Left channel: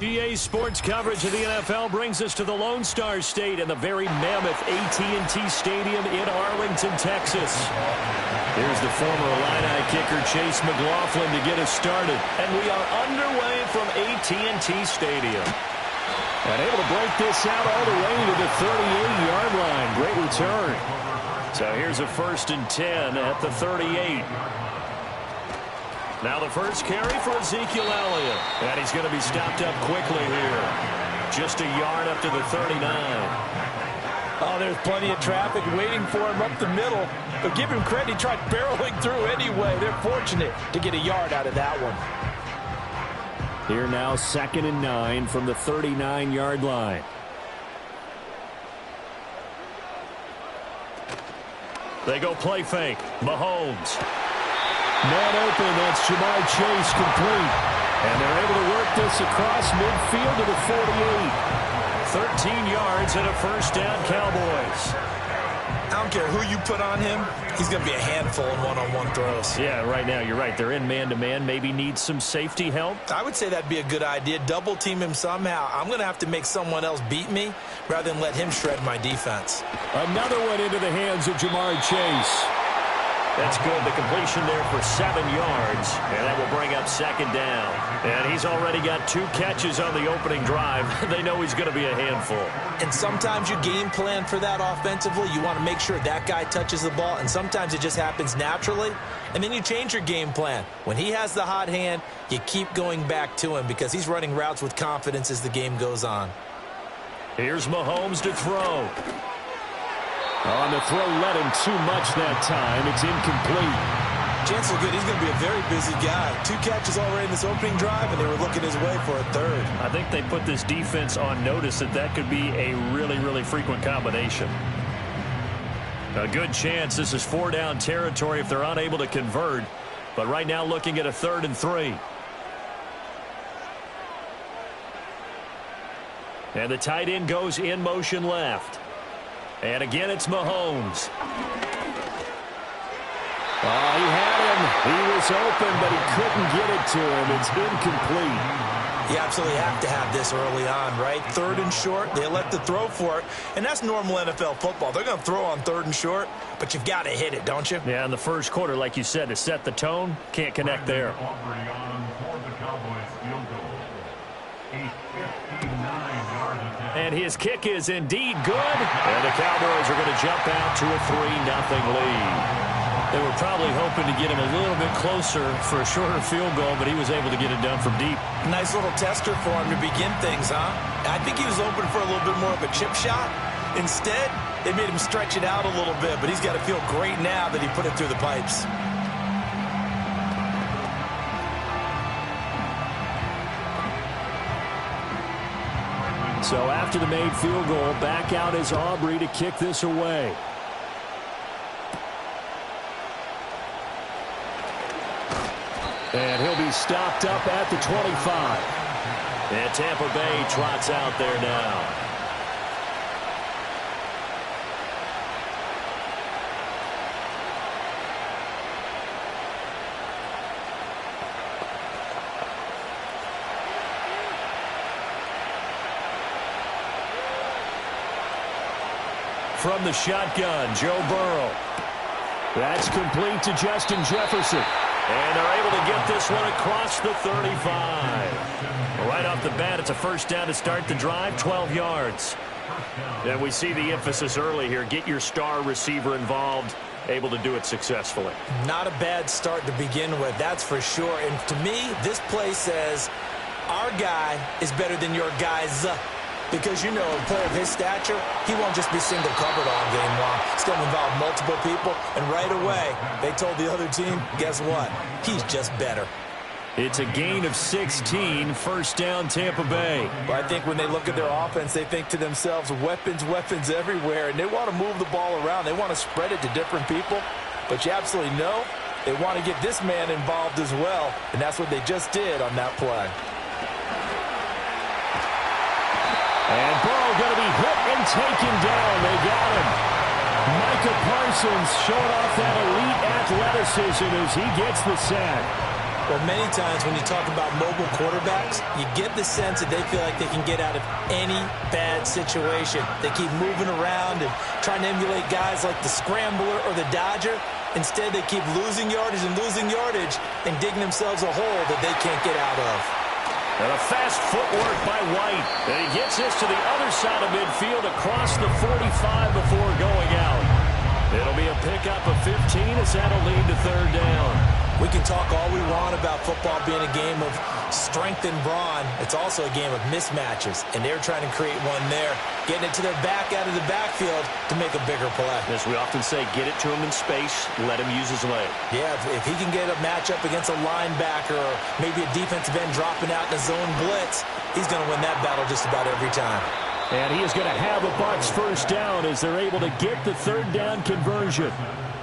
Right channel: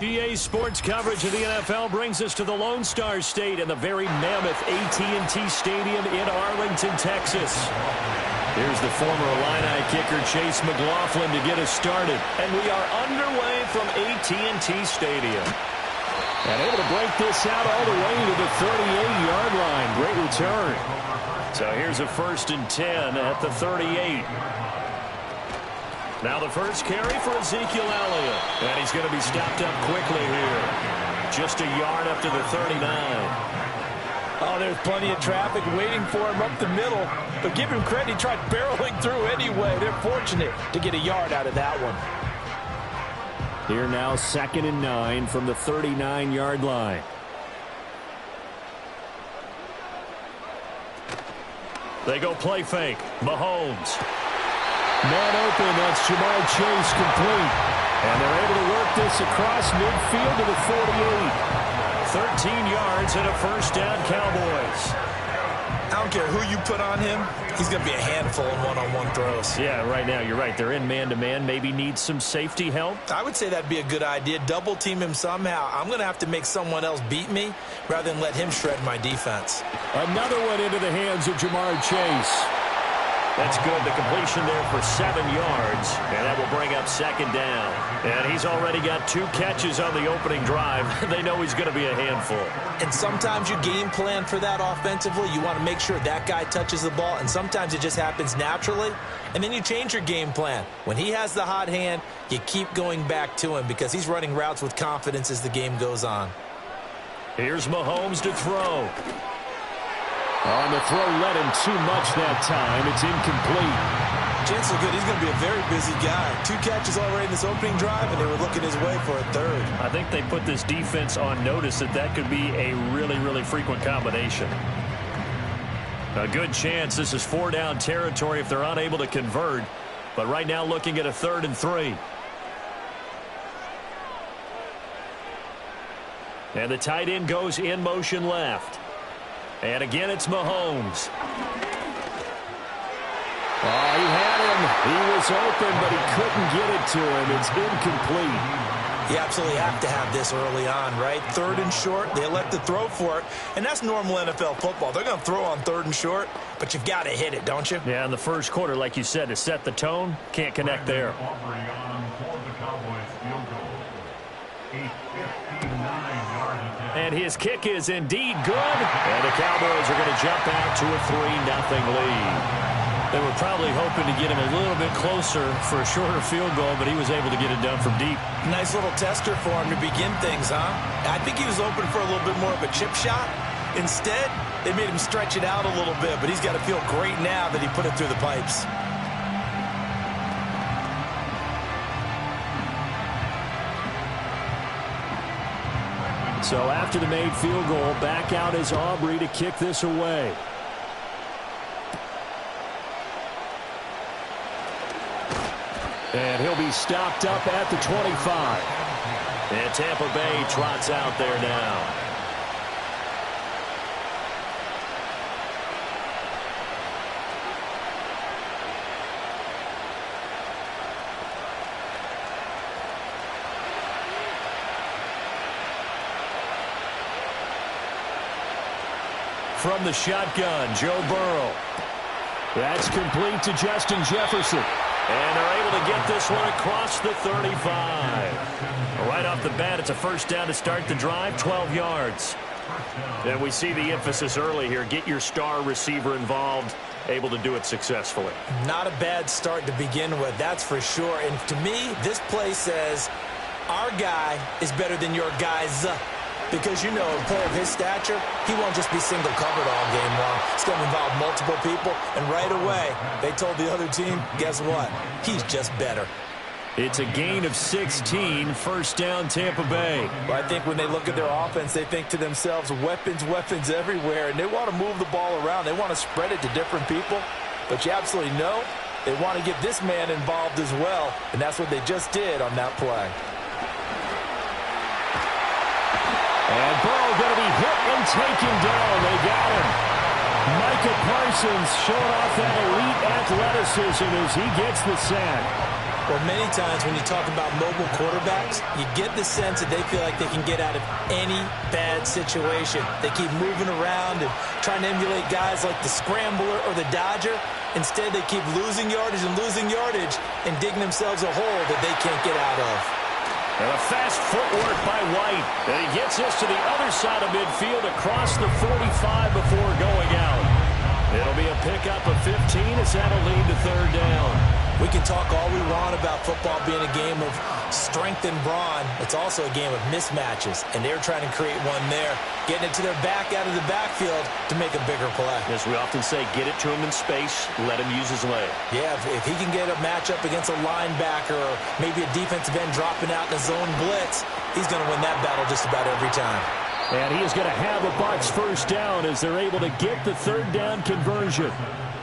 GA Sports coverage of the NFL brings us to the Lone Star State and the very mammoth AT&T Stadium in Arlington, Texas. Here's the former Illini kicker Chase McLaughlin to get us started. And we are underway from AT&T Stadium. And able to break this out all the way to the 38-yard line. Great return. So here's a 1st and 10 at the 38. Now the first carry for Ezekiel Elliott. And he's going to be stopped up quickly here. Just a yard up to the 39. Oh, there's plenty of traffic waiting for him up the middle. But give him credit, he tried barreling through anyway. They're fortunate to get a yard out of that one. Here now, 2nd and 9 from the 39-yard line. They go play fake. Mahomes. Man open, that's Jamar Chase complete. And they're able to work this across midfield to the 48. 13 yards and a 1st down, Cowboys. I don't care who you put on him. He's going to be a handful in one-on-one throws. Yeah, right now, you're right. They're in man-to-man. Maybe need some safety help. I would say that'd be a good idea. Double team him somehow. I'm going to have to make someone else beat me rather than let him shred my defense. Another one into the hands of Jamar Chase. That's good. The completion there for 7 yards, and that will bring up 2nd down. And he's already got 2 catches on the opening drive. They know he's going to be a handful. And sometimes you game plan for that offensively. You want to make sure that guy touches the ball, and sometimes it just happens naturally. And then you change your game plan. When he has the hot hand, you keep going back to him because he's running routes with confidence as the game goes on. Here's Mahomes to throw. On the throw, led him too much that time. It's incomplete. Chances are good. He's going to be a very busy guy. 2 catches already in this opening drive, and they were looking his way for a 3rd. I think they put this defense on notice that could be a really, really frequent combination. A good chance this is 4-down territory if they're unable to convert. But right now looking at a 3rd and 3. And the tight end goes in motion left. And again, it's Mahomes. Oh, he had him. He was open, but he couldn't get it to him. It's incomplete. You absolutely have to have this early on, right? 3rd and short, they elect to throw for it. And that's normal NFL football. They're going to throw on 3rd and short, but you've got to hit it, don't you? Yeah, in the first quarter, like you said, to set the tone, can't connect there. And his kick is indeed good. And the Cowboys are going to jump out to a 3-0 lead. They were probably hoping to get him a little bit closer for a shorter field goal, but he was able to get it done from deep. Nice little tester for him to begin things, huh? I think he was open for a little bit more of a chip shot. Instead, they made him stretch it out a little bit, but he's got to feel great now that he put it through the pipes. So after the made field goal, back out is Aubrey to kick this away. And he'll be stopped up at the 25. And Tampa Bay trots out there now. From the shotgun, Joe Burrow. That's complete to Justin Jefferson. And they're able to get this one across the 35. Right off the bat, it's a 1st down to start the drive, 12 yards. And we see the emphasis early here. Get your star receiver involved, able to do it successfully. Not a bad start to begin with, that's for sure. And to me, this play says our guy is better than your guys. Because, you know, a player of his stature, he won't just be single covered all game long. It's going to involve multiple people. And right away, they told the other team, guess what? He's just better. It's a gain of 16, 1st down Tampa Bay. Well, I think when they look at their offense, they think to themselves, weapons, weapons everywhere. And they want to move the ball around. They want to spread it to different people. But you absolutely know they want to get this man involved as well. And that's what they just did on that play. And Burrow going to be hit and taken down. They got him. Micah Parsons showing off that elite athleticism as he gets the sack. Well, many times when you talk about mobile quarterbacks, you get the sense that they feel like they can get out of any bad situation. They keep moving around and trying to emulate guys like the Scrambler or the Dodger. Instead, they keep losing yardage and digging themselves a hole that they can't get out of. And a fast footwork by White. And he gets this to the other side of midfield across the 45 before going out. It'll be a pickup of 15 as that'll lead to third down. We can talk all we want about football being a game of strength and brawn. It's also a game of mismatches, and they're trying to create one there, getting it to their back out of the backfield to make a bigger play. As we often say, get it to him in space, let him use his leg. Yeah, if he can get a matchup against a linebacker or maybe a defensive end dropping out in a zone blitz, he's going to win that battle just about every time. And he is going to have a Bucs first down as they're able to get the third down conversion.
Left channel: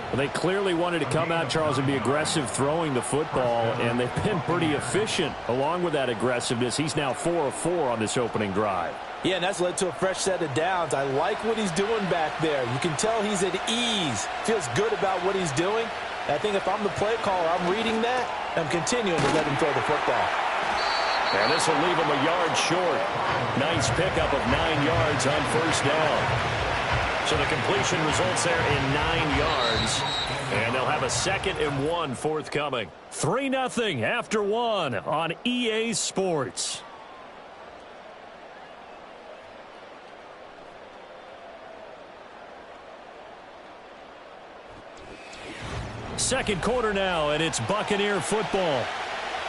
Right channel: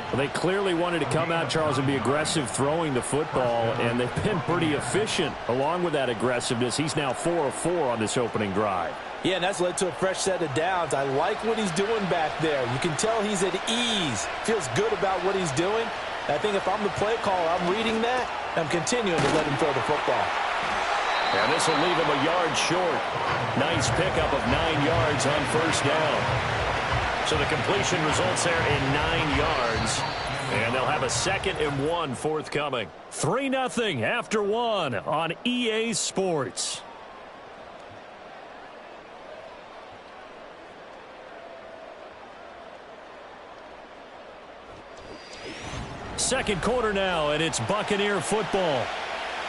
Well, they clearly wanted to come out, Charles, and be aggressive throwing the football, and they've been pretty efficient along with that aggressiveness. He's now 4 of 4 on this opening drive. Yeah, and that's led to a fresh set of downs. I like what he's doing back there. You can tell he's at ease, feels good about what he's doing. I think if I'm the play caller, I'm reading that, I'm continuing to let him throw the football. And this will leave him a yard short. Nice pickup of 9 yards on first down. So the completion results there in 9 yards. And they'll have a 2nd and 1 forthcoming. 3-0 after 1 on EA Sports. Second quarter now, and it's Buccaneer football.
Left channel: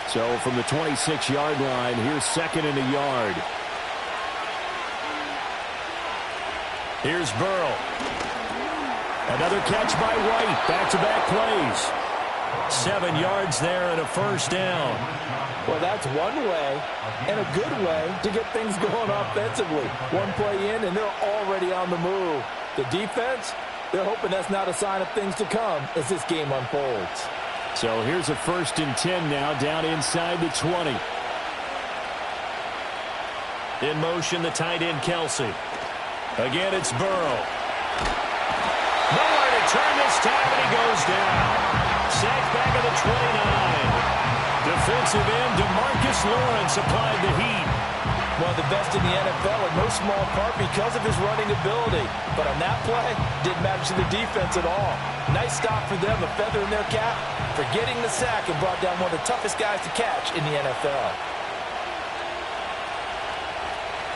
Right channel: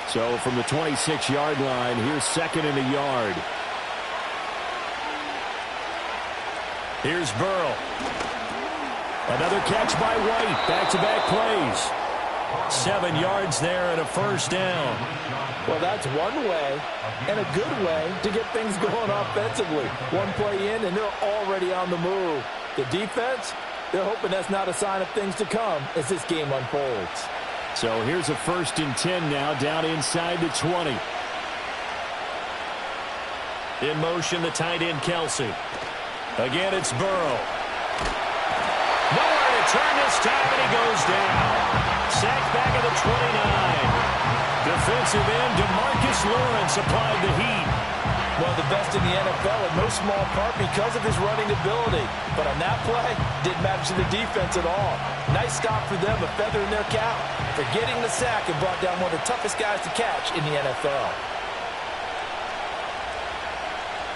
So from the 26-yard line, here's 2nd and a yard. Here's Burrow. Another catch by White. Back-to-back plays. 7 yards there and a first down. Well, that's one way and a good way to get things going offensively. One play in, and they're already on the move. The defense, they're hoping that's not a sign of things to come as this game unfolds. So here's a 1st and 10 now, down inside the 20. In motion, the tight end, Kelsey. Again, it's Burrow. Nowhere to turn this time, and he goes down. Sacked back at the 29. Defensive end, DeMarcus Lawrence applied the heat. One of the best in the NFL, in no small part because of his running ability. But on that play, didn't matter to the defense at all. Nice stop for them, a feather in their cap for getting the sack and brought down one of the toughest guys to catch in the NFL.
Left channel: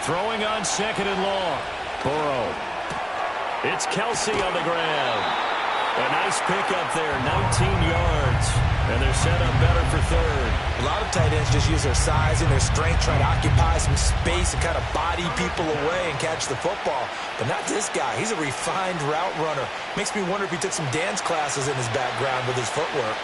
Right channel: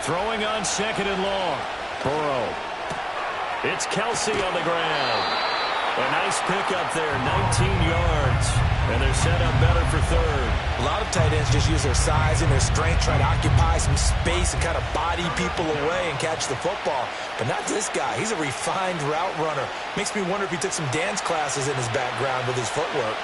Throwing on 2nd and long. Burrow. It's Kelsey on the ground. A nice pickup there, 19 yards. And they're set up better for third. A lot of tight ends just use their size and their strength, try to occupy some space and kind of body people away and catch the football. But not this guy. He's a refined route runner. Makes me wonder if he took some dance classes in his background with his footwork.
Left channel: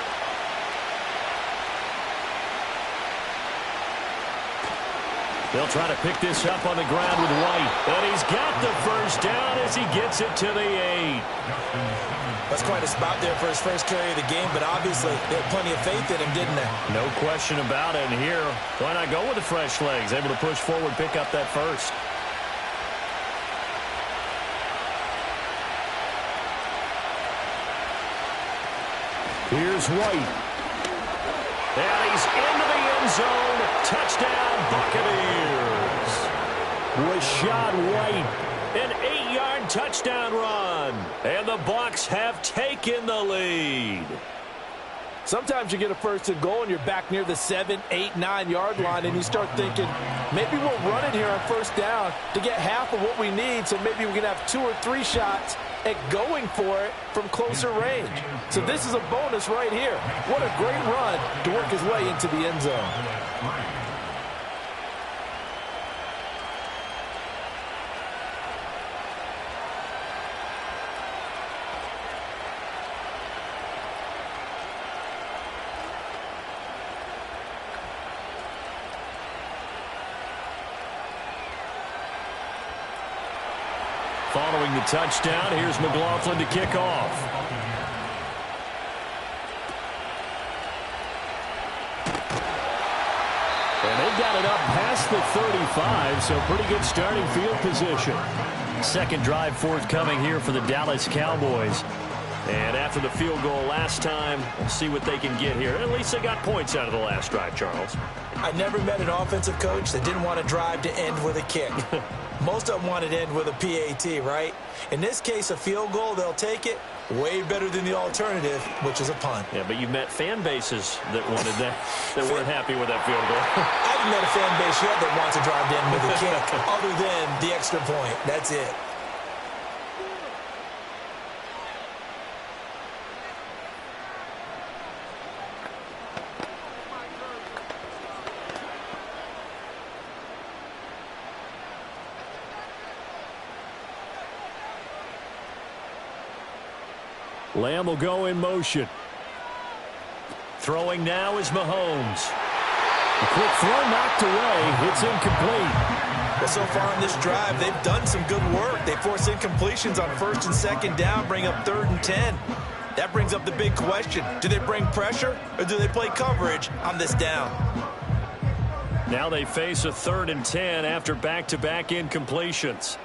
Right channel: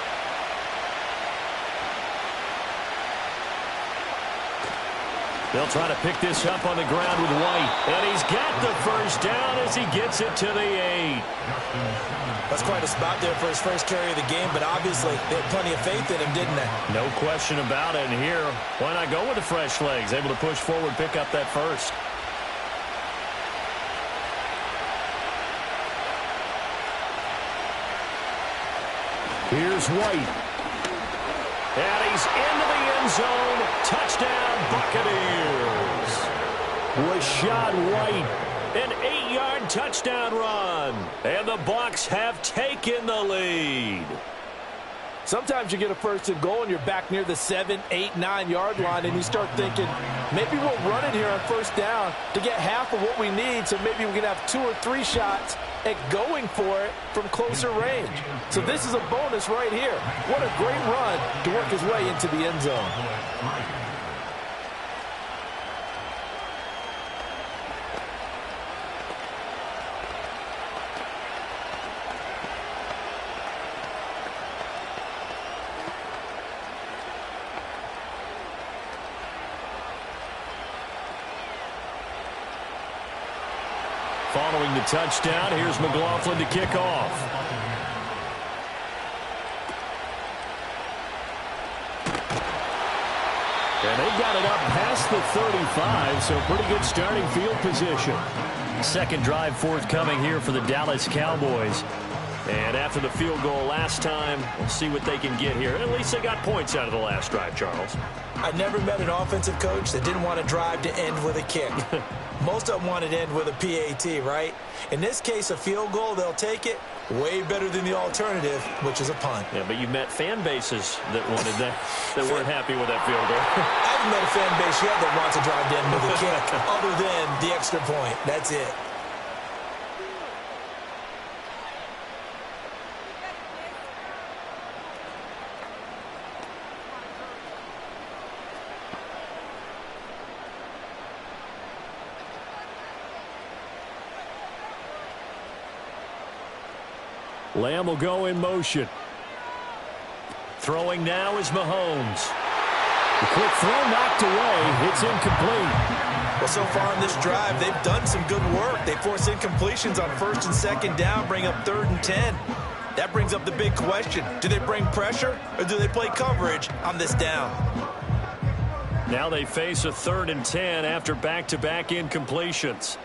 They'll try to pick this up on the ground with White. And he's got the first down as he gets it to the 8. That's quite a spot there for his first carry of the game, but obviously they had plenty of faith in him, didn't they? No question about it. And here, why not go with the fresh legs? Able to push forward, pick up that first. Here's White. And he's into the end zone. Touchdown, Buccaneers. Rashad White, an 8-yard touchdown run. And the Bucs have taken the lead. Sometimes you get a 1st and goal and you're back near the 7, 8, 9-yard line and you start thinking, maybe we'll run it here on first down to get half of what we need, so maybe we can have 2 or 3 shots at going for it from closer range. So this is a bonus right here. What a great run to work his way into the end zone. Following the touchdown, here's McLaughlin to kick off. And they got it up past the 35, so pretty good starting field position. Second drive forthcoming here for the Dallas Cowboys. And after the field goal last time, we'll see what they can get here. At least they got points out of the last drive, Charles. I never met an offensive coach that didn't want a drive to end with a kick. Most of them want it to end with a PAT, right? In this case, a field goal, they'll take it. Way better than the alternative, which is a punt. Yeah, but you've met fan bases that wanted that, that weren't happy with that field goal. I haven't met a fan base yet that wants to drive in with a kick other than the extra point. That's it. Lamb will go in motion. Throwing now is Mahomes. The quick throw knocked away. It's incomplete. Well, so far in this drive, they've done some good work. They force incompletions on 1st and 2nd down, bring up 3rd and 10. That brings up the big question. Do they bring pressure or do they play coverage on this down? Now they face a 3rd and 10 after back-to-back incompletions.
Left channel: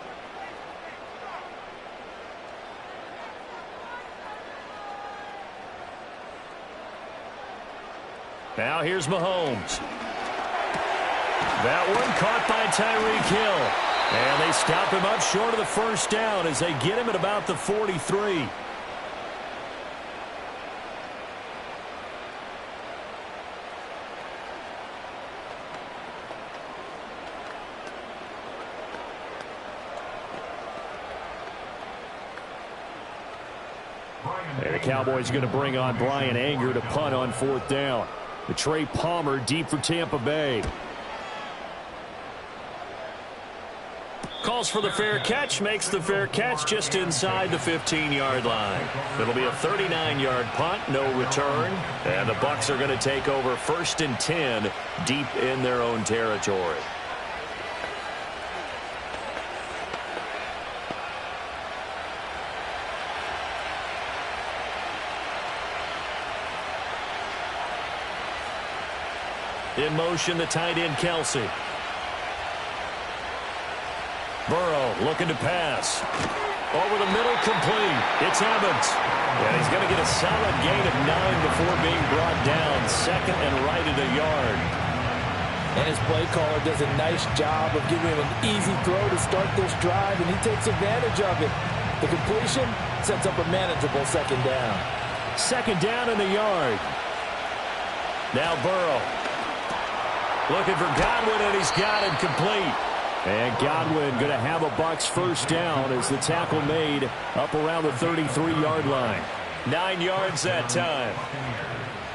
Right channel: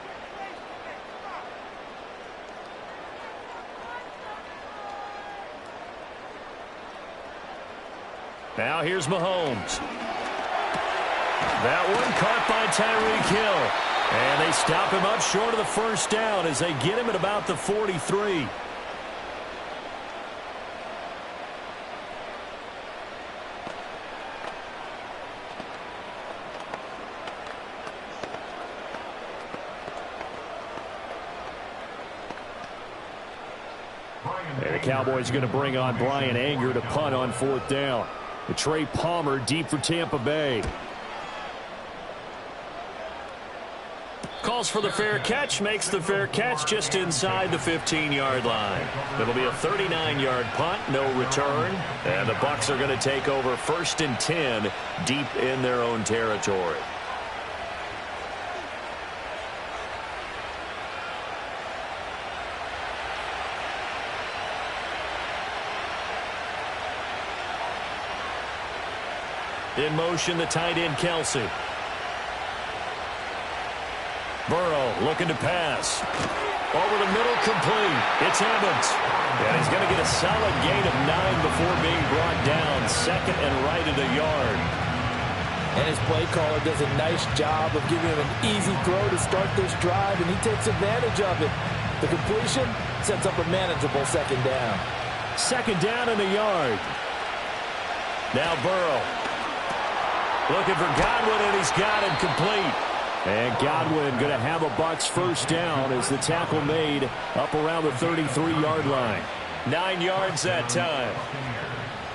Now here's Mahomes. That one caught by Tyreek Hill. And they stop him up short of the 1st down as they get him at about the 43. And the Cowboys are going to bring on Brian Anger to punt on 4th down. The Trey Palmer deep for Tampa Bay. Calls for the fair catch, makes the fair catch just inside the 15-yard line. It'll be a 39-yard punt, no return. And the Bucs are going to take over 1st and 10 deep in their own territory. In motion, the tight end, Kelsey. Burrow looking to pass. Over the middle, complete. It's Evans. And he's going to get a solid gain of 9 before being brought down. 2nd and right at a yard. And his play caller does a nice job of giving him an easy throw to start this drive, and he takes advantage of it. The completion sets up a manageable 2nd down. 2nd down in the yard. Now Burrow. Looking for Godwin, and he's got him complete. And Godwin going to have a Bucs 1st down as the tackle made up around the 33-yard line. 9 yards that time.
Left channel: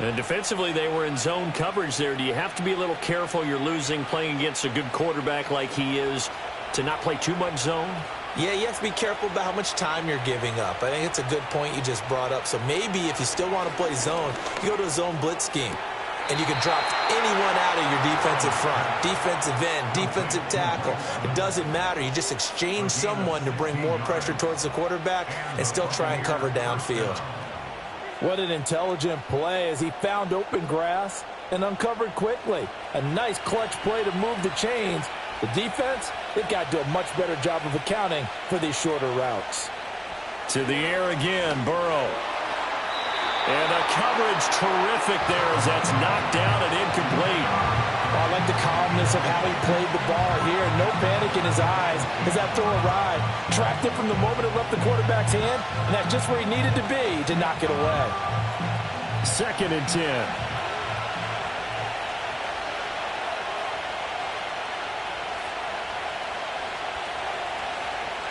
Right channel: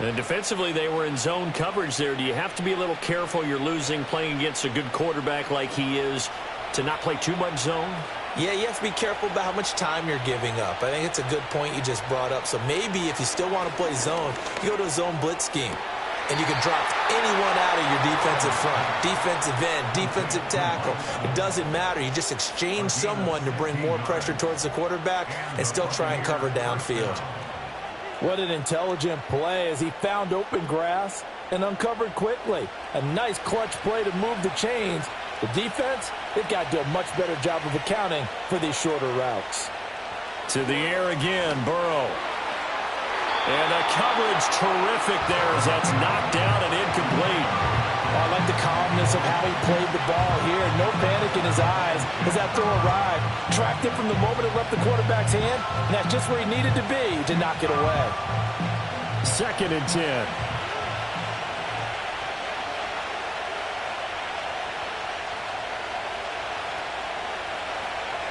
And defensively, they were in zone coverage there. Do you have to be a little careful? You're losing playing against a good quarterback like he is to not play too much zone? Yeah, you have to be careful about how much time you're giving up. I think it's a good point you just brought up. So maybe if you still want to play zone, you go to a zone blitz scheme. And you can drop anyone out of your defensive front, defensive end, defensive tackle. It doesn't matter. You just exchange someone to bring more pressure towards the quarterback and still try and cover downfield. What an intelligent play as he found open grass and uncovered quickly. A nice clutch play to move the chains. The defense, they've got to do a much better job of accounting for these shorter routes. To the air again, Burrow. And the coverage terrific there as that's knocked down and incomplete. Oh, I like the calmness of how he played the ball here. No panic in his eyes as that throw arrived. Tracked it from the moment it left the quarterback's hand, and that's just where he needed to be to knock it away. 2nd and 10.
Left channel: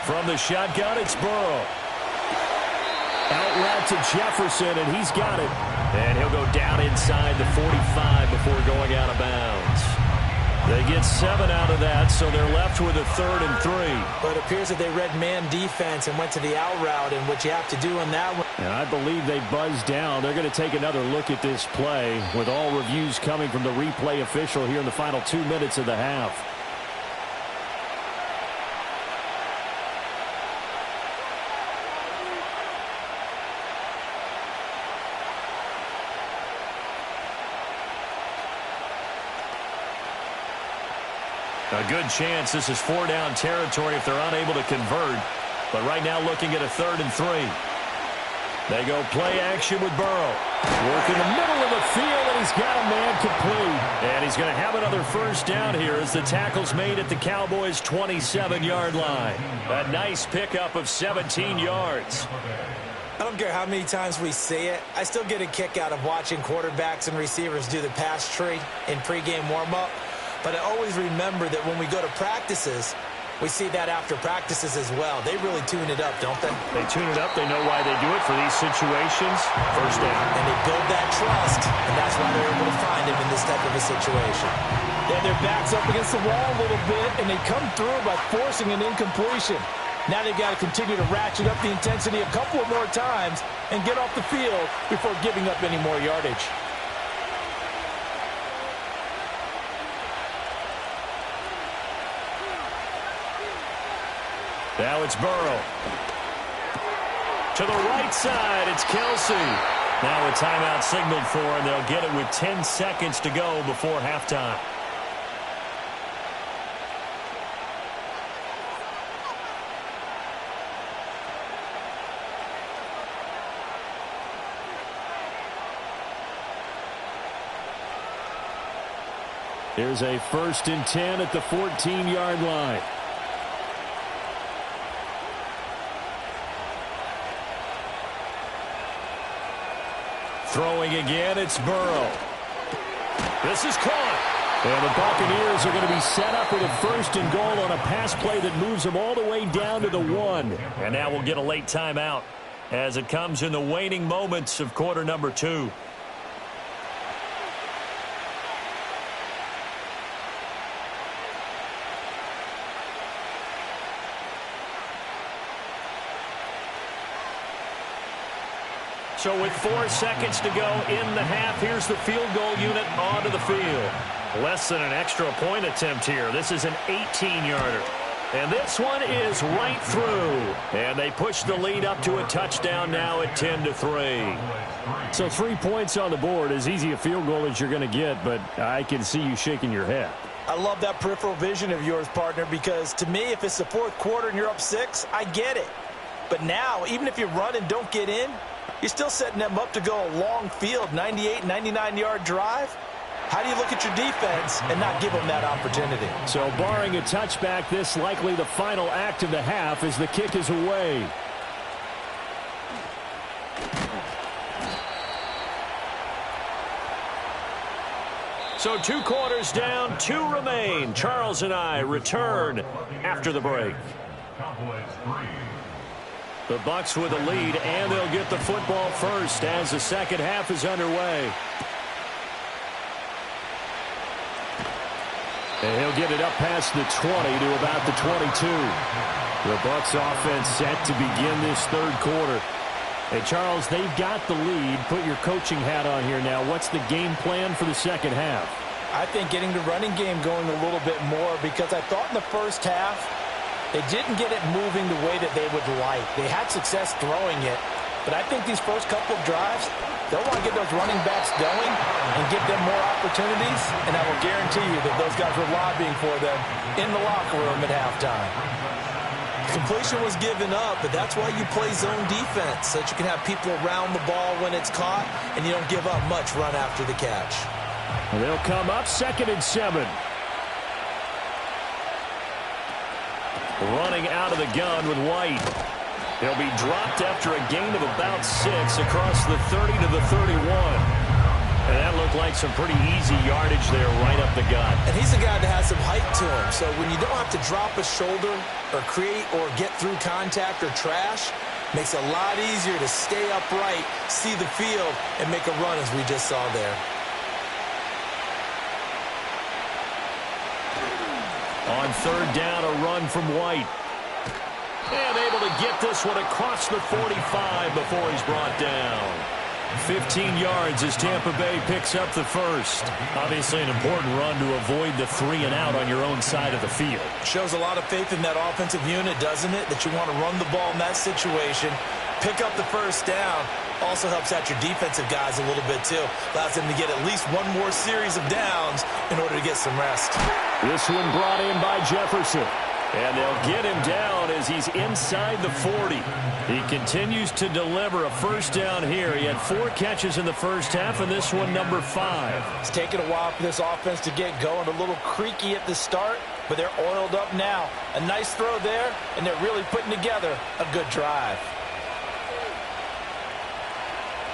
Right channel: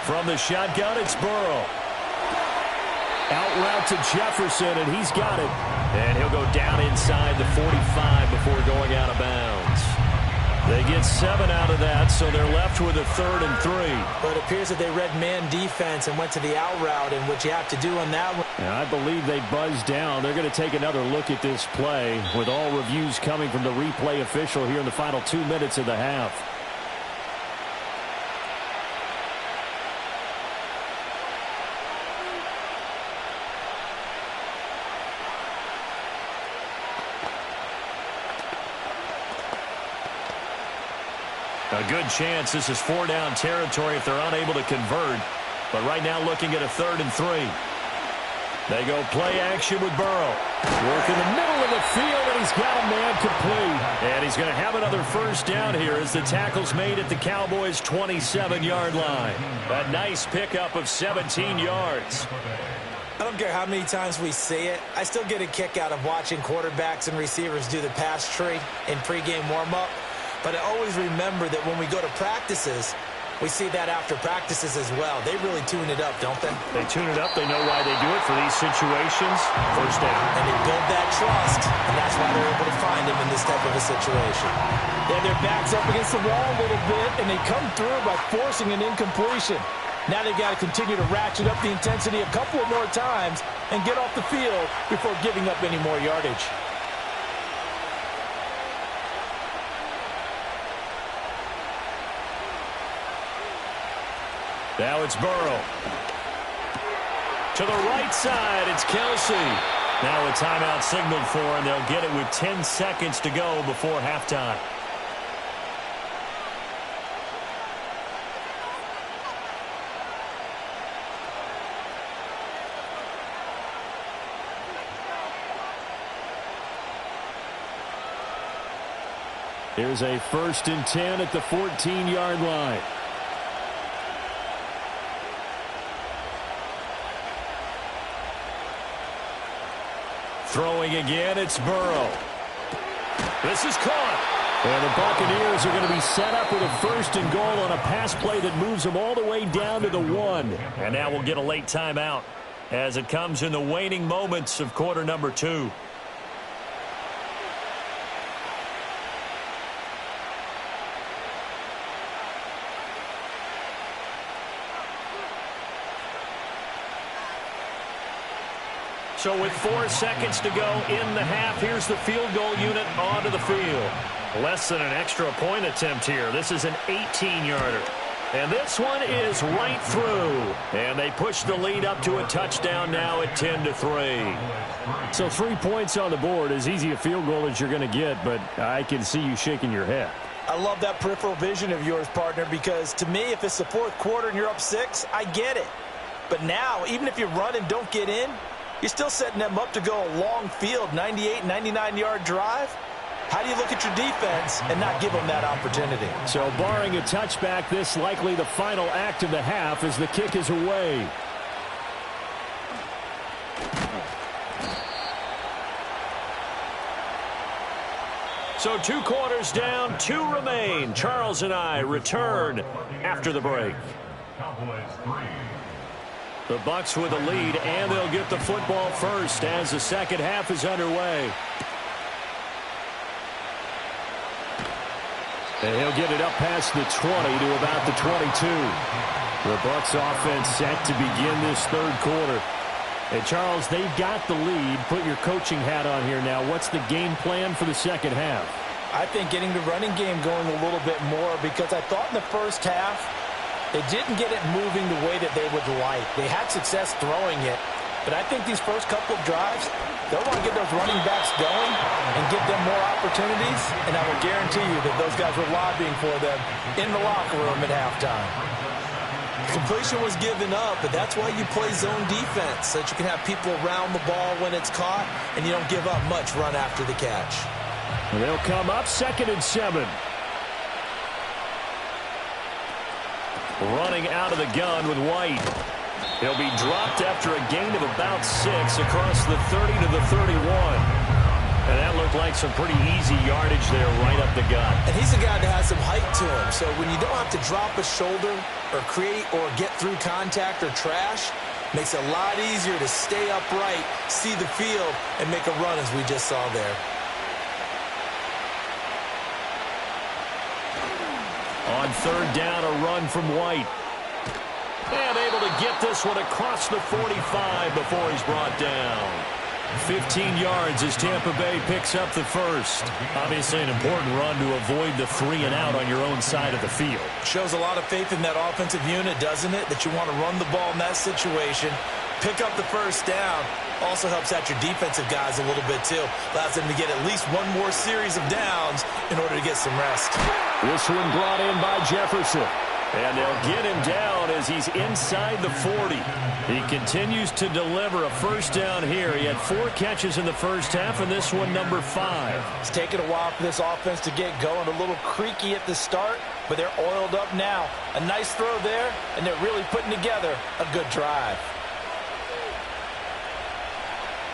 From the shotgun, it's Burrow. Out route to Jefferson, and he's got it. And he'll go down inside the 45 before going out of bounds. They get 7 out of that, so they're left with a 3rd and 3. But it appears that they read man defense and went to the out route, and what you have to do on that one. And I believe they buzzed down. They're going to take another look at this play with all reviews coming from the replay official here in the final 2 minutes of the half. A good chance this is 4-down territory if they're unable to convert. But right now looking at a 3rd and 3. They go play action with Burrow. Work in the middle of the field, and he's got a man complete. And he's going to have another first down here as the tackle's made at the Cowboys' 27-yard line. A nice pickup of 17 yards. I don't care how many times we see it. I still get a kick out of watching quarterbacks and receivers do the pass tree in pregame warm-up. But I always remember that when we go to practices, we see that after practices as well. They really tune it up, don't they? They tune it up. They know why they do it for these situations. First down. And they build that trust, and that's why they're able to find him in this type of a situation. They have their backs up against the wall a little bit, and they come through by forcing an incompletion. Now they've got to continue to ratchet up the intensity a couple of more times and get off the field before giving up any more yardage. Now it's Burrow. To the right side, it's Kelsey. Now a timeout signaled for, and they'll get it with 10 seconds to go before halftime. Here's a 1st and 10 at the 14-yard line. Throwing again, it's Burrow. This is caught. And the Buccaneers are going to be set up with a 1st and goal on a pass play that moves them all the way down to the 1. And now we'll get a late timeout as it comes in the waning moments of quarter number 2. So with 4 seconds to go in the half, here's the field goal unit onto the field. Less than an extra point attempt here. This is an 18-yarder. And this one is right through. And they push the lead up to a touchdown now at 10-3. So 3 points on the board, as easy a field goal as you're going to get, but I can see you shaking your head. I love that peripheral vision of yours, partner, because to me, if it's the 4th quarter and you're up 6, I get it. But now, even if you run and don't get in, you're still setting them up to go a long field, 98, 99-yard drive. How do you look at your defense and not give them that opportunity? So barring a touchback, this likely the final act of the half as the kick is away. So 2 quarters down, 2 remain. Charles and I return after the break. The Bucs with a lead, and they'll get the football first as the second half is underway. And he'll get it up past the 20 to about the 22. The Bucs offense set to begin this 3rd quarter. And Charles, they've got the lead. Put your coaching hat on here now. What's the game plan for the second half? I think getting the running game going a little bit more, because I thought in the first half they didn't get it moving the way that they would like. They had success throwing it, but I think these first couple of drives, they'll want to get those running backs going and give them more opportunities, and I will guarantee you that those guys were lobbying for them in the locker room at halftime. Completion was given up, but that's why you play zone defense, so that you can have people around the ball when it's caught, and you don't give up much run after the catch. They'll come up 2nd and 7. Running out of the gun with White. He'll be dropped after a gain of about 6 across the 30 to the 31. And that looked like some pretty easy yardage there right up the gut. And he's a guy that has some height to him, so when you don't have to drop a shoulder or create or get through contact or trash, makes it a lot easier to stay upright, see the field, and make a run as we just saw there. On 3rd down, a run from White. And able to get this one across the 45 before he's brought down. 15 yards as Tampa Bay picks up the first. Obviously an important run to avoid the 3 and out on your own side of the field. Shows a lot of faith in that offensive unit, doesn't it? That you want to run the ball in that situation, pick up the first down. Also helps out your defensive guys a little bit too. Allows them to get at least one more series of downs in order to get some rest. This one brought in by Jefferson. And they'll get him down as he's inside the 40. He continues to deliver a first down here. He had 4 catches in the first half, and this one number 5. It's taken a while for this offense to get going. A little creaky at the start, but they're oiled up now. A nice throw there, and they're really putting together a good drive.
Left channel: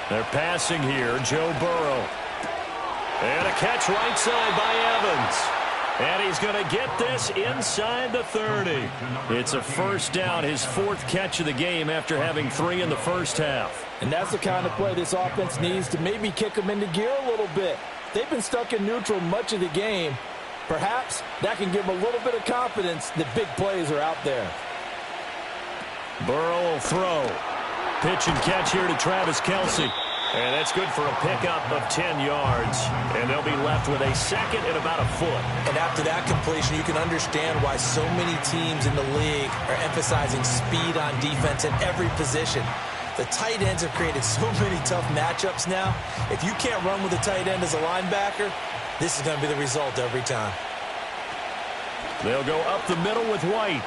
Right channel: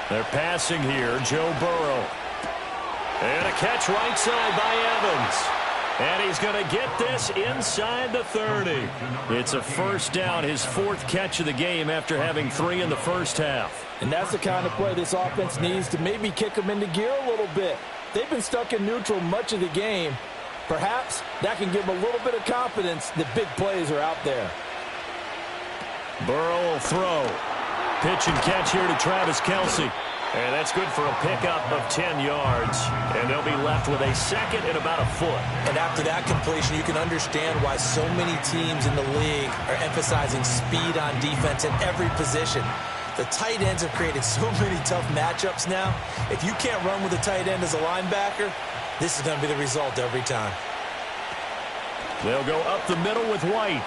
They're passing here, Joe Burrow. And a catch right side by Evans. And he's going to get this inside the 30. It's a first down, his 4th catch of the game after having 3 in the first half. And that's the kind of play this offense needs to maybe kick them into gear a little bit. They've been stuck in neutral much of the game. Perhaps that can give them a little bit of confidence that big plays are out there. Burrow will throw. Pitch and catch here to Travis Kelce. And that's good for a pickup of 10 yards. And they'll be left with a second and about a foot. And after that completion, you can understand why so many teams in the league are emphasizing speed on defense in every position. The tight ends have created so many tough matchups now. If you can't run with a tight end as a linebacker, this is going to be the result every time. They'll go up the middle with White.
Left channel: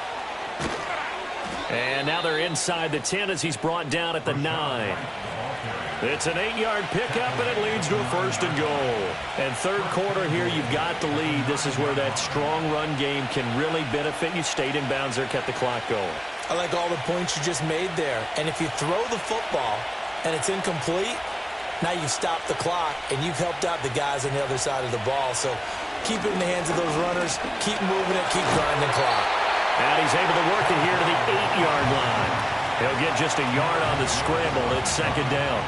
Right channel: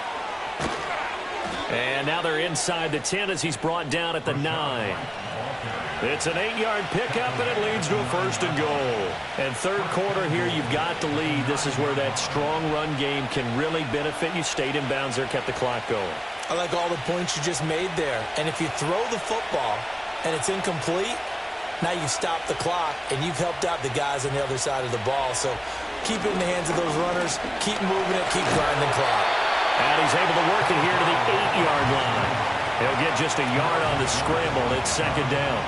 And now they're inside the 10 as he's brought down at the 9. It's an 8-yard pickup, and it leads to a 1st and goal. And third quarter here, you've got the lead. This is where that strong run game can really benefit you. Stayed in bounds there, kept the clock going. I like all the points you just made there. And if you throw the football and it's incomplete, now you've stopped the clock and you've helped out the guys on the other side of the ball. So keep it in the hands of those runners. Keep moving it. Keep grinding clock. And he's able to work it here to the 8-yard line. He'll get just a yard on the scramble. It's 2nd down.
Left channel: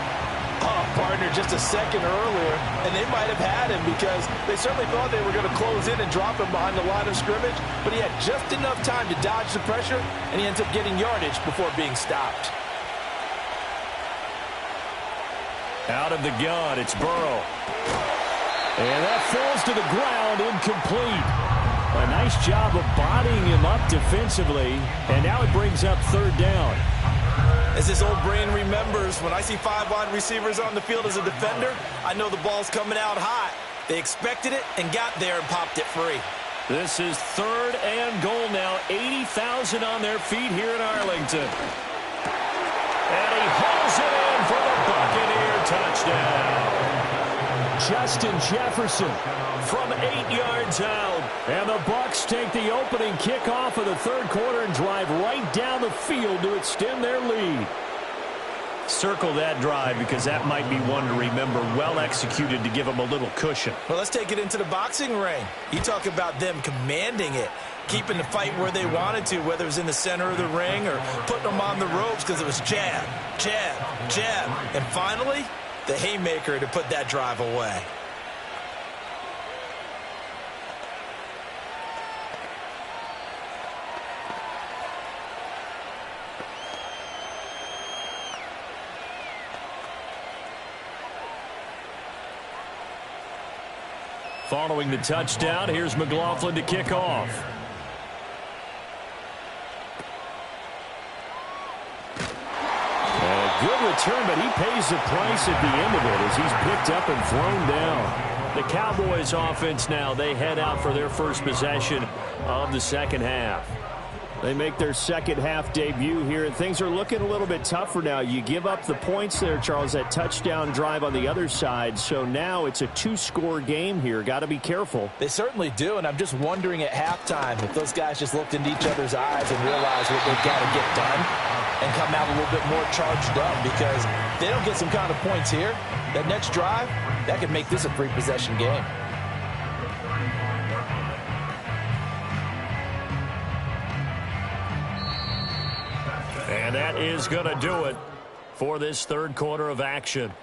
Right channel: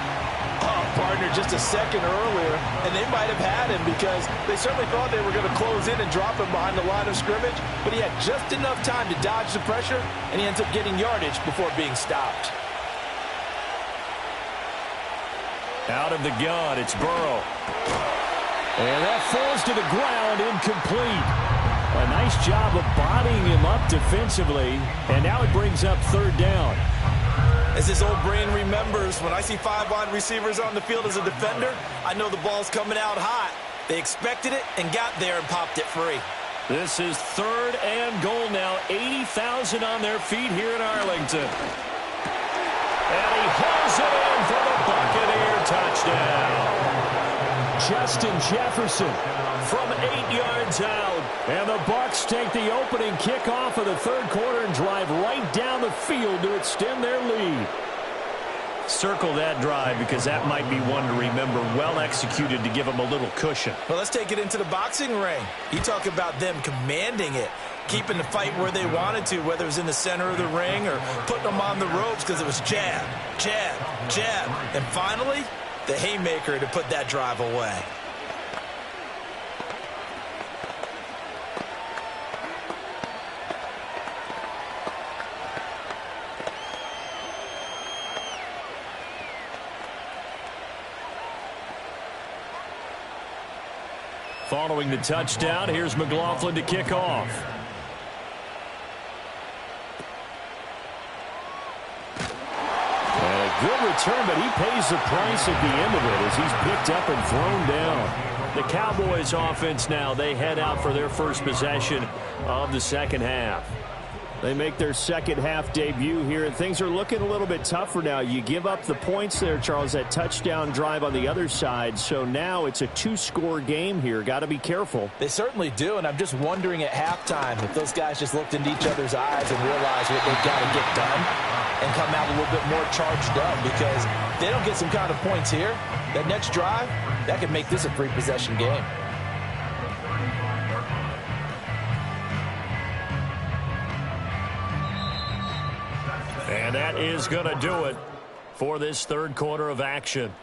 Oh, partner, just a second earlier, and they might have had him because they certainly thought they were going to close in and drop him behind the line of scrimmage, but he had just enough time to dodge the pressure, and he ends up getting yardage before being stopped. Out of the gun, it's Burrow. And that falls to the ground, incomplete. A nice job of bodying him up defensively, and now it brings up 3rd down. As this old brain remembers, when I see 5 wide receivers on the field as a defender, I know the ball's coming out hot. They expected it and got there and popped it free. This is 3rd and goal now. 80,000 on their feet here in Arlington. And he hauls it in for the Buccaneer touchdown. Justin Jefferson from 8 yards out. And the Bucs take the opening kickoff of the third quarter and drive right down the field to extend their lead. Circle that drive because that might be one to remember. Well executed to give them a little cushion. Well, let's take it into the boxing ring. You talk about them commanding it, keeping the fight where they wanted to, whether it was in the center of the ring or putting them on the ropes because it was jab, jab, jab. And finally, the haymaker to put that drive away. Following the touchdown, here's McLaughlin to kick off. And a good return, but he pays the price at the end of it as he's picked up and thrown down. The Cowboys offense now, they head out for their first possession of the second half. They make their second half debut here, and things are looking a little bit tougher now. You give up the points there, Charles, that touchdown drive on the other side. So now it's a 2-score game here. Got to be careful. They certainly do, and I'm just wondering at halftime if those guys just looked into each other's eyes and realized what they've got to get done and come out a little bit more charged up, because if they don't get some kind of points here, that next drive, that could make this a 3-possession game. And that is going to do it for this third quarter of action.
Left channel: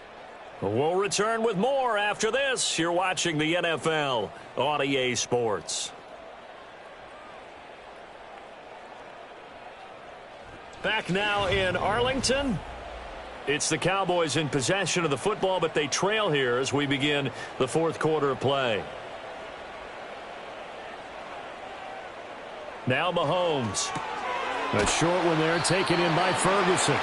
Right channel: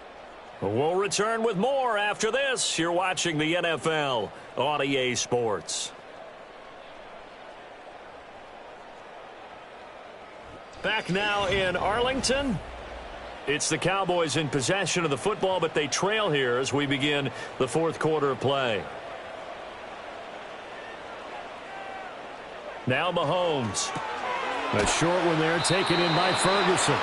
We'll return with more after this. You're watching the NFL on EA Sports. Back now in Arlington. It's the Cowboys in possession of the football, but they trail here as we begin the fourth quarter of play. Now Mahomes. A short one there taken in by Ferguson.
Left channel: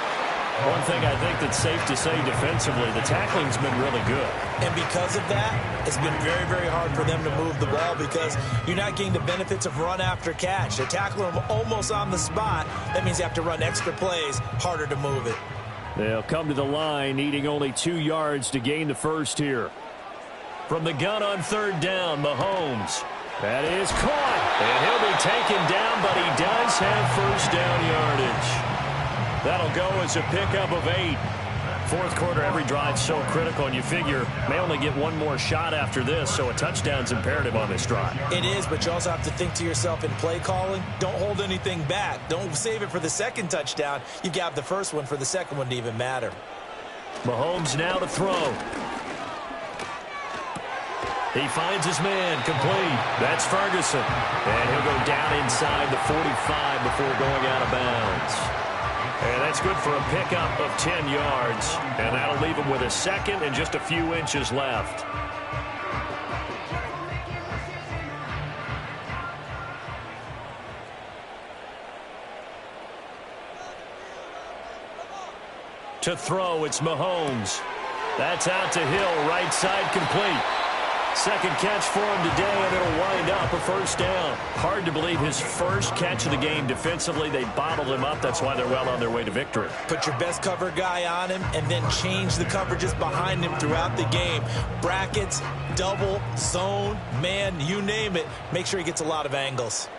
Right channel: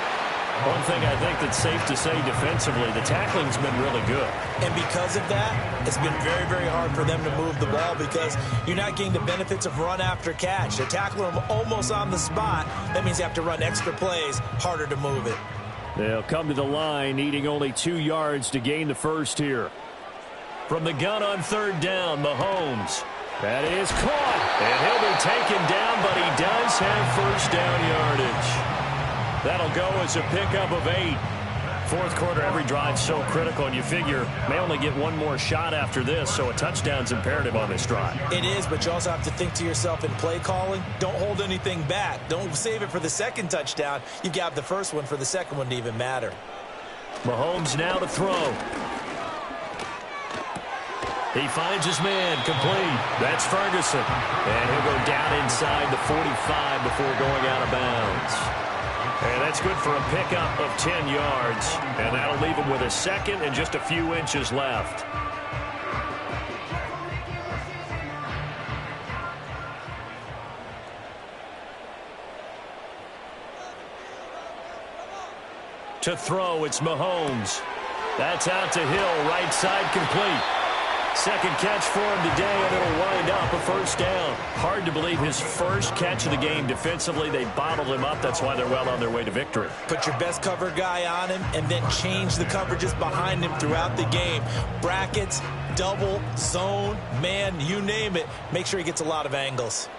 One thing I think that's safe to say defensively, the tackling's been really good. And because of that, it's been very, very hard for them to move the ball because you're not getting the benefits of run after catch. They tackle them almost on the spot. That means you have to run extra plays, harder to move it. They'll come to the line, needing only 2 yards to gain the first here. From the gun on third down, Mahomes. That is caught, and he'll be taken down, but he does have first down yardage. That'll go as a pickup of 8. Fourth quarter, every drive so critical, and you figure may only get one more shot after this, so a touchdown's imperative on this drive. It is, but you also have to think to yourself in play calling, don't hold anything back. Don't save it for the second touchdown. You got the first one for the second one to even matter. Mahomes now to throw. He finds his man, complete. That's Ferguson. And he'll go down inside the 45 before going out of bounds. And that's good for a pickup of 10 yards. And that'll leave him with a second and just a few inches left. To throw, it's Mahomes. That's out to Hill, right side complete. Second catch for him today, and it'll wind up a first down. Hard to believe his first catch of the game defensively. They bottled him up. That's why they're well on their way to victory. Put your best cover guy on him and then change the coverages behind him throughout the game. Brackets, double, zone, man, you name it. Make sure he gets a lot of angles.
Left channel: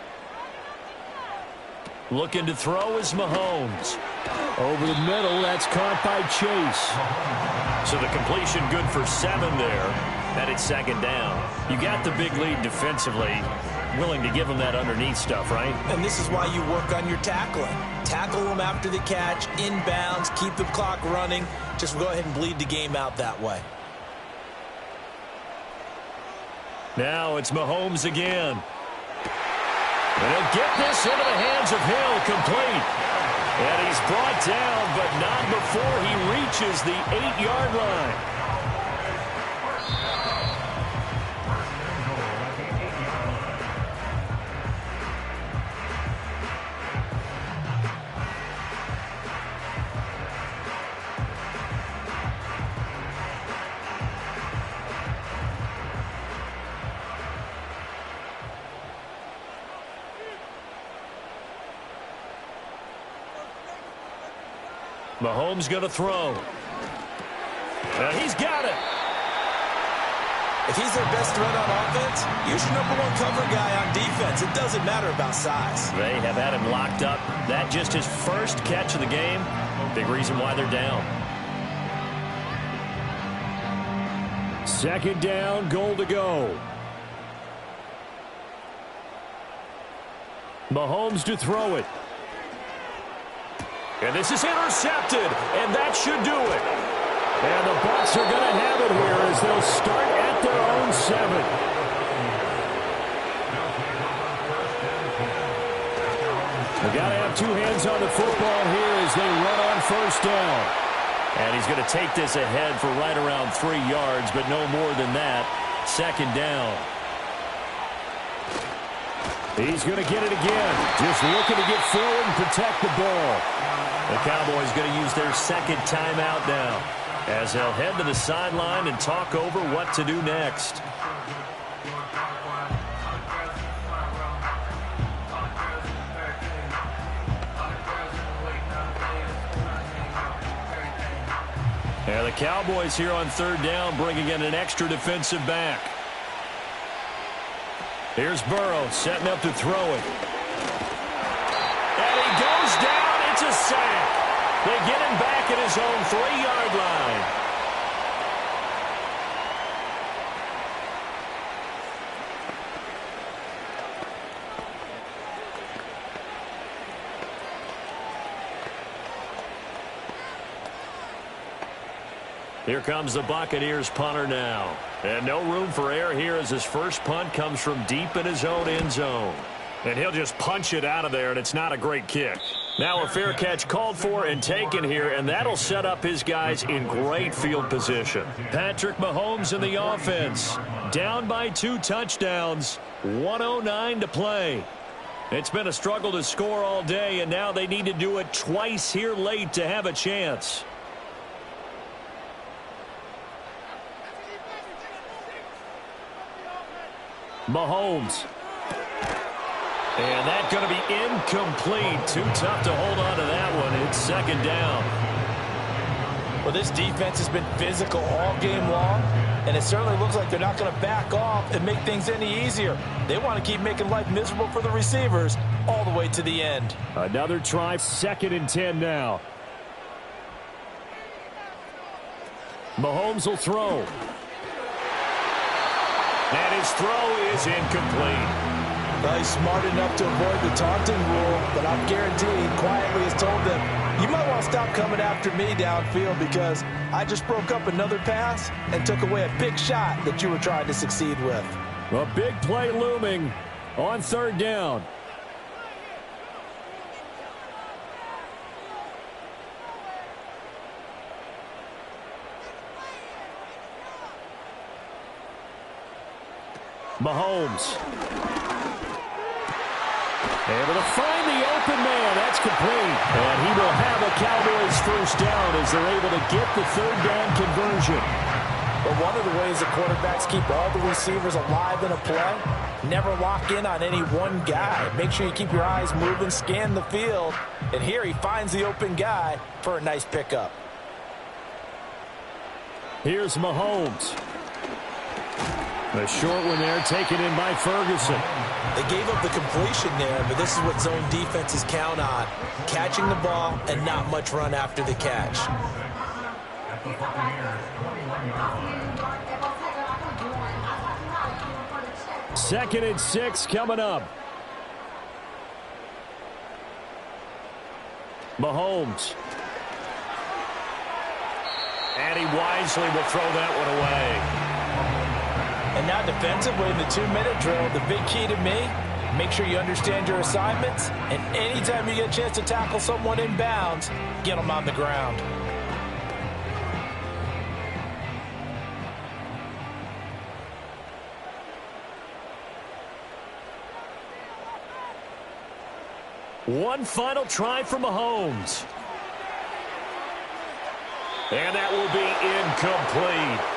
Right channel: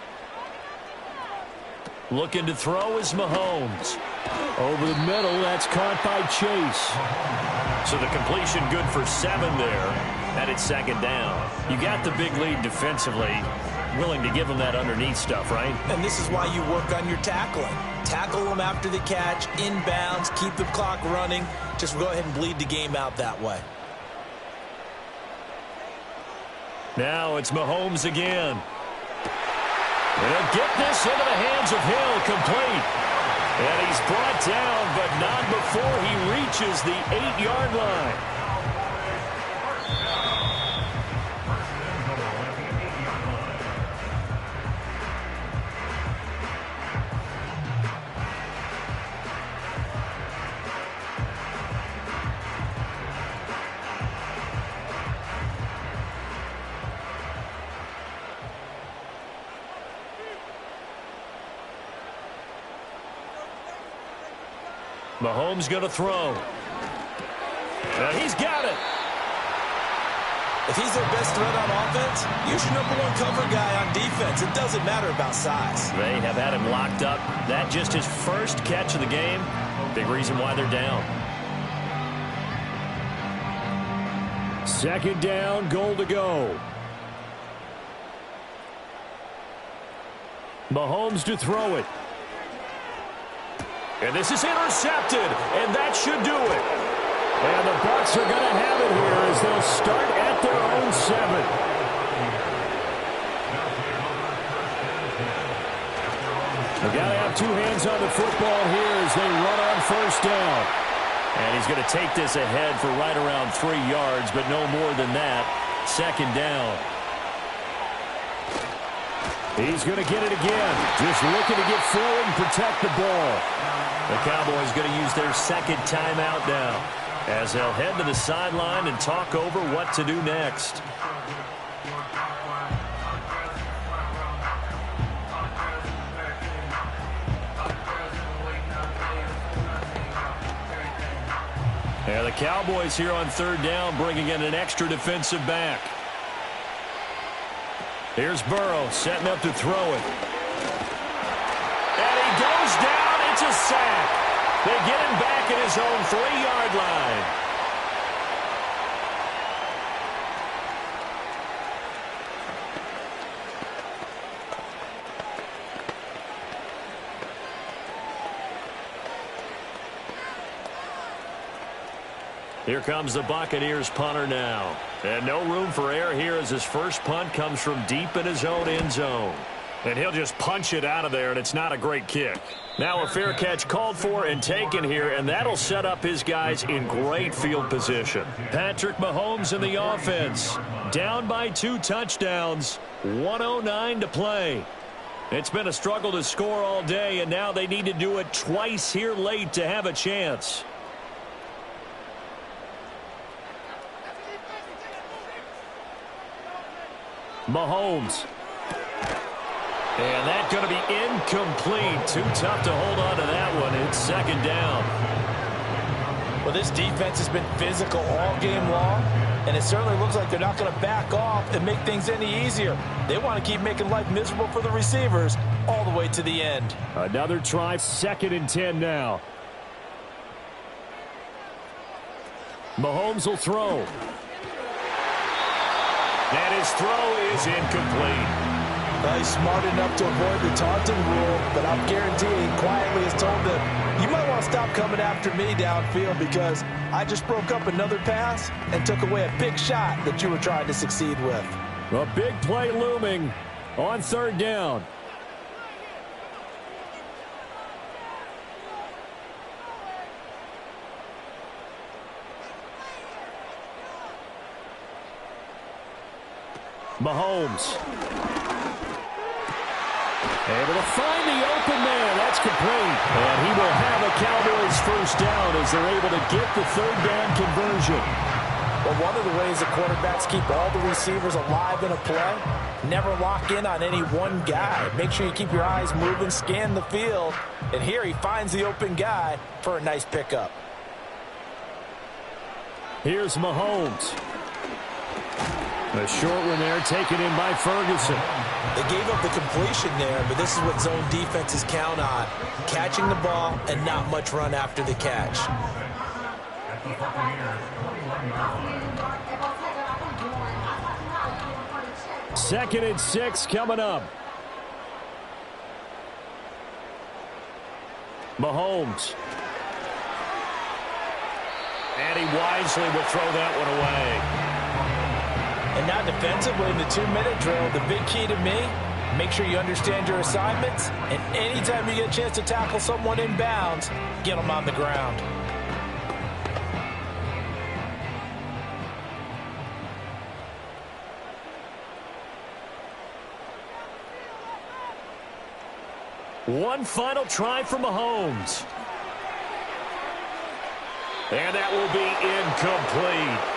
Looking to throw is Mahomes. Over the middle, that's caught by Chase. So the completion good for 7 there. And it's second down. You got the big lead defensively. Willing to give them that underneath stuff, right? And this is why you work on your tackling. Tackle them after the catch, inbounds, keep the clock running. Just go ahead and bleed the game out that way. Now it's Mahomes again. And he'll get this into the hands of Hill, complete. And he's brought down, but not before he reaches the 8-yard line. Mahomes going to throw. And he's got it. If he's their best threat on offense, use your #1 cover guy on defense. It doesn't matter about size. They have had him locked up. That just his first catch of the game. Big reason why they're down. Second down, goal to go. Mahomes to throw it. And this is intercepted, and that should do it. And the Bucs are going to have it here as they'll start at their own 7. They've got to have 2 hands on the football here as they run on first down. And he's going to take this ahead for right around 3 yards, but no more than that. Second down. He's going to get it again. Just looking to get forward and protect the ball. The Cowboys going to use their second timeout now as they'll head to the sideline and talk over what to do next. And the Cowboys here on third down bringing in an extra defensive back. Here's Burrow setting up to throw it. And he goes down. It's a sack. They get him back at his own 3-yard line. Here comes the Buccaneers punter now. And no room for error here as his first punt comes from deep in his own end zone. And he'll just punch it out of there, and it's not a great kick. Now a fair catch called for and taken here, and that'll set up his guys in great field position. Patrick Mahomes in the offense. Down by 2 touchdowns. 1:09 to play. It's been a struggle to score all day, and now they need to do it twice here late to have a chance. Mahomes. And that's going to be incomplete. Too tough to hold on to that one. It's second down. Well, this defense has been physical all game long, and it certainly looks like they're not going to back off and make things any easier. They want to keep making life miserable for the receivers all the way to the end. Another try, 2nd and 10 now. Mahomes will throw. And his throw is incomplete. Well, he's smart enough to avoid the taunting rule, but I'm guaranteed quietly has told them, you might want to stop coming after me downfield because I just broke up another pass and took away a big shot that you were trying to succeed with. A big play looming on 3rd down. Mahomes. Able to find the open man. That's complete. And he will have a Cowboys first down as they're able to get the 3rd down conversion. Well, one of the ways that quarterbacks keep all the receivers alive in a play, never lock in on any one guy. Make sure you keep your eyes moving, scan the field. And here he finds the open guy for a nice pickup. Here's Mahomes. A short one there, taken in by Ferguson. They gave up the completion there, but this is what zone defenses count on. Catching the ball and not much run after the catch. Second and 6 coming up. Mahomes. And he wisely will throw that one away. And now defensively in the 2-minute drill, the big key to me, make sure you understand your assignments, and anytime you get a chance to tackle someone in bounds, get them on the ground. One final try for Mahomes. And that will be incomplete.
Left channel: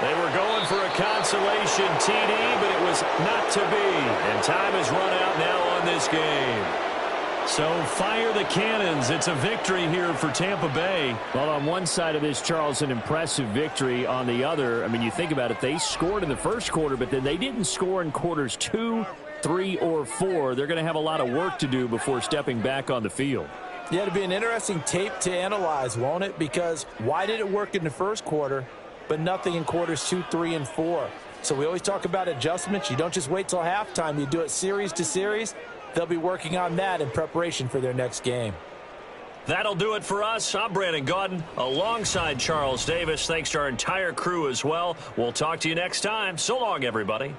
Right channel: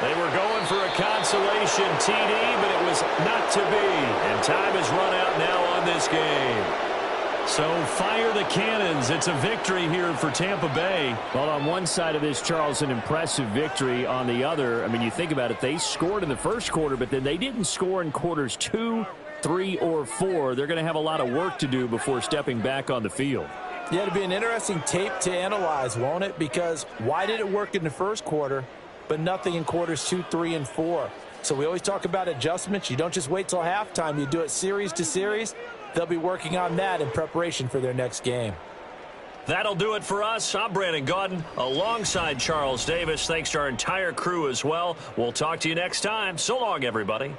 They were going for a consolation TD, but it was not to be. And time has run out now on this game. So fire the cannons. It's a victory here for Tampa Bay. Well, on one side of this, Charles, an impressive victory. On the other, I mean, you think about it, they scored in the first quarter, but then they didn't score in quarters 2, 3, or 4. They're going to have a lot of work to do before stepping back on the field. Yeah, it'll be an interesting tape to analyze, won't it? Because why did it work in the first quarter, but nothing in quarters 2, 3, and 4? So we always talk about adjustments. You don't just wait till halftime. You do it series to series. They'll be working on that in preparation for their next game. That'll do it for us. I'm Brandon Gaudin alongside Charles Davis. Thanks to our entire crew as well. We'll talk to you next time. So long, everybody.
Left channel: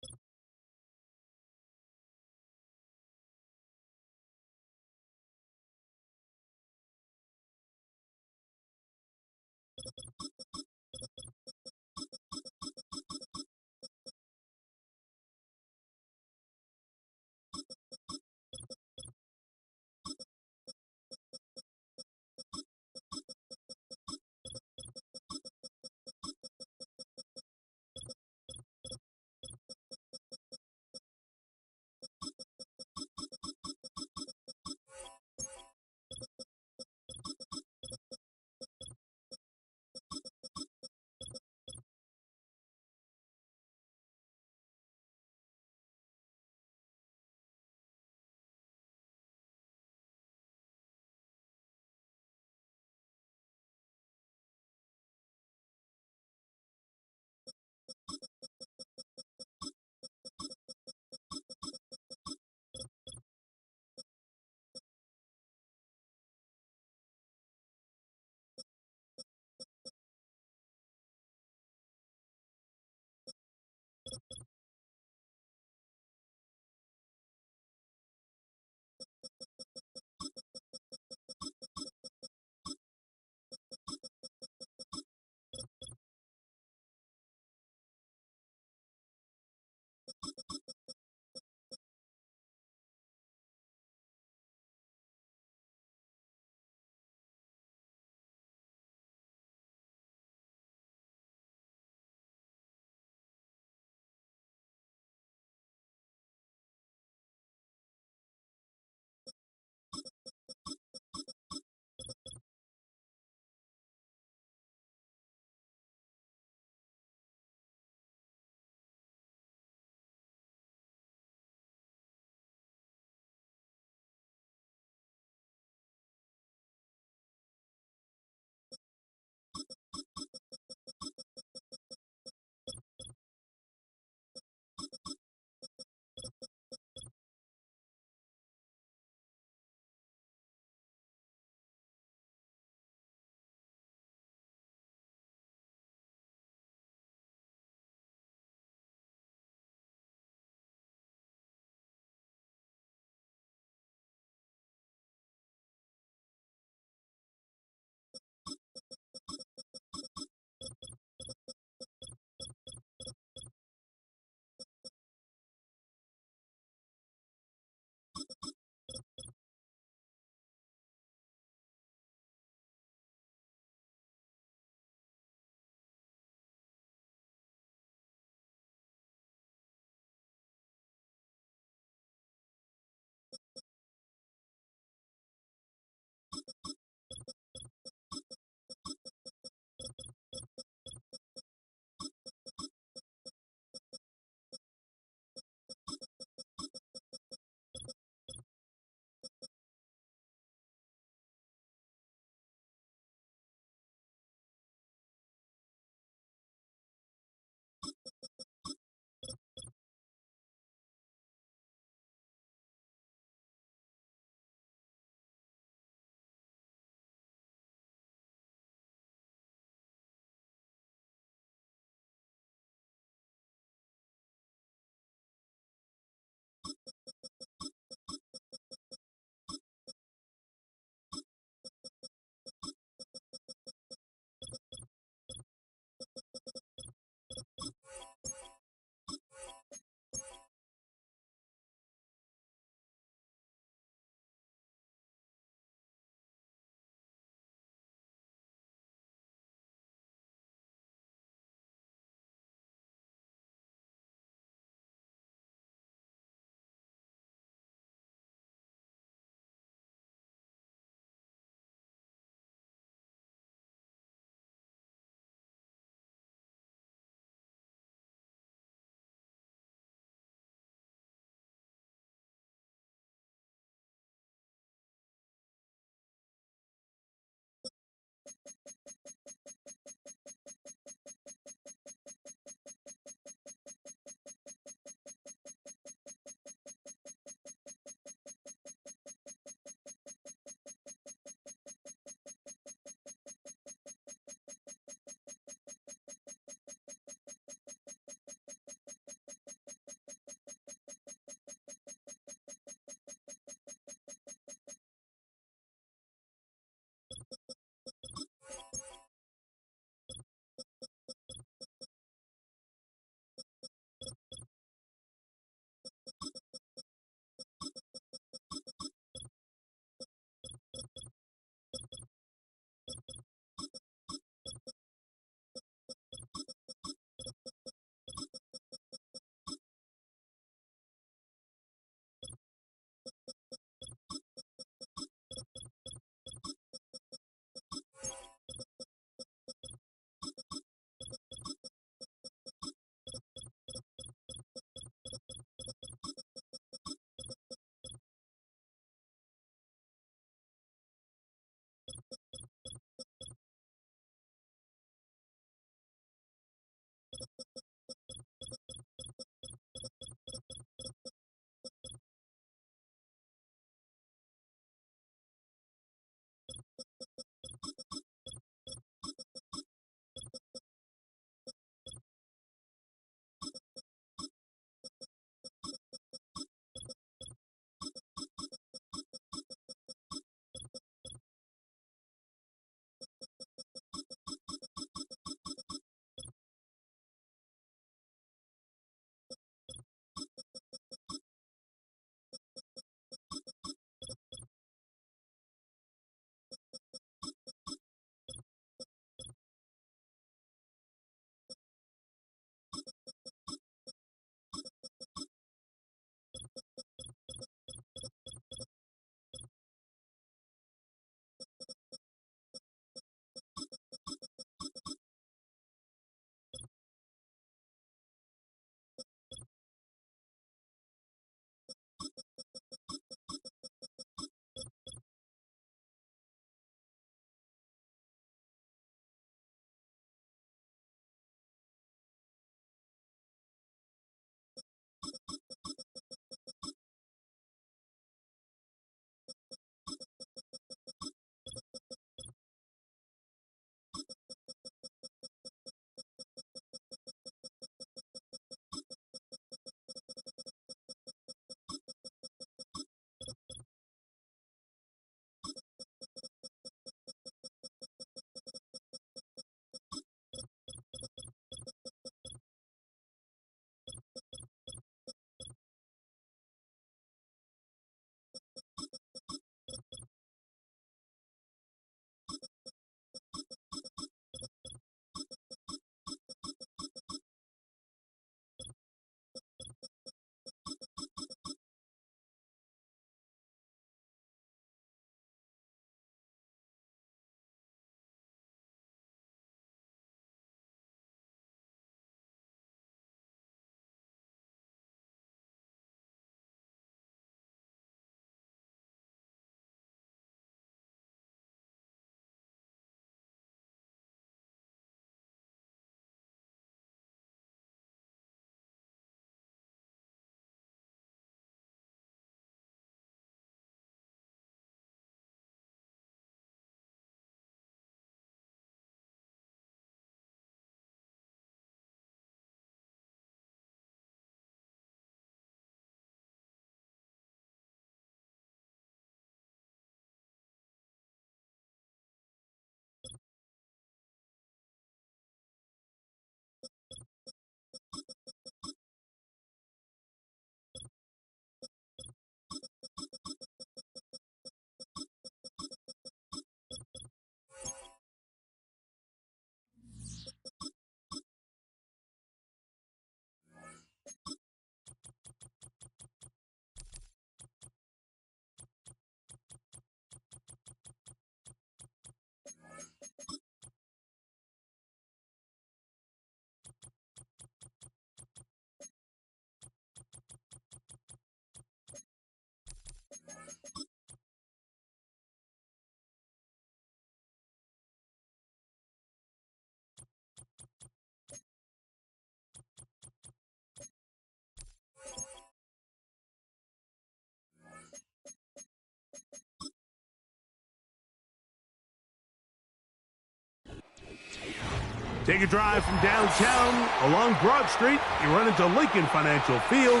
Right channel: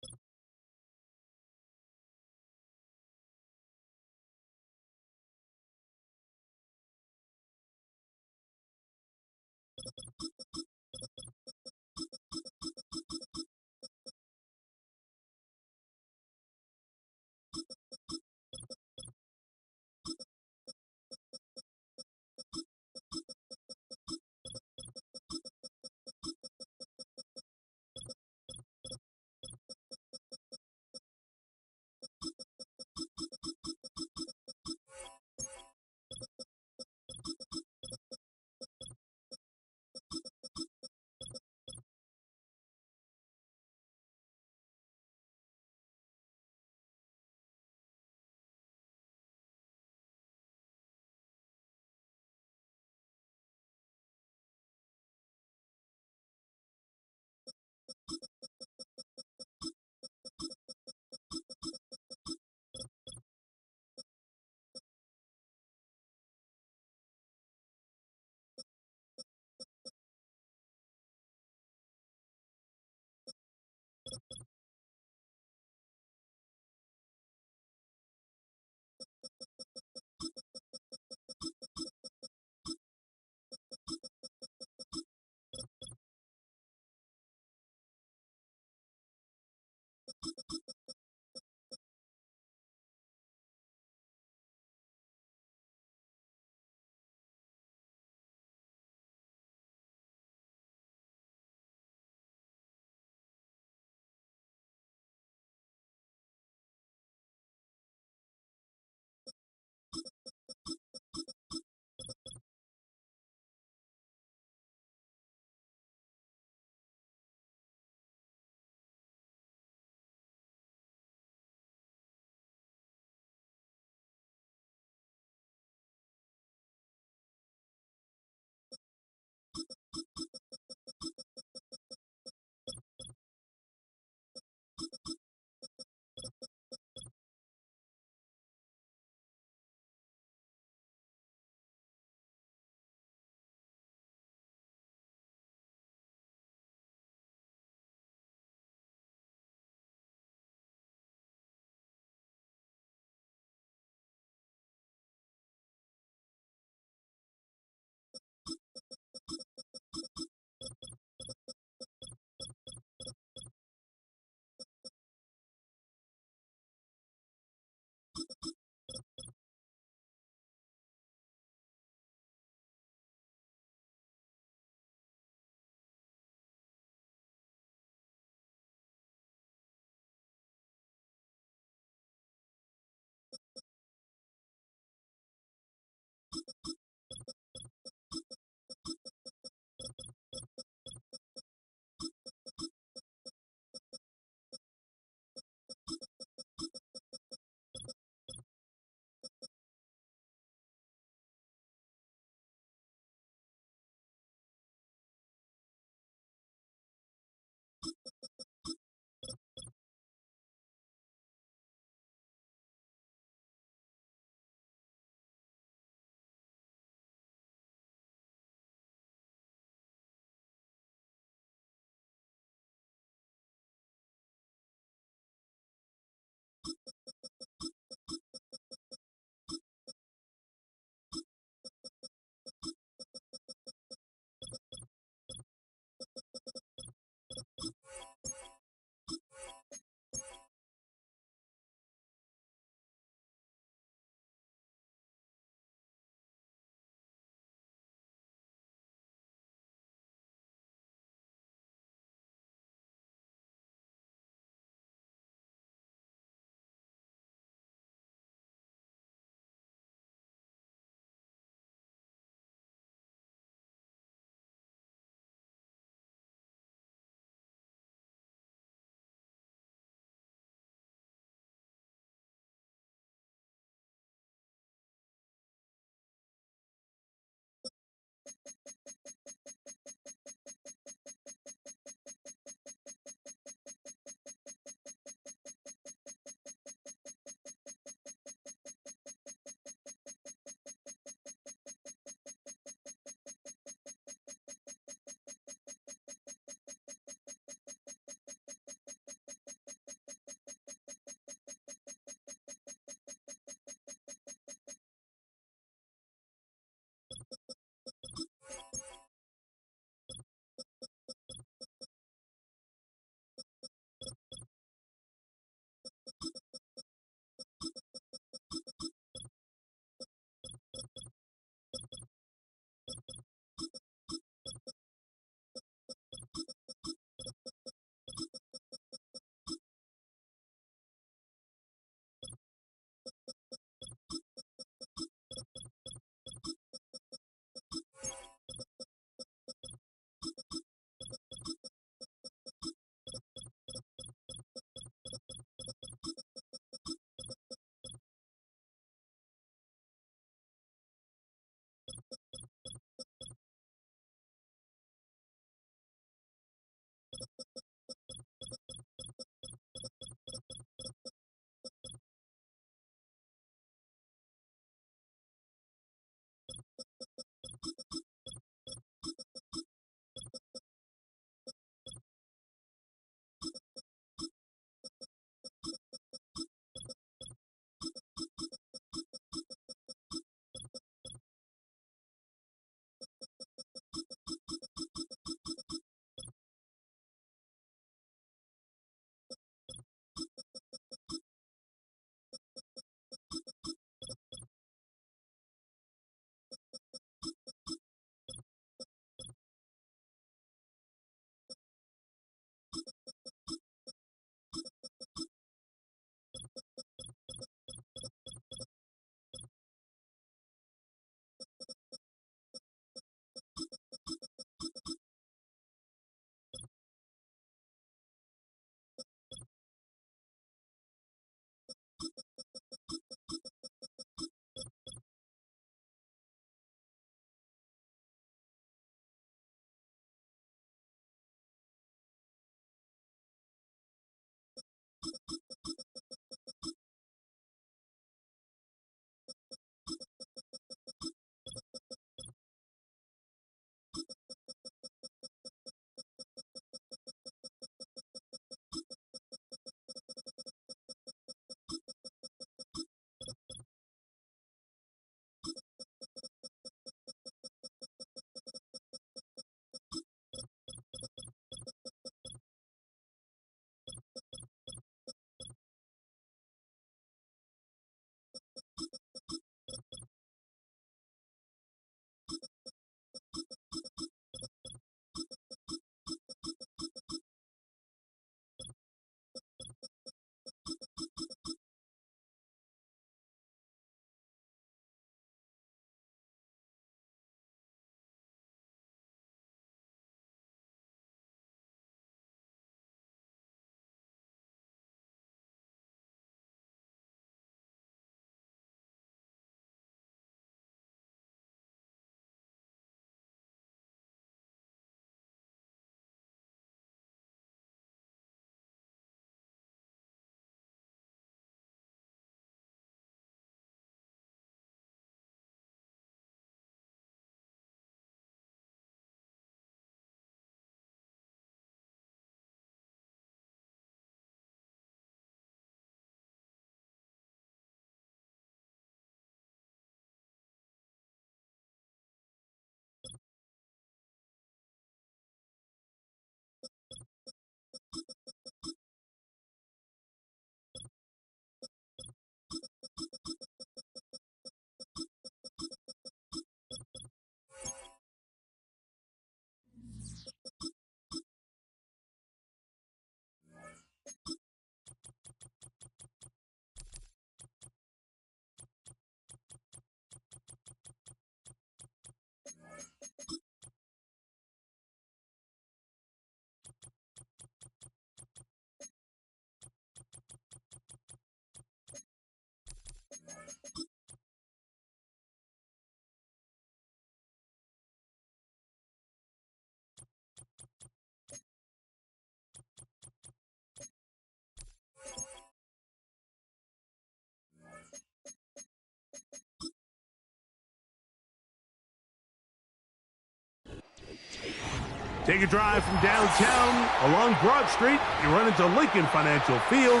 Take a drive from downtown along Broad Street. You run into Lincoln Financial Field,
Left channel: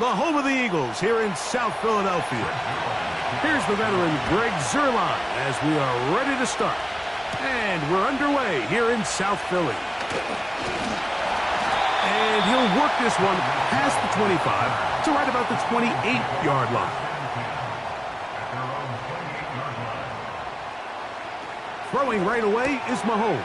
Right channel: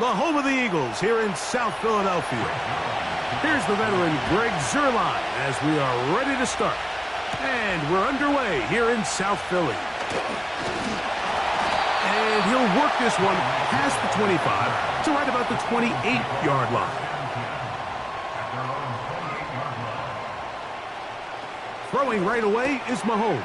the home of the Eagles here in South Philadelphia. Here's the veteran Greg Zuerlein as we are ready to start. And we're underway here in South Philly. And he'll work this one past the 25 to right about the 28-yard line. Throwing right away is Mahomes.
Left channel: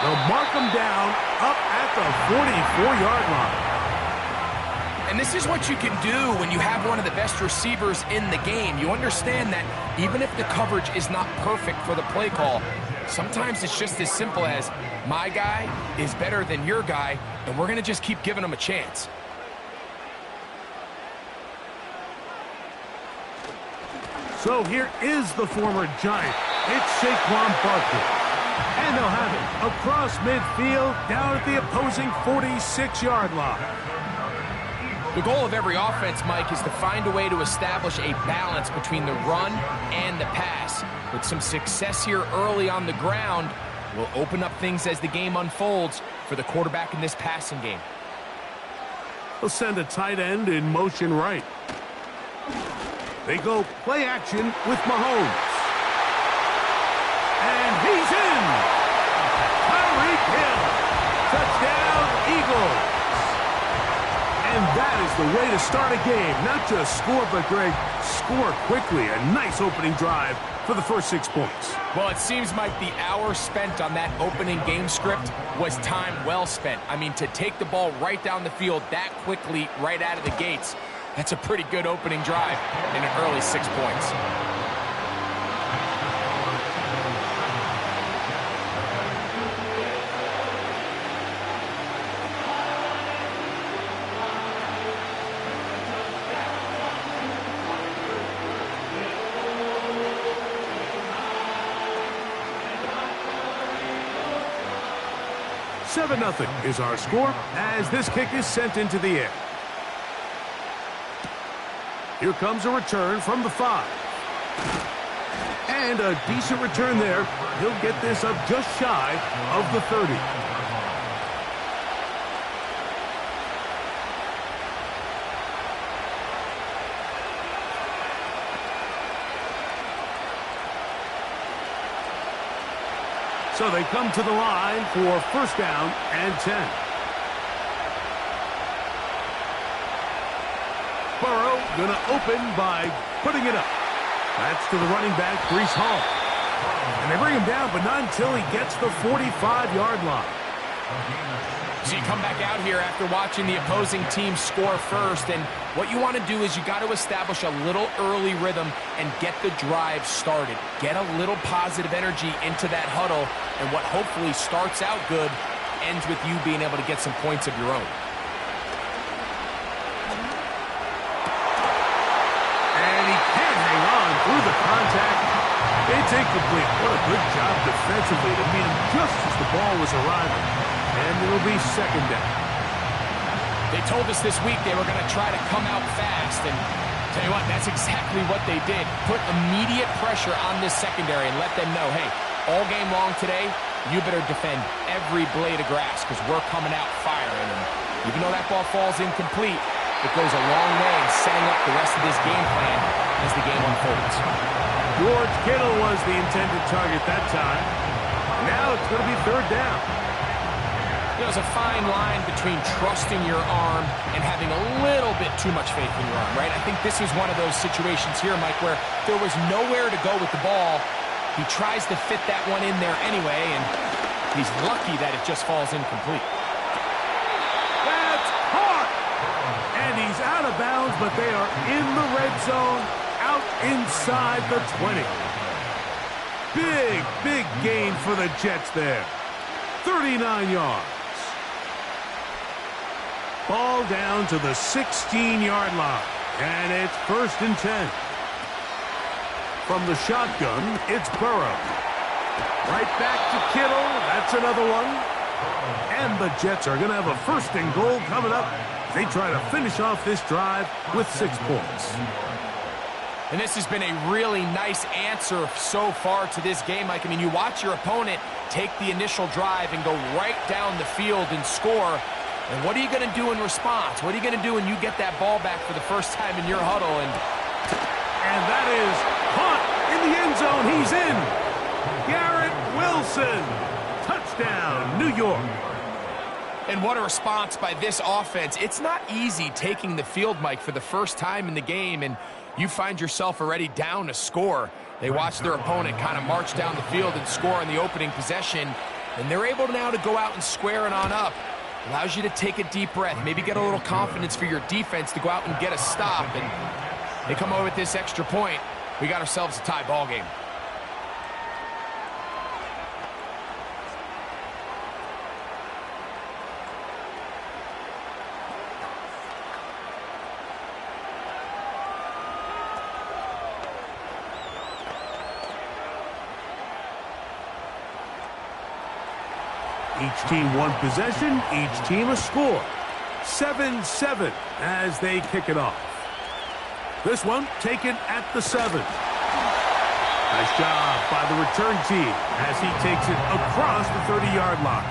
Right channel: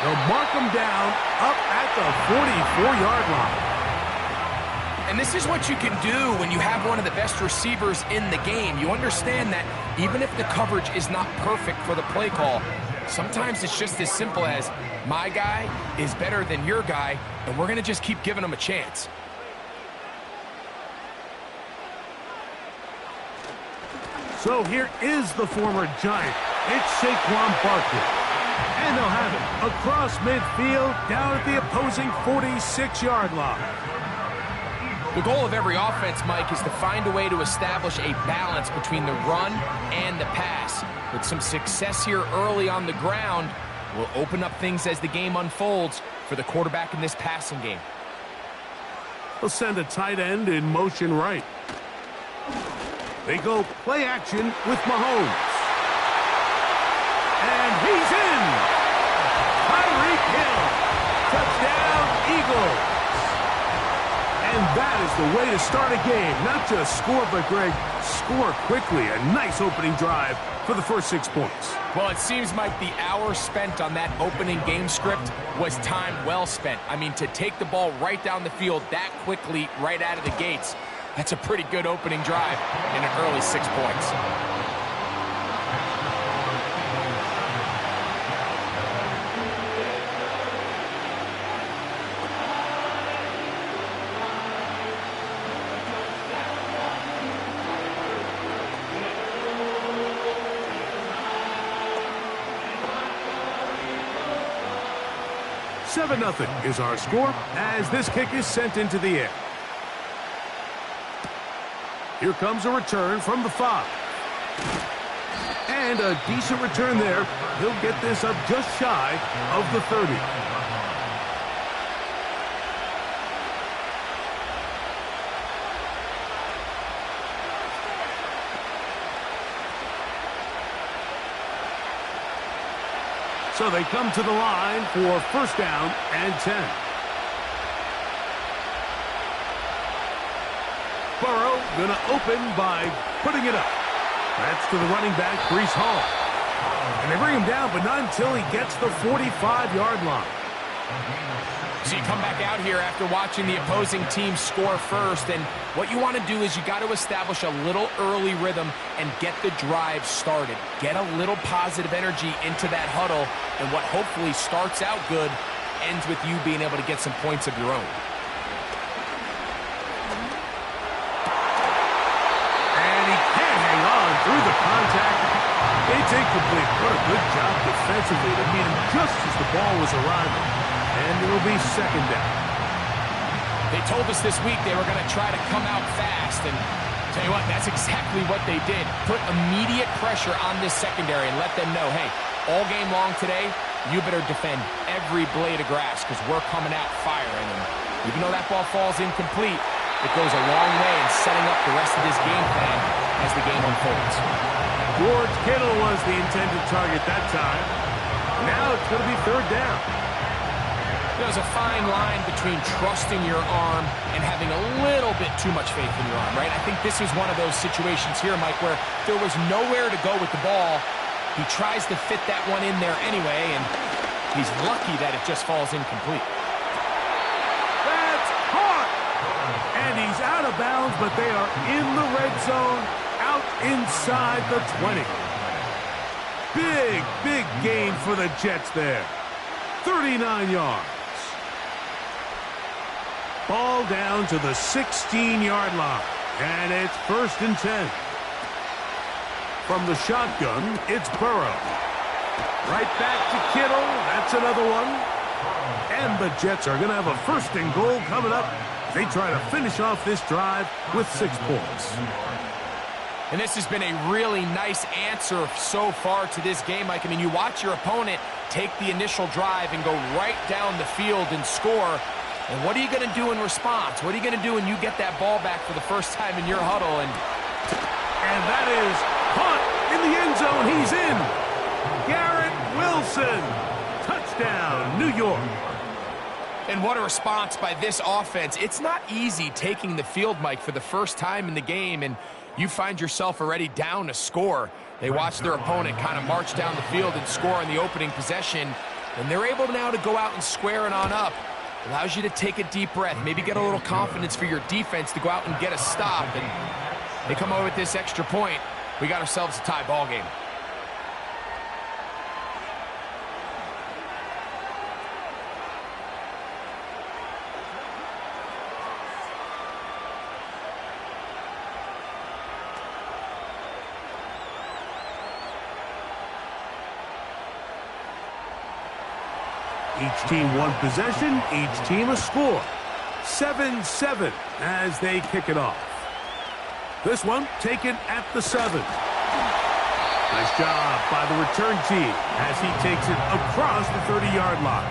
They'll mark him down up at the 44-yard line. And this is what you can do when you have one of the best receivers in the game. You understand that even if the coverage is not perfect for the play call, sometimes it's just as simple as my guy is better than your guy, and we're going to just keep giving him a chance. So here is the former Giant. It's Saquon Barkley. And they'll have it across midfield down at the opposing 46-yard line. The goal of every offense, Mike, is to find a way to establish a balance between the run and the pass. With some success here early on the ground, will open up things as the game unfolds for the quarterback in this passing game. They'll send a tight end in motion right. They go play action with Mahomes. And he's in! Tyreek Hill! Touchdown, Eagles! And that is the way to start a game. Not just score, but, Greg, score quickly. A nice opening drive for the first 6 points. Well, it seems like the hour spent on that opening game script was time well spent. I mean, to take the ball right down the field that quickly right out of the gates, that's a pretty good opening drive in an early 6 points. Seven 0 is our score as this kick is sent into the air. Here comes a return from the 5. And a decent return there. He'll get this up just shy of the 30. So they come to the line for first down and 10. Burrow going to open by putting it up. That's to the running back, Breece Hall. And they bring him down, but not until he gets the 45-yard line. So you come back out here after watching the opposing team score first, and what you want to do is you got to establish a little early rhythm and get the drive started. Get a little positive energy into that huddle, and what hopefully starts out good ends with you being able to get some points of your own. And he can't hang on through the contact. It's incomplete. What a good job defensively to meet him just as the ball was arriving. And it'll be second down. They told us this week they were going to try to come out fast, and tell you what, that's exactly what they did. Put immediate pressure on this secondary and let them know, hey, all game long today, you better defend every blade of grass because we're coming out firing. And even though that ball falls incomplete, it goes a long way in setting up the rest of this game plan as the game unfolds. George Kittle was the intended target that time. Now it's going to be third down. There's a fine line between trusting your arm and having a little bit too much faith in your arm, right? I think this was one of those situations here, Mike, where there was nowhere to go with the ball. He tries to fit that one in there anyway, and he's lucky that it just falls incomplete. That's caught! And he's out of bounds, but they are in the red zone, out inside the 20. Big gain for the Jets there. 39 yards. Ball down to the 16-yard line. And it's first and 10. From the shotgun, it's Burrow. Right back to Kittle. That's another one. And the Jets are going to have a first and goal coming up. They try to finish off this drive with 6 points. And this has been a really nice answer so far to this game, Mike. I mean, you watch your opponent, take the initial drive and go right down the field and score. And what are you going to do in response? What are you going to do when you get that ball back for the first time in your huddle? And that is caught in the end zone. He's in. Garrett Wilson. Touchdown, New York. And what a response by this offense. It's not easy taking the field, Mike, for the first time in the game, and you find yourself already down a score. They watch their opponent kind of march down the field and score in the opening possession, and they're able now to go out and square it on up. Allows you to take a deep breath, maybe get a little confidence for your defense to go out and get a stop, and they come over with this extra point. We got ourselves a tie ball game. Each team one possession, each team a score. 7-7 as they kick it off. This one taken at the 7. Nice job by the return team as he takes it across the 30-yard line.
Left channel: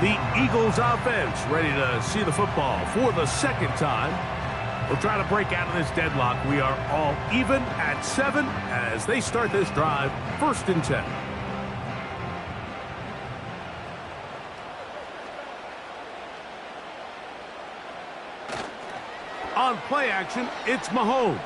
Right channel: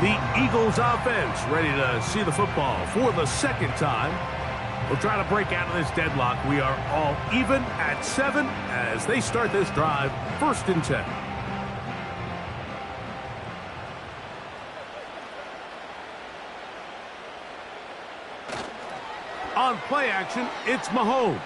The Eagles offense ready to see the football for the second time. We'll try to break out of this deadlock. We are all even at 7 as they start this drive, 1st and 10. On play action, it's Mahomes.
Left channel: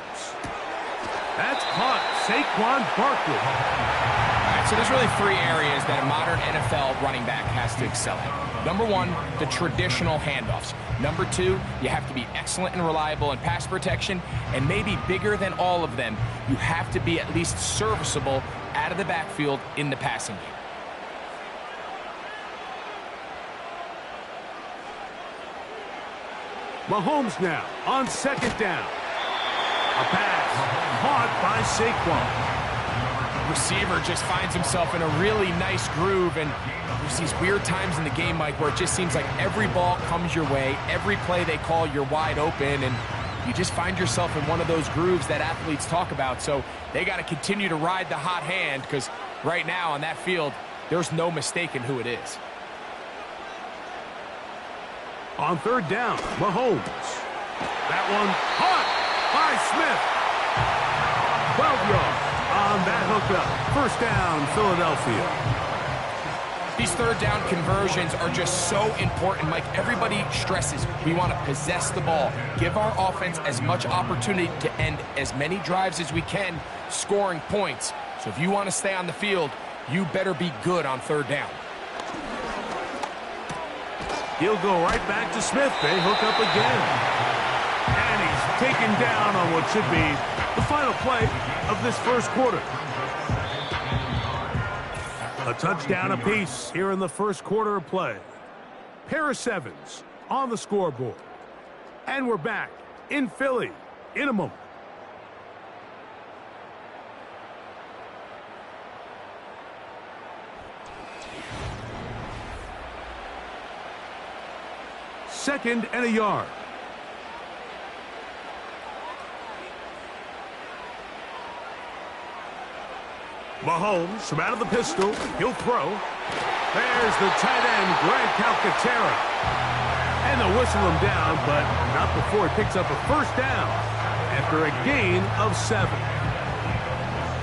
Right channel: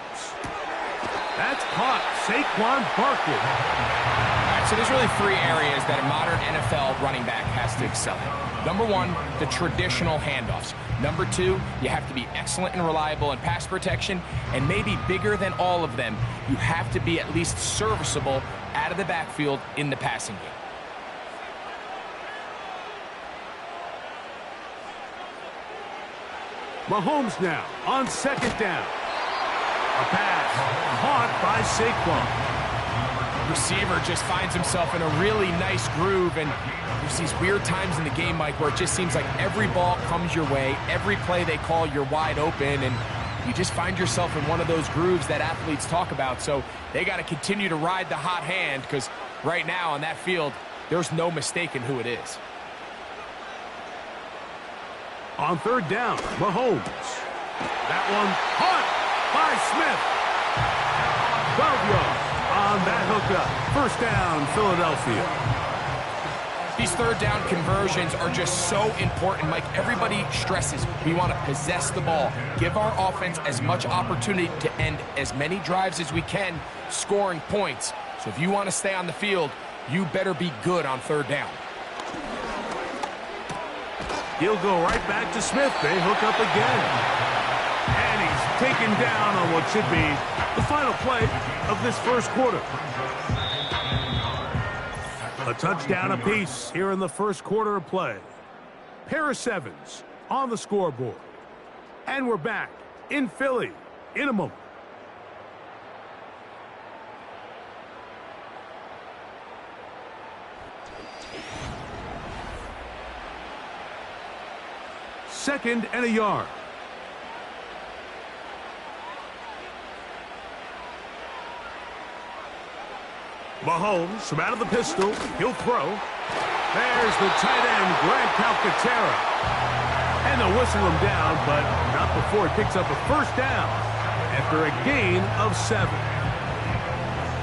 That's caught. Saquon Barkley. All right, so there's really 3 areas that a modern NFL running back has to excel at. Number 1, the traditional handoffs. Number 2, you have to be excellent and reliable in pass protection. And maybe bigger than all of them, you have to be at least serviceable out of the backfield in the passing game. Mahomes now on 2nd down. A pass caught by Saquon. Receiver just finds himself in a really nice groove, and there's these weird times in the game, Mike, where it just seems like every ball comes your way, every play they call, you're wide open, and you just find yourself in one of those grooves that athletes talk about. So they got to continue to ride the hot hand, because right now on that field, there's no mistaking who it is. On 3rd down, Mahomes. That one caught by Smith. 12 yards on that hookup. 1st down, Philadelphia. These 3rd down conversions are just so important, Mike. Everybody stresses we want to possess the ball, give our offense as much opportunity to end as many drives as we can, scoring points. So if you want to stay on the field, you better be good on 3rd down. He'll go right back to Smith. They hook up again. And he's taken down on what should be the final play of this 1st quarter. A touchdown apiece here in the 1st quarter of play. Pair of 7s on the scoreboard. And we're back in Philly in a moment. Second and a yard. Mahomes from out of the pistol. He'll throw. There's the tight end, Grant Calcaterra. And they'll whistle him down, but not before he picks up a 1st down after a gain of 7.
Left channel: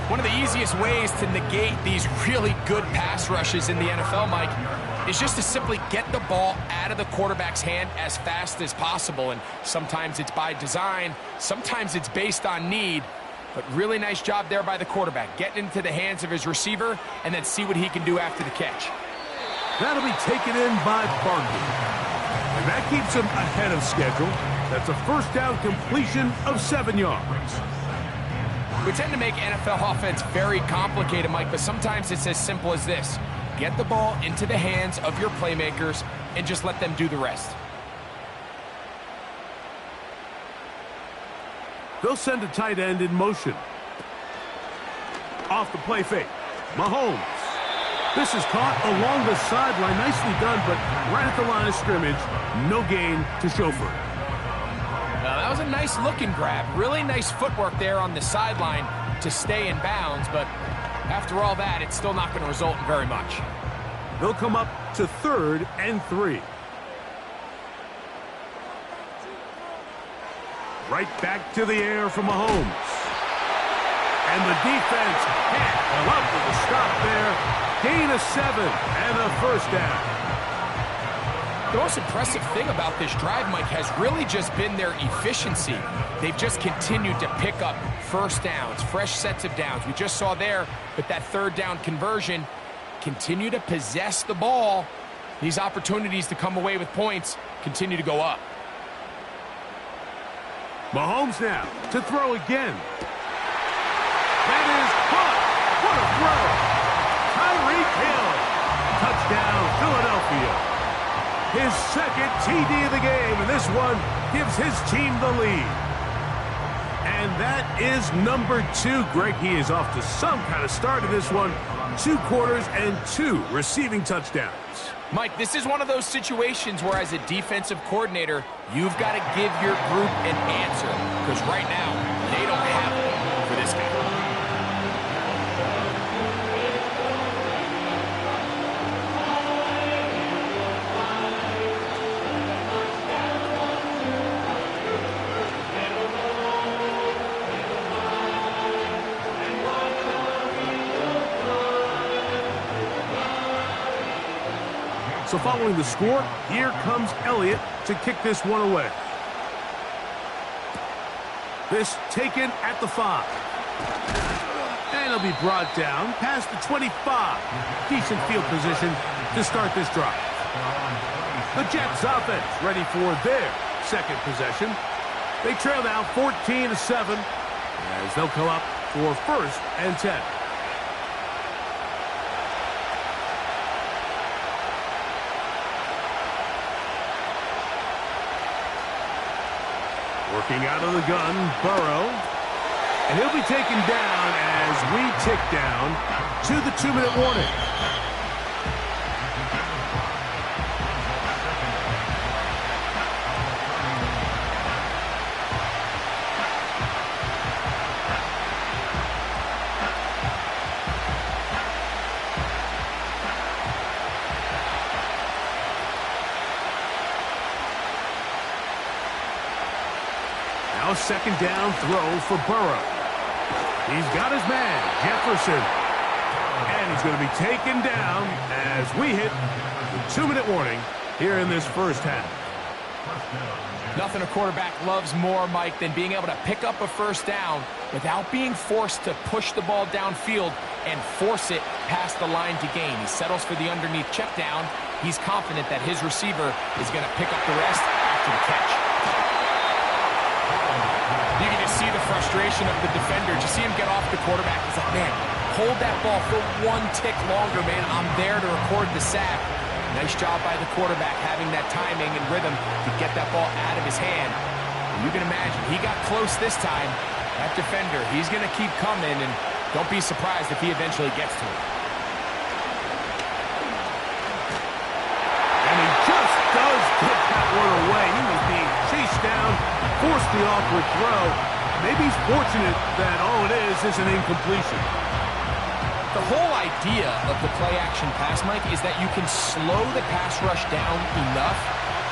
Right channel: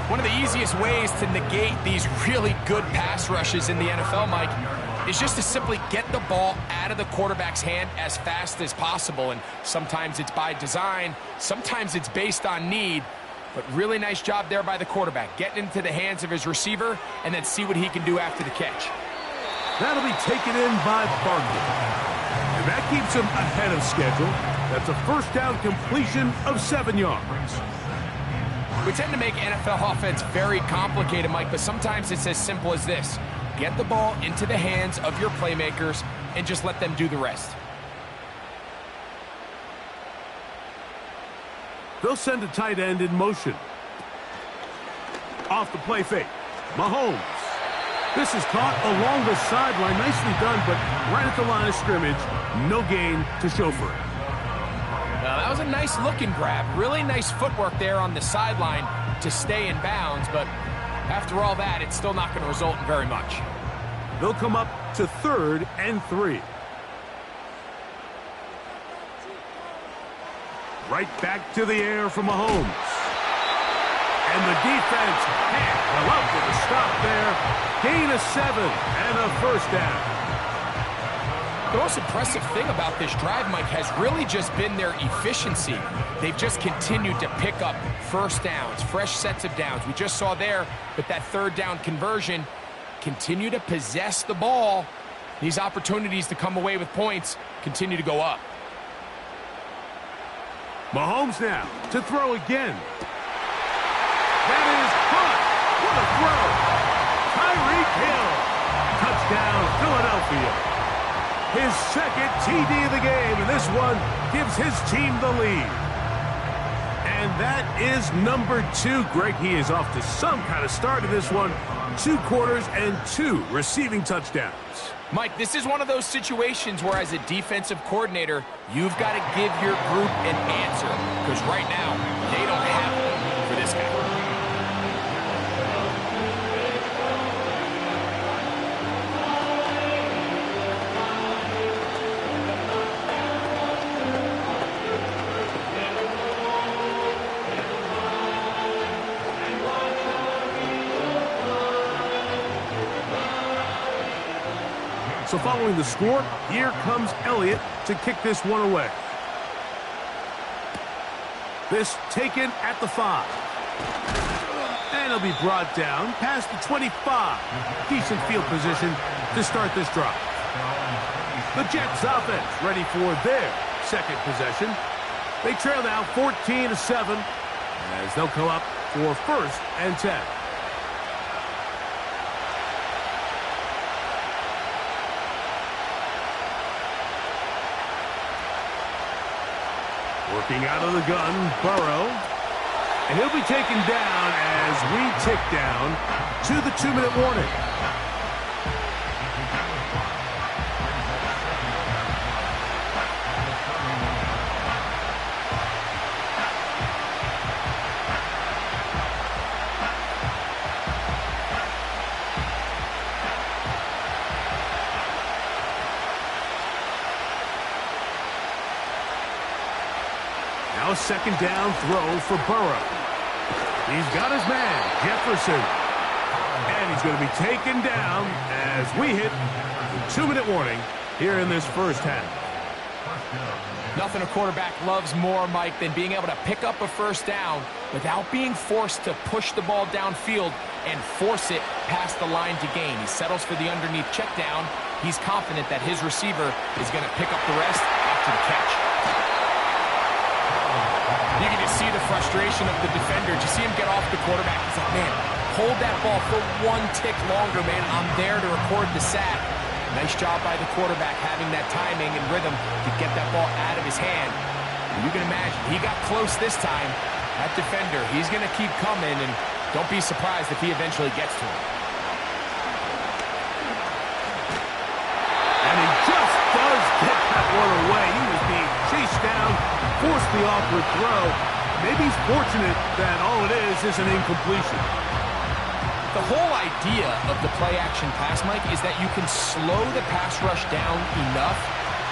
One of the easiest ways to negate these really good pass rushes in the NFL, Mike, is just to simply get the ball out of the quarterback's hand as fast as possible. And sometimes it's by design, sometimes it's based on need. But really nice job there by the quarterback, getting into the hands of his receiver and then see what he can do after the catch. That'll be taken in by Barkley. And that keeps him ahead of schedule. That's a 1st down completion of 7 yards. We tend to make NFL offense very complicated, Mike, but sometimes it's as simple as this. Get the ball into the hands of your playmakers and just let them do the rest. They'll send a tight end in motion. Off the play fake. Mahomes. This is caught along the sideline. Nicely done, but right at the line of scrimmage. No gain to show for it. That was a nice looking grab. Really nice footwork there on the sideline to stay in bounds, but After all that, it's still not going to result in very much. They'll come up to 3rd and 3. Right back to the air from Mahomes. And the defense can't come up with a stop there. Gain of 7 and a first down. The most impressive thing about this drive, Mike, has really just been their efficiency. They've just continued to pick up first downs, fresh sets of downs. We just saw there with that 3rd down conversion, continue to possess the ball. These opportunities to come away with points continue to go up. Mahomes now to throw again. That is caught. What a throw. Tyreek Hill. Touchdown, Philadelphia. His 2nd TD of the game, and this one gives his team the lead. And that is number 2. Greg, he is off to some kind of start in this one. 2 quarters and 2 receiving touchdowns. Mike, this is one of those situations where as a defensive coordinator, you've got to give your group an answer. Because right now, they don't have one for this guy. So following the score, here comes Elliott to kick this one away. This taken at the 5. And it'll be brought down past the 25. Decent field position to start this drive. The Jets offense ready for their 2nd possession. They trail now 14-7 as they'll come up for 1st and 10. Working out of the gun, Burrow. And he'll be taken down as we tick down to the 2-minute warning. Now a 2nd down throw for Burrow. He's got his man, Jefferson. And he's going to be taken down as we hit the 2-minute warning here in this first half. Nothing a quarterback loves more, Mike, than being able to pick up a first down without being forced to push the ball downfield and force it past the line to gain. He settles for the underneath check down. He's confident that his receiver is going to pick up the rest after the catch. You can just see the frustration of the defender. Just see him get off the quarterback. He's like, man, hold that ball for 1 tick longer, man. I'm there to record the sack. Nice job by the quarterback having that timing and rhythm to get that ball out of his hand. And you can imagine, he got close this time. That defender, he's going to keep coming, and don't be surprised if he eventually gets to him. And he just does get that one away. He was being chased down, forced the awkward throw. Maybe he's fortunate that all it is an incompletion. The whole idea of the play-action pass, Mike, is that you can slow the pass rush down enough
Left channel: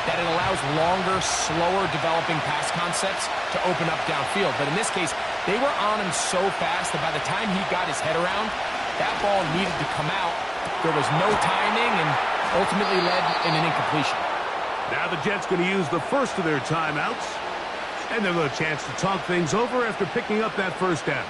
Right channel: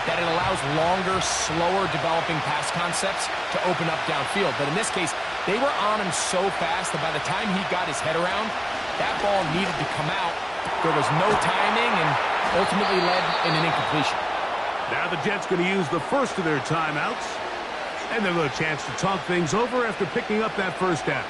that it allows longer, slower developing pass concepts to open up downfield. But in this case, they were on him so fast that by the time he got his head around, that ball needed to come out. There was no timing and ultimately led in an incompletion. Now the Jets going to use the first of their timeouts, and they'll have a chance to talk things over after picking up that first down.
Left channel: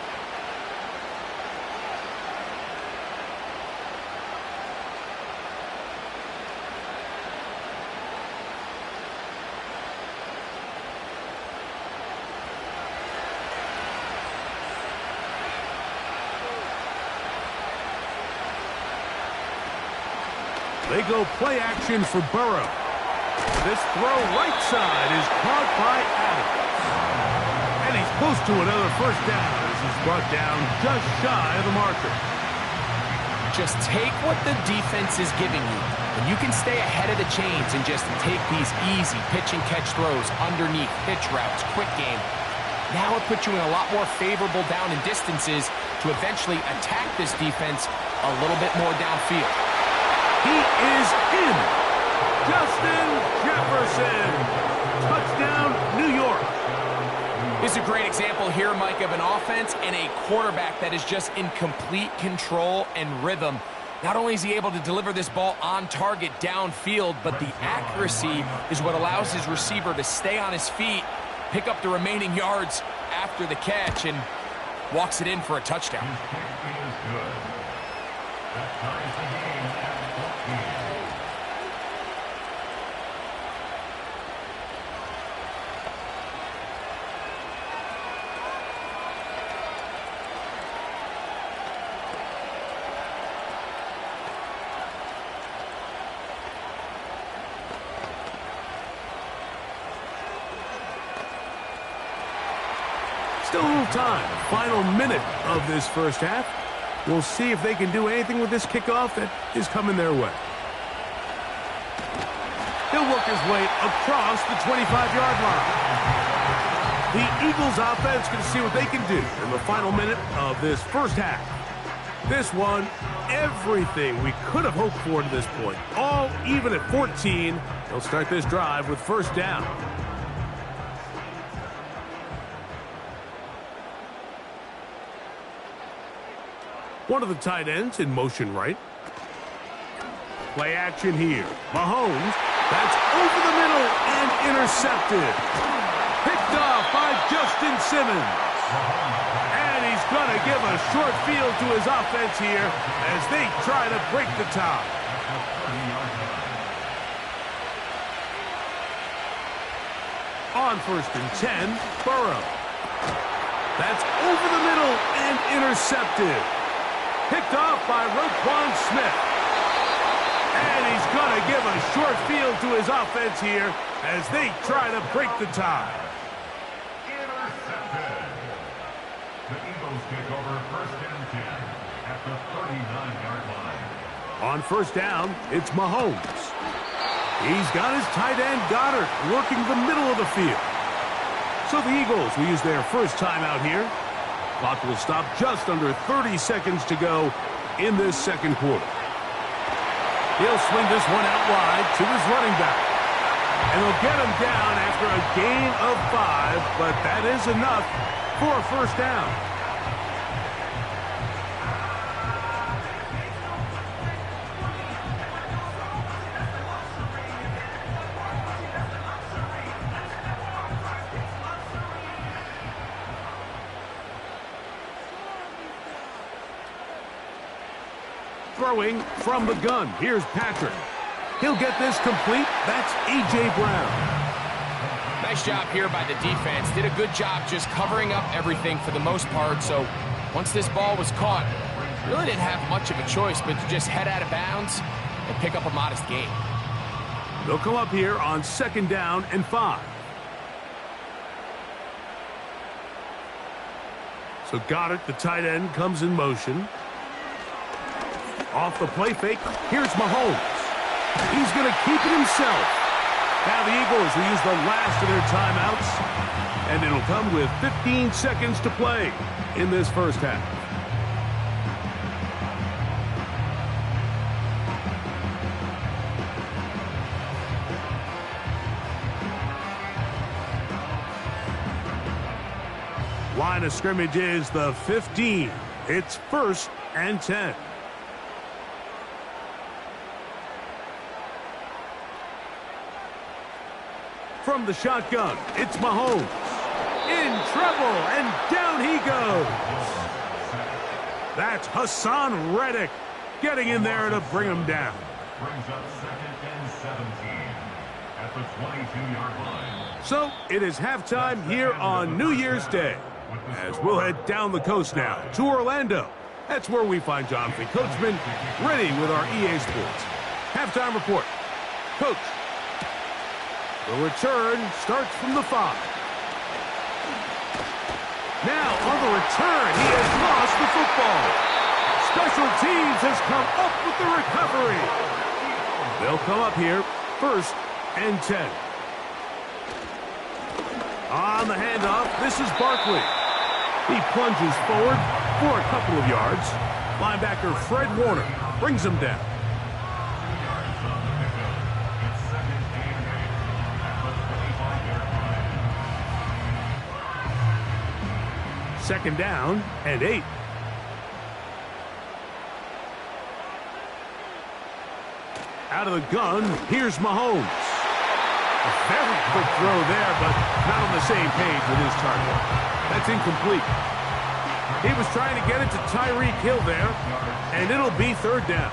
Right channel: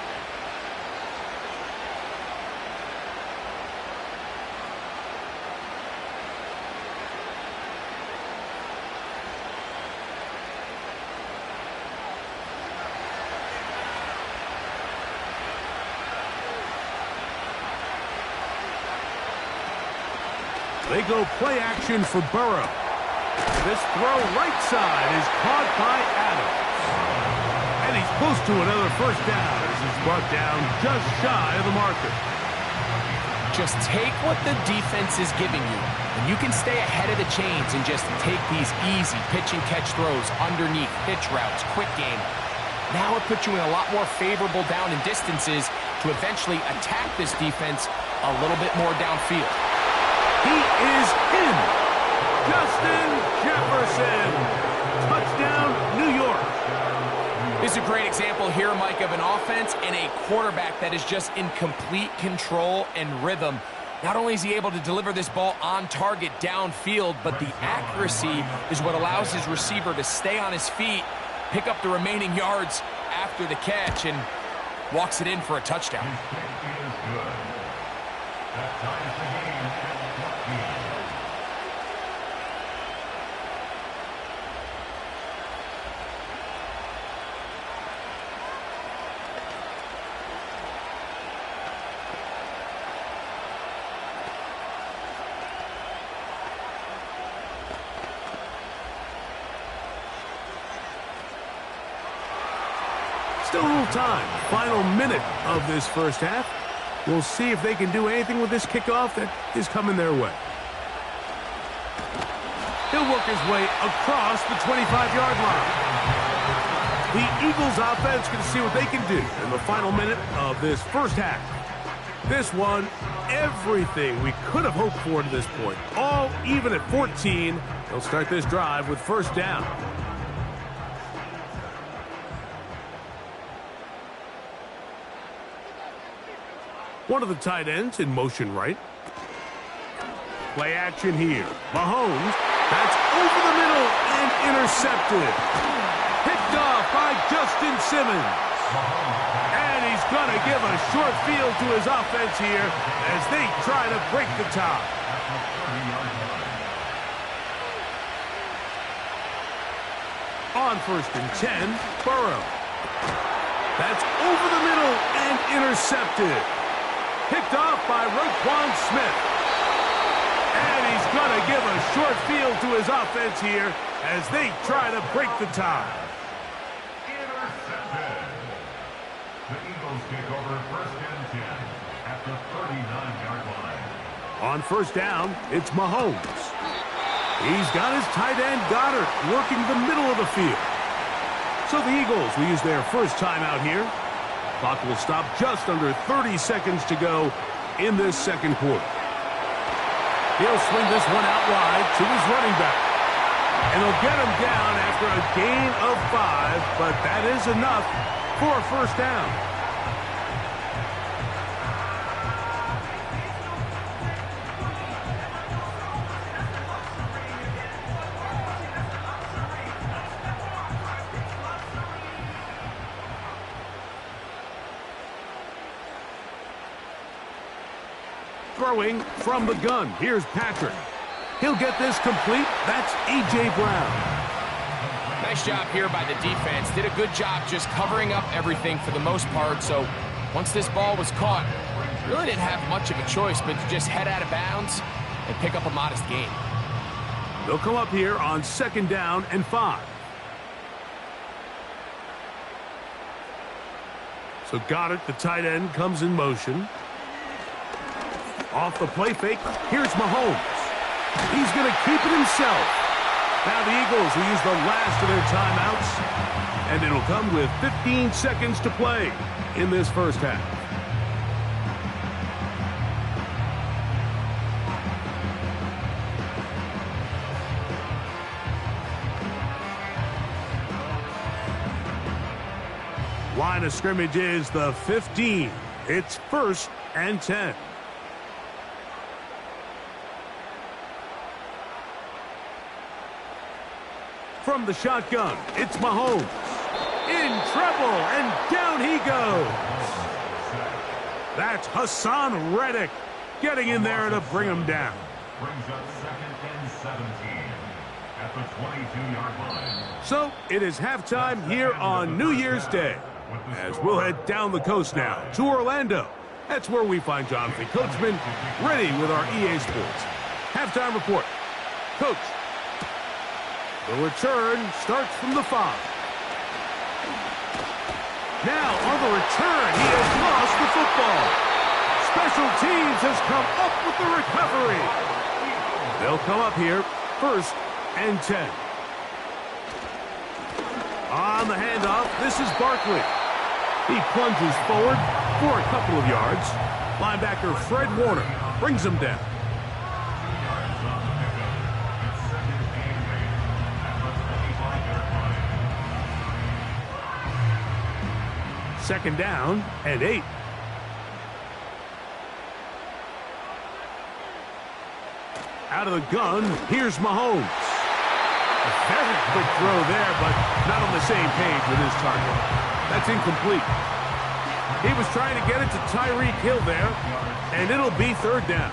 They go play action for Burrow. This throw right side is caught by Adams. And he's close to another first down as he's brought down just shy of the marker. Just take what the defense is giving you. And you can stay ahead of the chains and just take these easy pitch and catch throws underneath, pitch routes, quick game. Now it puts you in a lot more favorable down and distances to eventually attack this defense a little bit more downfield. He is in. Justin Jefferson. Touchdown, New York. This is a great example here, Mike, of an offense and a quarterback that is just in complete control and rhythm. Not only is he able to deliver this ball on target downfield, but the accuracy is what allows his receiver to stay on his feet, pick up the remaining yards after the catch, and walks it in for a touchdown. His kick is good. That ties the game at 14. Still a little time. Final minute of this first half. We'll see if they can do anything with this kickoff that is coming their way. He'll work his way across the 25-yard line. The Eagles offense going to see what they can do in the final minute of this first half. This one, everything we could have hoped for to this point. All even at 14. They'll start this drive with first down. One of the tight ends in motion right. Play action here. Mahomes, that's over the middle and intercepted. Picked off by Justin Simmons. And he's going to give a short field to his offense here as they try to break the tie. On first and 10, Burrow. That's over the middle and intercepted. Picked off by Roquan Smith. And he's going to give a short field to his offense here as they try to break the tie. Intercepted. The Eagles take over first and 10 at the 39-yard line. On first down, it's Mahomes. He's got his tight end Goddard working the middle of the field. So the Eagles will use their first timeout here. Clock will stop just under 30 seconds to go in this second quarter. He'll swing this one out wide to his running back. And they'll get him down after a gain of 5, but that is enough for a first down. Throwing from the gun. Here's Patrick. He'll get this complete. That's A.J. Brown. Nice job here by the defense. Did a good job just covering up everything for the most part. So once this ball was caught, really didn't have much of a choice but to just head out of bounds and pick up a modest gain. They'll come up here on second down and 5. So Goddard, the tight end, comes in motion. Off the play fake, here's Mahomes. He's going to keep it himself. Now the Eagles will use the last of their timeouts, and it'll come with 15 seconds to play in this first half. Line of scrimmage is the 15. It's first and 10. From the shotgun, it's Mahomes. In trouble, and down he goes. That's Hassan Reddick getting in there to bring him down. Brings up second and 17 at the 22-yard line. So it is halftime here on New Year's Day, as we'll head down the coast now to Orlando. That's where we find Jonathan Coachman ready with our EA Sports halftime report. Coach. The return starts from the 5. Now on the return, he has lost the football. Special teams has come up with the recovery. They'll come up here first and 10. On the handoff, this is Barkley. He plunges forward for a couple of yards. Linebacker Fred Warner brings him down. Second down and 8. Out of the gun, here's Mahomes. A very quick throw there, but not on the same page with his target. That's incomplete. He was trying to get it to Tyreek Hill there, and it'll be third down.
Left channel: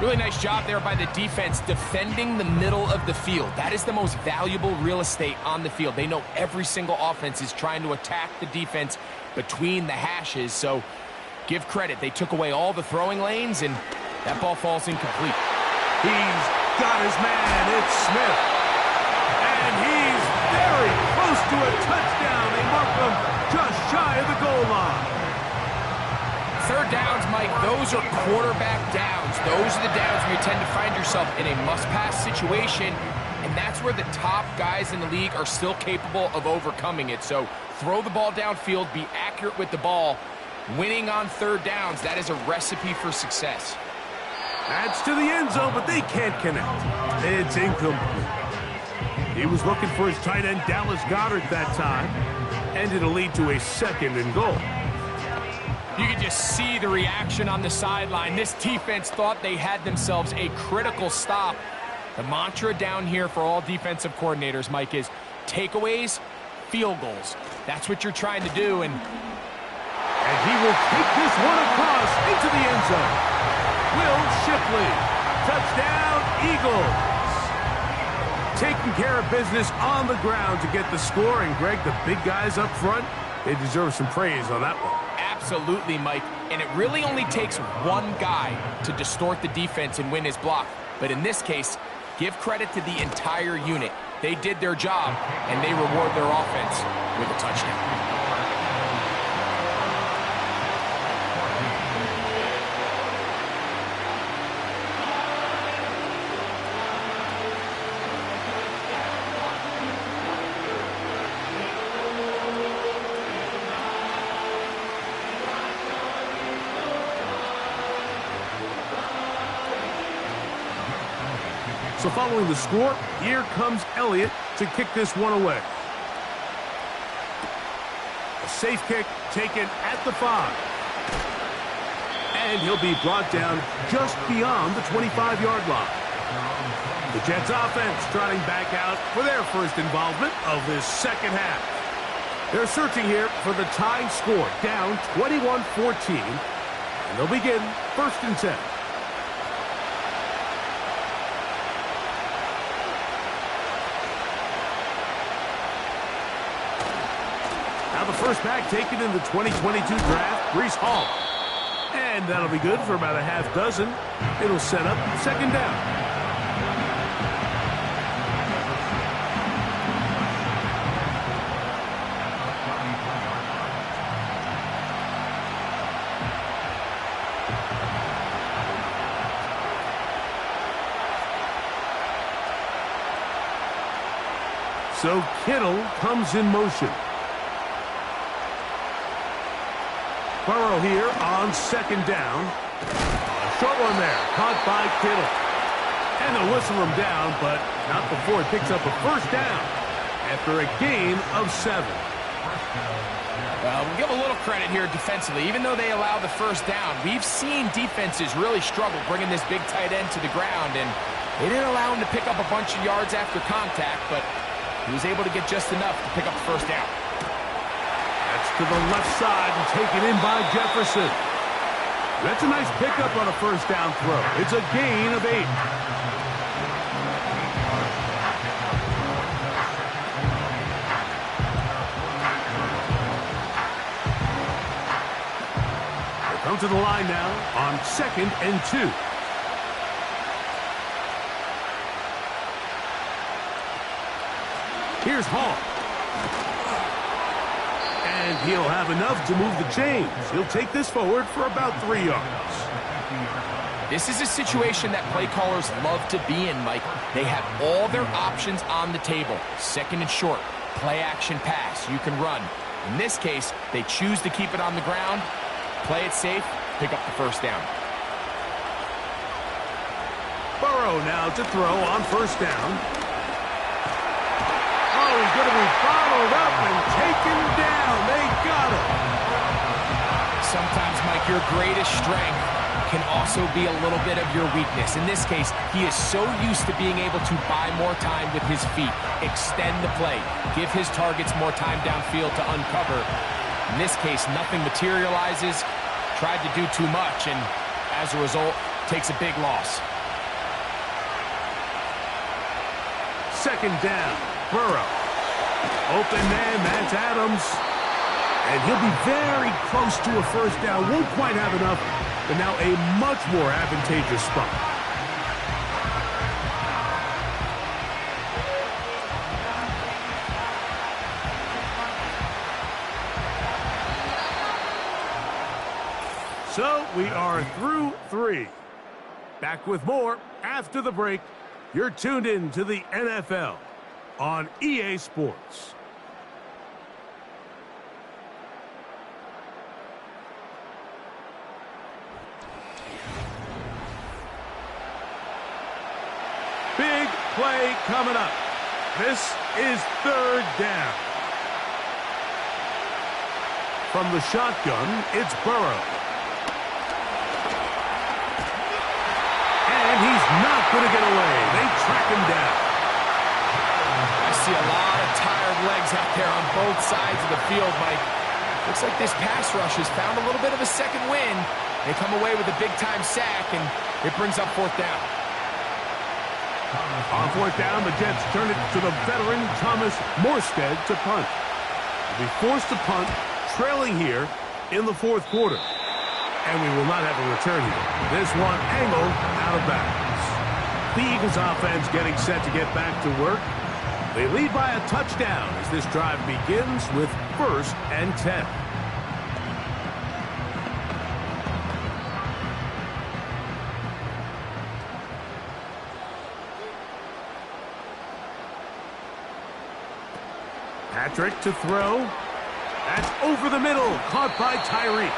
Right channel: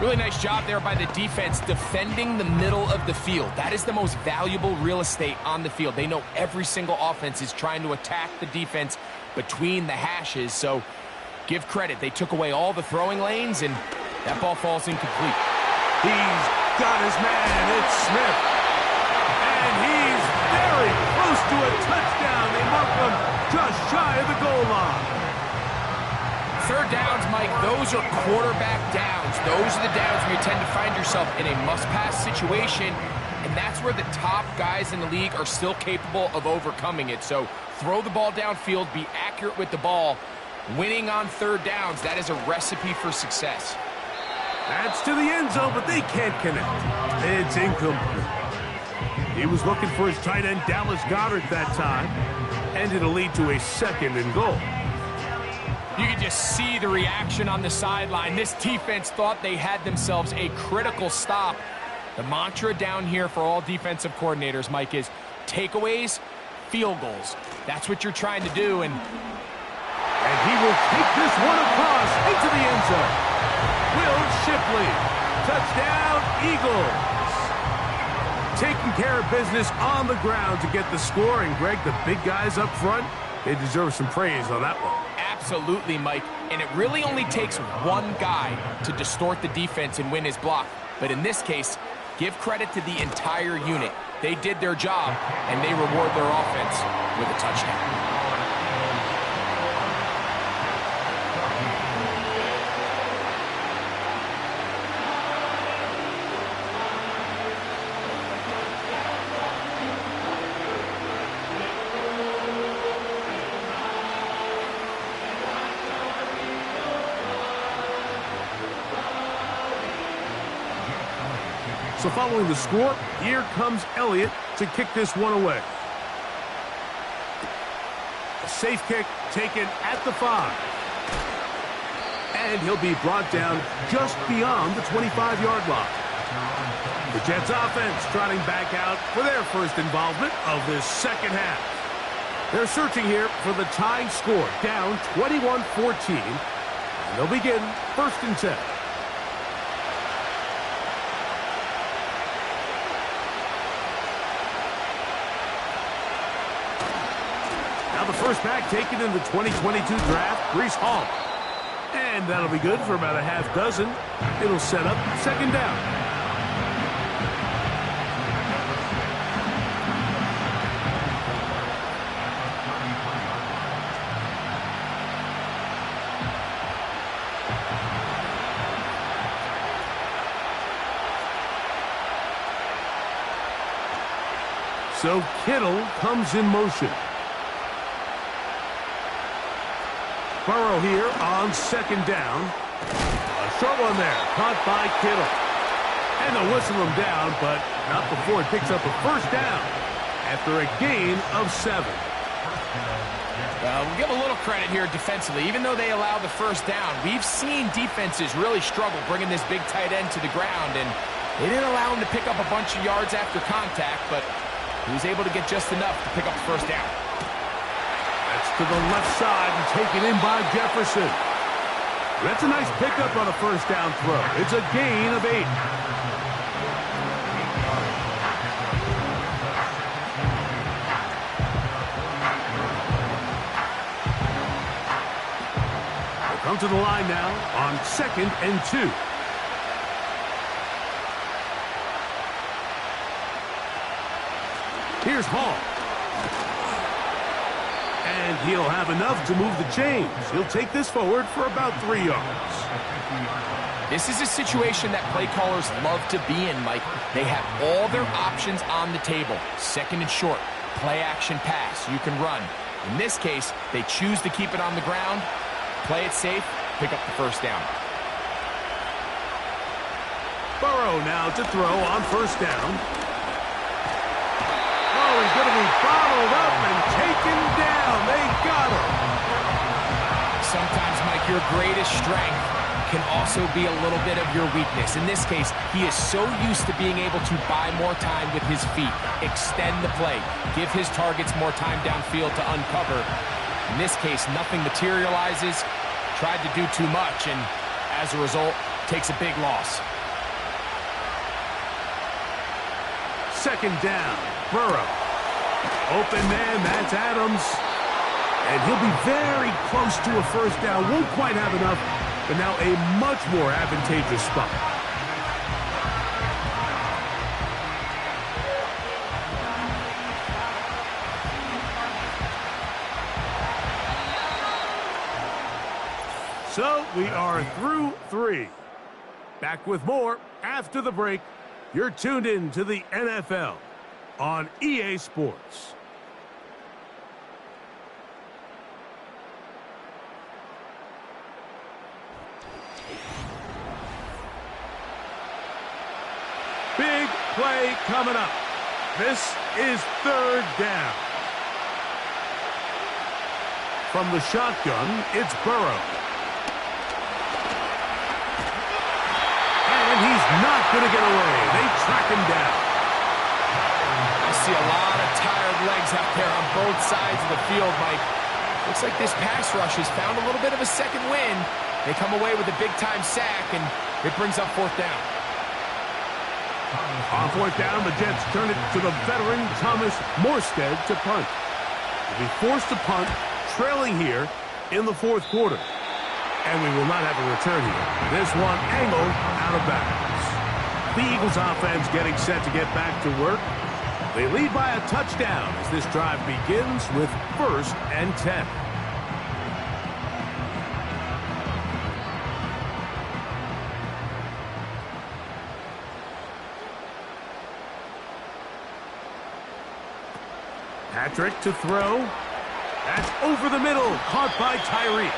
Really nice job there by the defense defending the middle of the field. That is the most valuable real estate on the field. They know every single offense is trying to attack the defense between the hashes, so give credit. They took away all the throwing lanes, and that ball falls incomplete. He's got his man. It's Smith. And he's very close to a touchdown. They mark him just shy of the goal line. Third downs, Mike, those are quarterback downs. Those are the downs where you tend to find yourself in a must-pass situation, and that's where the top guys in the league are still capable of overcoming it. So throw the ball downfield, be accurate with the ball. Winning on third downs, that is a recipe for success. That's to the end zone, but they can't connect. It's incomplete. He was looking for his tight end, Dallas Goedert, that time, and it'll lead to a second and goal. You can just see the reaction on the sideline. This defense thought they had themselves a critical stop. The mantra down here for all defensive coordinators, Mike, is takeaways, field goals. That's what you're trying to do. And he will take this one across into the end zone. Will Shipley. Touchdown, Eagles. Taking care of business on the ground to get the score. And, Greg, the big guys up front, they deserve some praise on that one. Absolutely, Mike. And it really only takes one guy to distort the defense and win his block. But in this case, give credit to the entire unit. They did their job, and they reward their offense with a touchdown. So following the score, here comes Elliott to kick this one away. A safe kick taken at the 5. And he'll be brought down just beyond the 25-yard line. The Jets offense trotting back out for their first involvement of this second half. They're searching here for the tying score, down 21-14. And they'll begin first and 10. Now the first back taken in the 2022 draft, Breece Hall. And that'll be good for about a half dozen. It'll set up second down. So Kittle comes in motion. Burrow here on second down. A short one there, caught by Kittle. And they'll whistle him down, but not before it picks up a first down after a gain of 7. We'll give a little credit here defensively. Even though they allow the first down, we've seen defenses really struggle bringing this big tight end to the ground, and they didn't allow him to pick up a bunch of yards after contact, but he was able to get just enough to pick up the first down. That's to the left side and taken in by Jefferson. That's a nice pickup on a first down throw. It's a gain of 8. They come to the line now on second and 2. Here's Hall. And he'll have enough to move the chains. He'll take this forward for about 3 yards. This is a situation that play callers love to be in, Mike. They have all their options on the table. Second and short. play action pass. You can run. In this case, they choose to keep it on the ground, play it safe, pick up the first down. Burrow now to throw on first down. Oh, he's going to be bottled up and taken down. They got him. Sometimes, Mike, your greatest strength can also be a little bit of your weakness. In this case, he is so used to being able to buy more time with his feet, extend the play, give his targets more time downfield to uncover. In this case, nothing materializes, tried to do too much, and as a result, takes a big loss. Second down, Burrow. Open man, that's Adams. And he'll be very close to a first down. Won't quite have enough, but now a much more advantageous spot. So we are through 3. Back with more after the break. You're tuned in to the NFL on EA Sports. Big play coming up. This is third down. From the shotgun, it's Burrow. And he's not going to get away. They track him down. I see a lot of tired legs out there on both sides of the field, Mike. Looks like this pass rush has found a little bit of a second wind. They come away with a big-time sack, and it brings up fourth down. On fourth down, the Jets turn it to the veteran Thomas Morstead to punt. They'll be forced to punt, trailing here in the fourth quarter. And we will not have a return here. This one angled out of bounds. The Eagles offense getting set to get back to work. They lead by a touchdown as this drive begins with 1st and 10. Patrick to throw. That's over the middle, caught by Tyreek.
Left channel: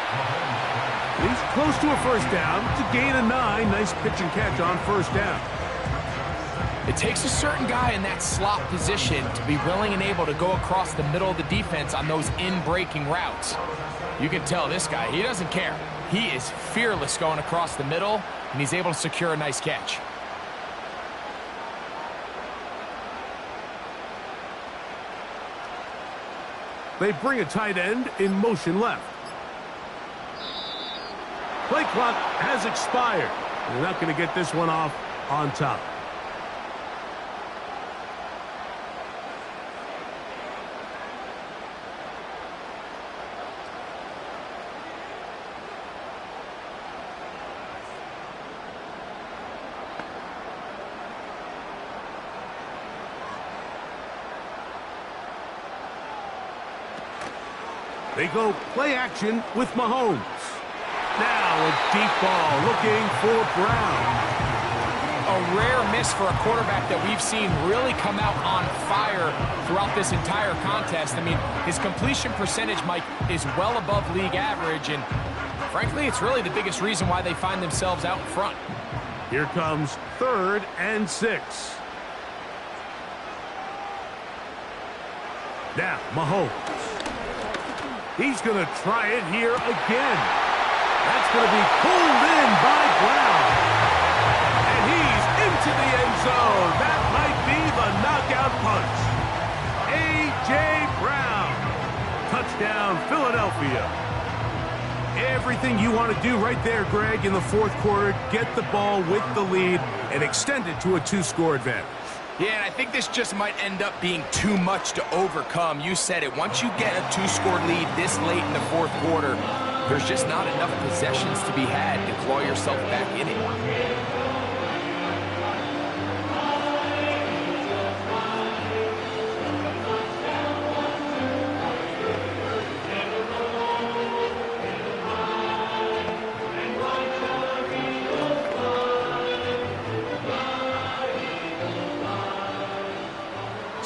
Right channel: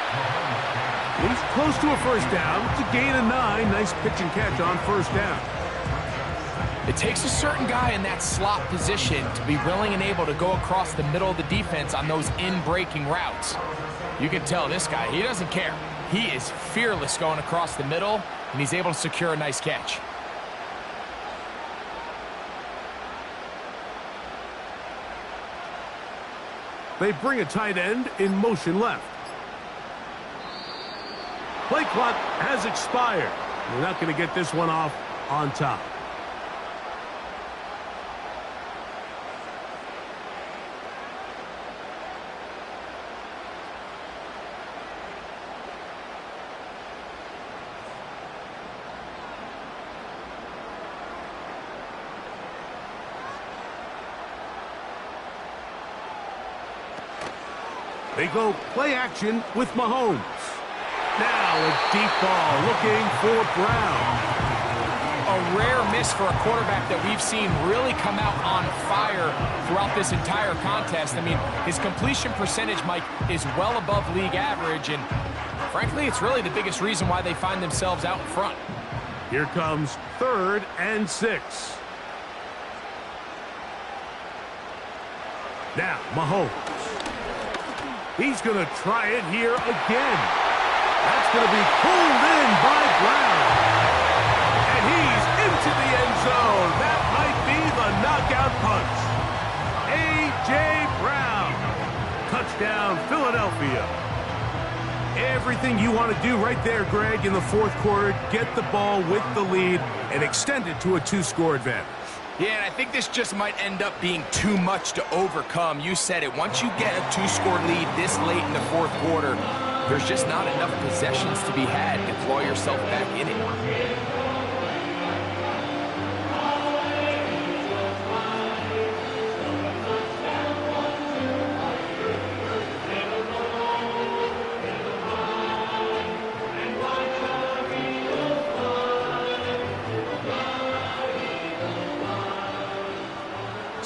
He's close to a first down. It's a gain of 9. Nice pitch and catch on first down. It takes a certain guy in that slot position to be willing and able to go across the middle of the defense on those in-breaking routes. You can tell this guy, he doesn't care. He is fearless going across the middle, and he's able to secure a nice catch. They bring a tight end in motion left. Play clock has expired. They're not going to get this one off on top. They go play action with Mahomes. Now a deep ball looking for Brown. A rare miss for a quarterback that we've seen really come out on fire throughout this entire contest. I mean, his completion percentage, Mike, is well above league average, and frankly, it's really the biggest reason why they find themselves out in front. Here comes 3rd and 6. Now, Mahomes. He's going to try it here again. That's going to be pulled in by Brown. And he's into the end zone. That might be the knockout punch. A.J. Brown. Touchdown, Philadelphia. Everything you want to do right there, Greg, in the fourth quarter. Get the ball with the lead and extend it to a 2-score advantage. Yeah, and I think this just might end up being too much to overcome. You said it. Once you get a 2-score lead this late in the fourth quarter, there's just not enough possessions to be had to claw yourself back in it.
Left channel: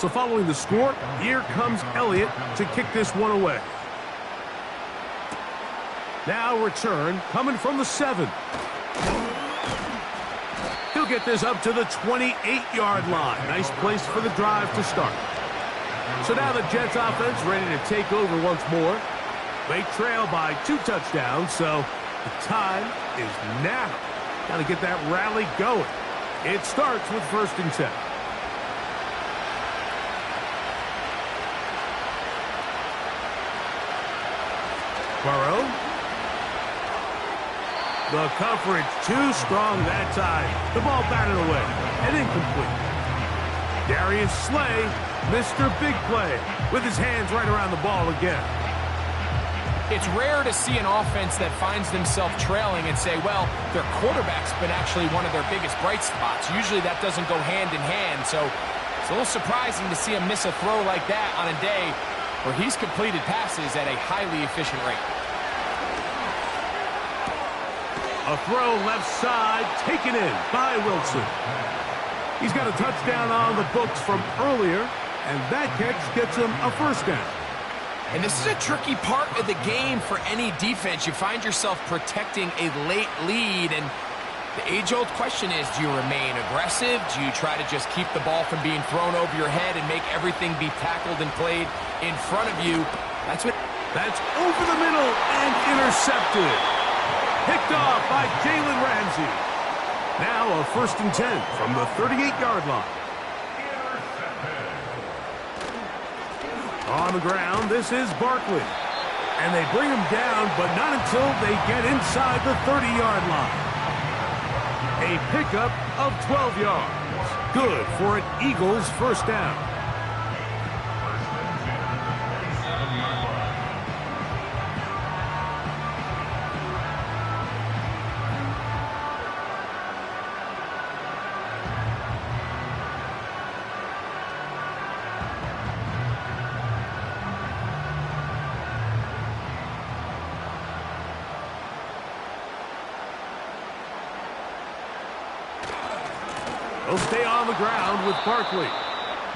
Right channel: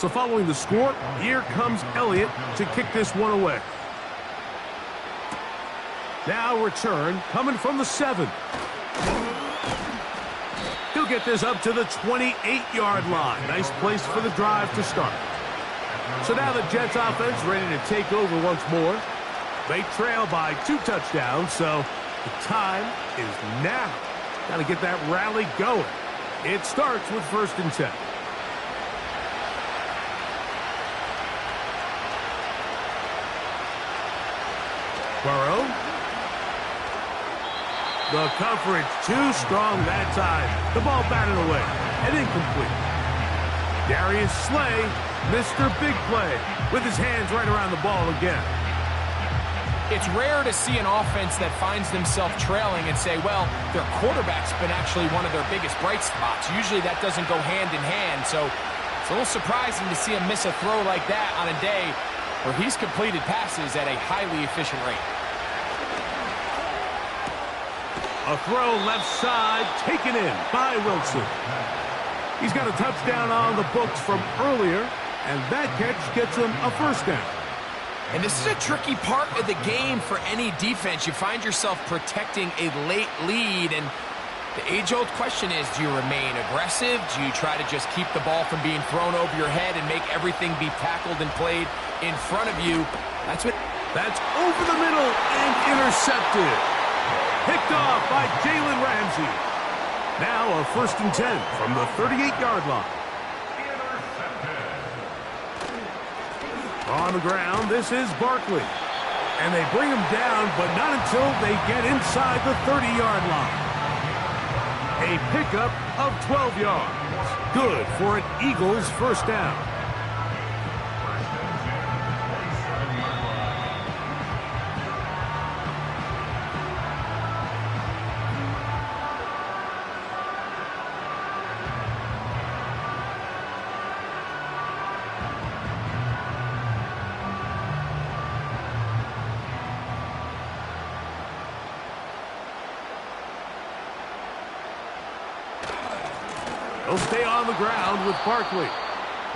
So following the score, here comes Elliott to kick this one away. Now return coming from the 7. He'll get this up to the 28-yard line. Nice place for the drive to start. So now the Jets offense ready to take over once more. They trail by 2 touchdowns, so the time is now. Got to get that rally going. It starts with 1st and 10. Burrow. The coverage too strong that time. The ball batted away and incomplete. Darius Slay, Mr. Big Play, with his hands right around the ball again. It's rare to see an offense that finds themselves trailing and say, well, their quarterback's been actually one of their biggest bright spots. Usually that doesn't go hand in hand, so it's a little surprising to see him miss a throw like that on a day where he's completed passes at a highly efficient rate. A throw left side, taken in by Wilson. He's got a touchdown on the books from earlier, and that catch gets him a 1st down. And this is a tricky part of the game for any defense. You find yourself protecting a late lead, and the age-old question is, do you remain aggressive? Do you try to just keep the ball from being thrown over your head and make everything be tackled and played in front of you? That's over the middle and intercepted. Picked off by Jalen Ramsey. Now a 1st and 10 from the 38-yard line. On the ground, this is Barkley. And they bring him down, but not until they get inside the 30-yard line. A pickup of 12 yards. Good for an Eagles 1st down. They'll stay on the ground with Barkley.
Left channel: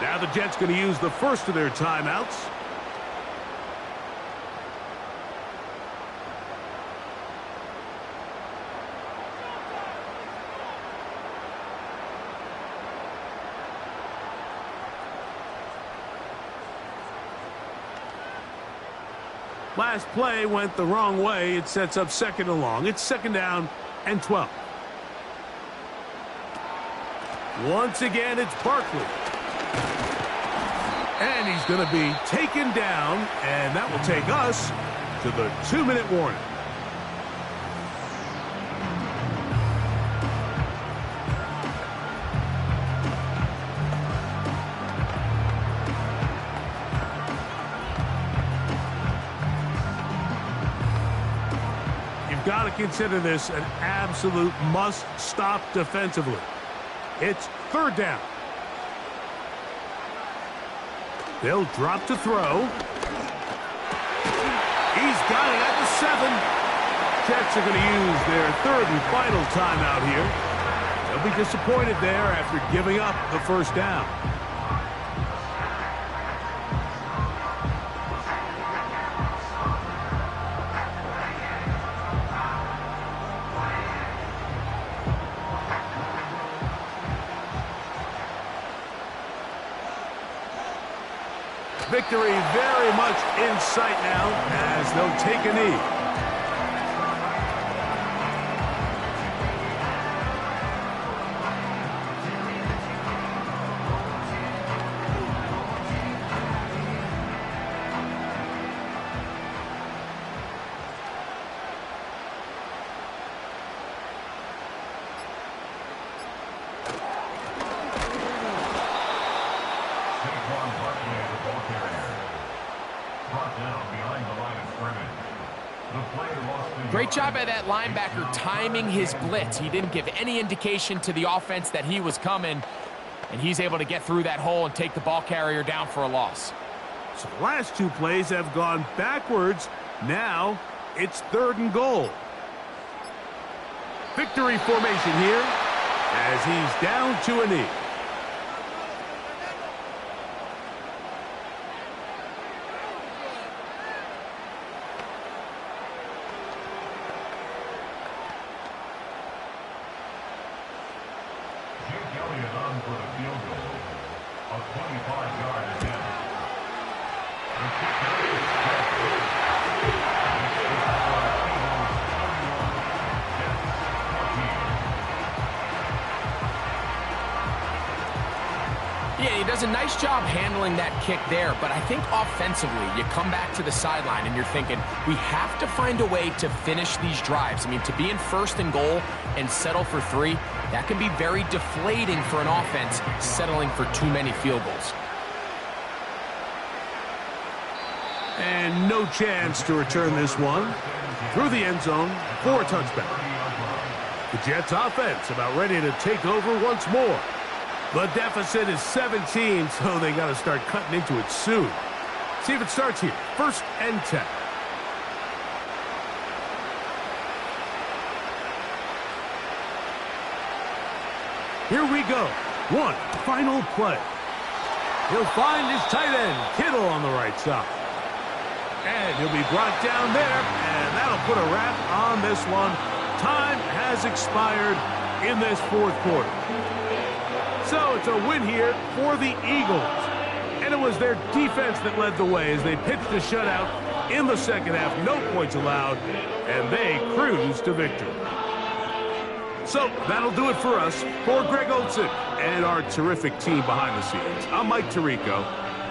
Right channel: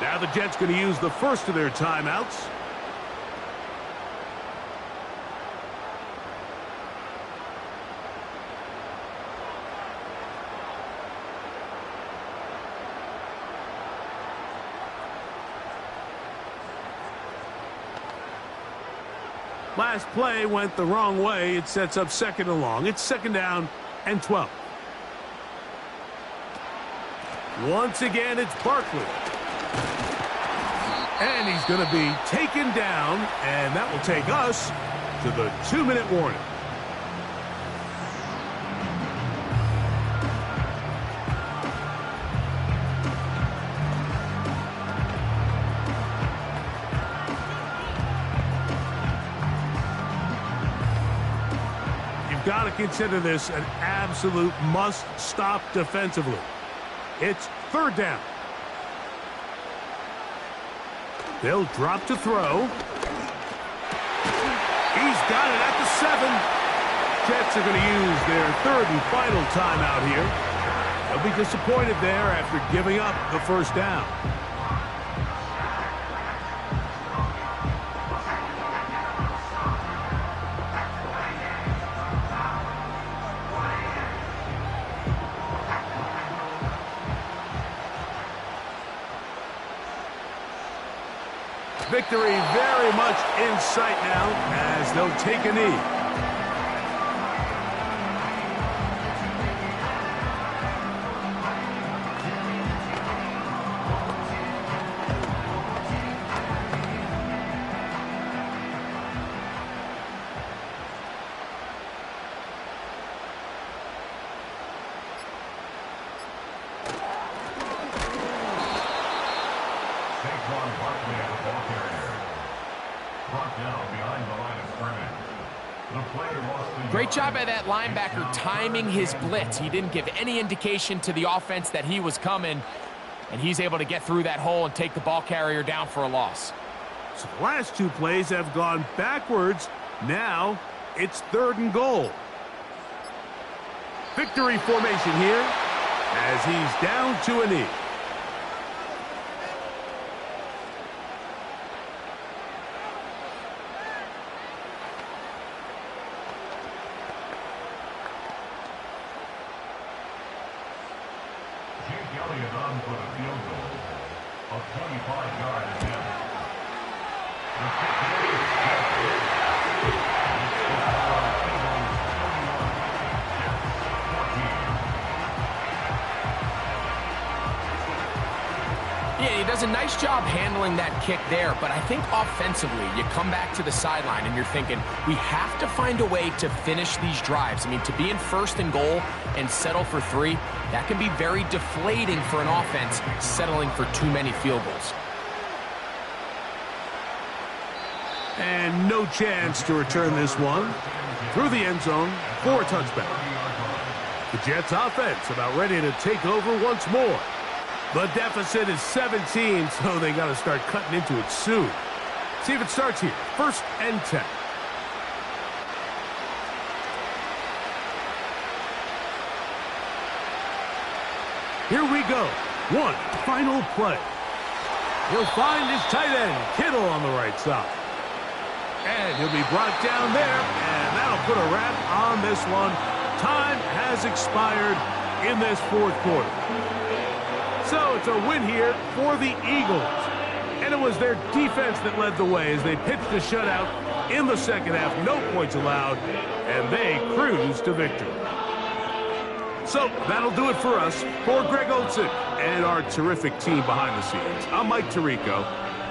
Now the Jets going to use the first of their timeouts. Last play went the wrong way. It sets up 2nd and long. It's 2nd down and 12. Once again, it's Barkley. And he's going to be taken down, and that will take us to the 2-minute warning. You've got to consider this an absolute must-stop defensively. It's 3rd down. They'll drop to throw. He's got it at the 7. Jets are going to use their 3rd and final timeout here. They'll be disappointed there after giving up the 1st down. Victory very much in sight now as they'll take a knee. Great job by that linebacker timing his blitz. He didn't give any indication to the offense that he was coming, and he's able to get through that hole and take the ball carrier down for a loss. So the last 2 plays have gone backwards. Now it's 3rd and goal. Victory formation here as he's down to a knee. Elliott on for the field goal. A 25-yard attempt. The kick is good. It's the score, Eagles 31, Jets 14. Yeah, he does a nice job handling that kick there, but I think offensively, you come back to the sideline and you're thinking, we have to find a way to finish these drives. I mean, to be in first and goal and settle for 3, that can be very deflating for an offense settling for too many field goals. And no chance to return this one. Through the end zone for a touchback. The Jets offense about ready to take over once more. The deficit is 17, so they got to start cutting into it soon. See if it starts here. 1st and 10. Here we go. One final play. He'll find his tight end, Kittle, on the right side. And he'll be brought down there, and that'll put a wrap on this one. Time has expired in this 4th quarter. So it's a win here for the Eagles. And it was their defense that led the way as they pitched a shutout in the 2nd half. No points allowed, and they cruised to victory. So that'll do it for us. For Greg Olson and our terrific team behind the scenes, I'm Mike Tirico.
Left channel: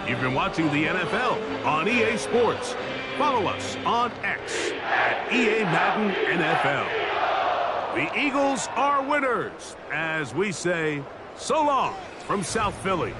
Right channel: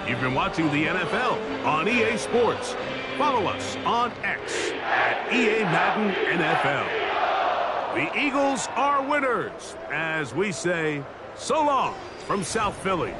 You've been watching the NFL on EA Sports. Follow us on X at EA Madden NFL. The Eagles are winners, as we say, so long from South Philly.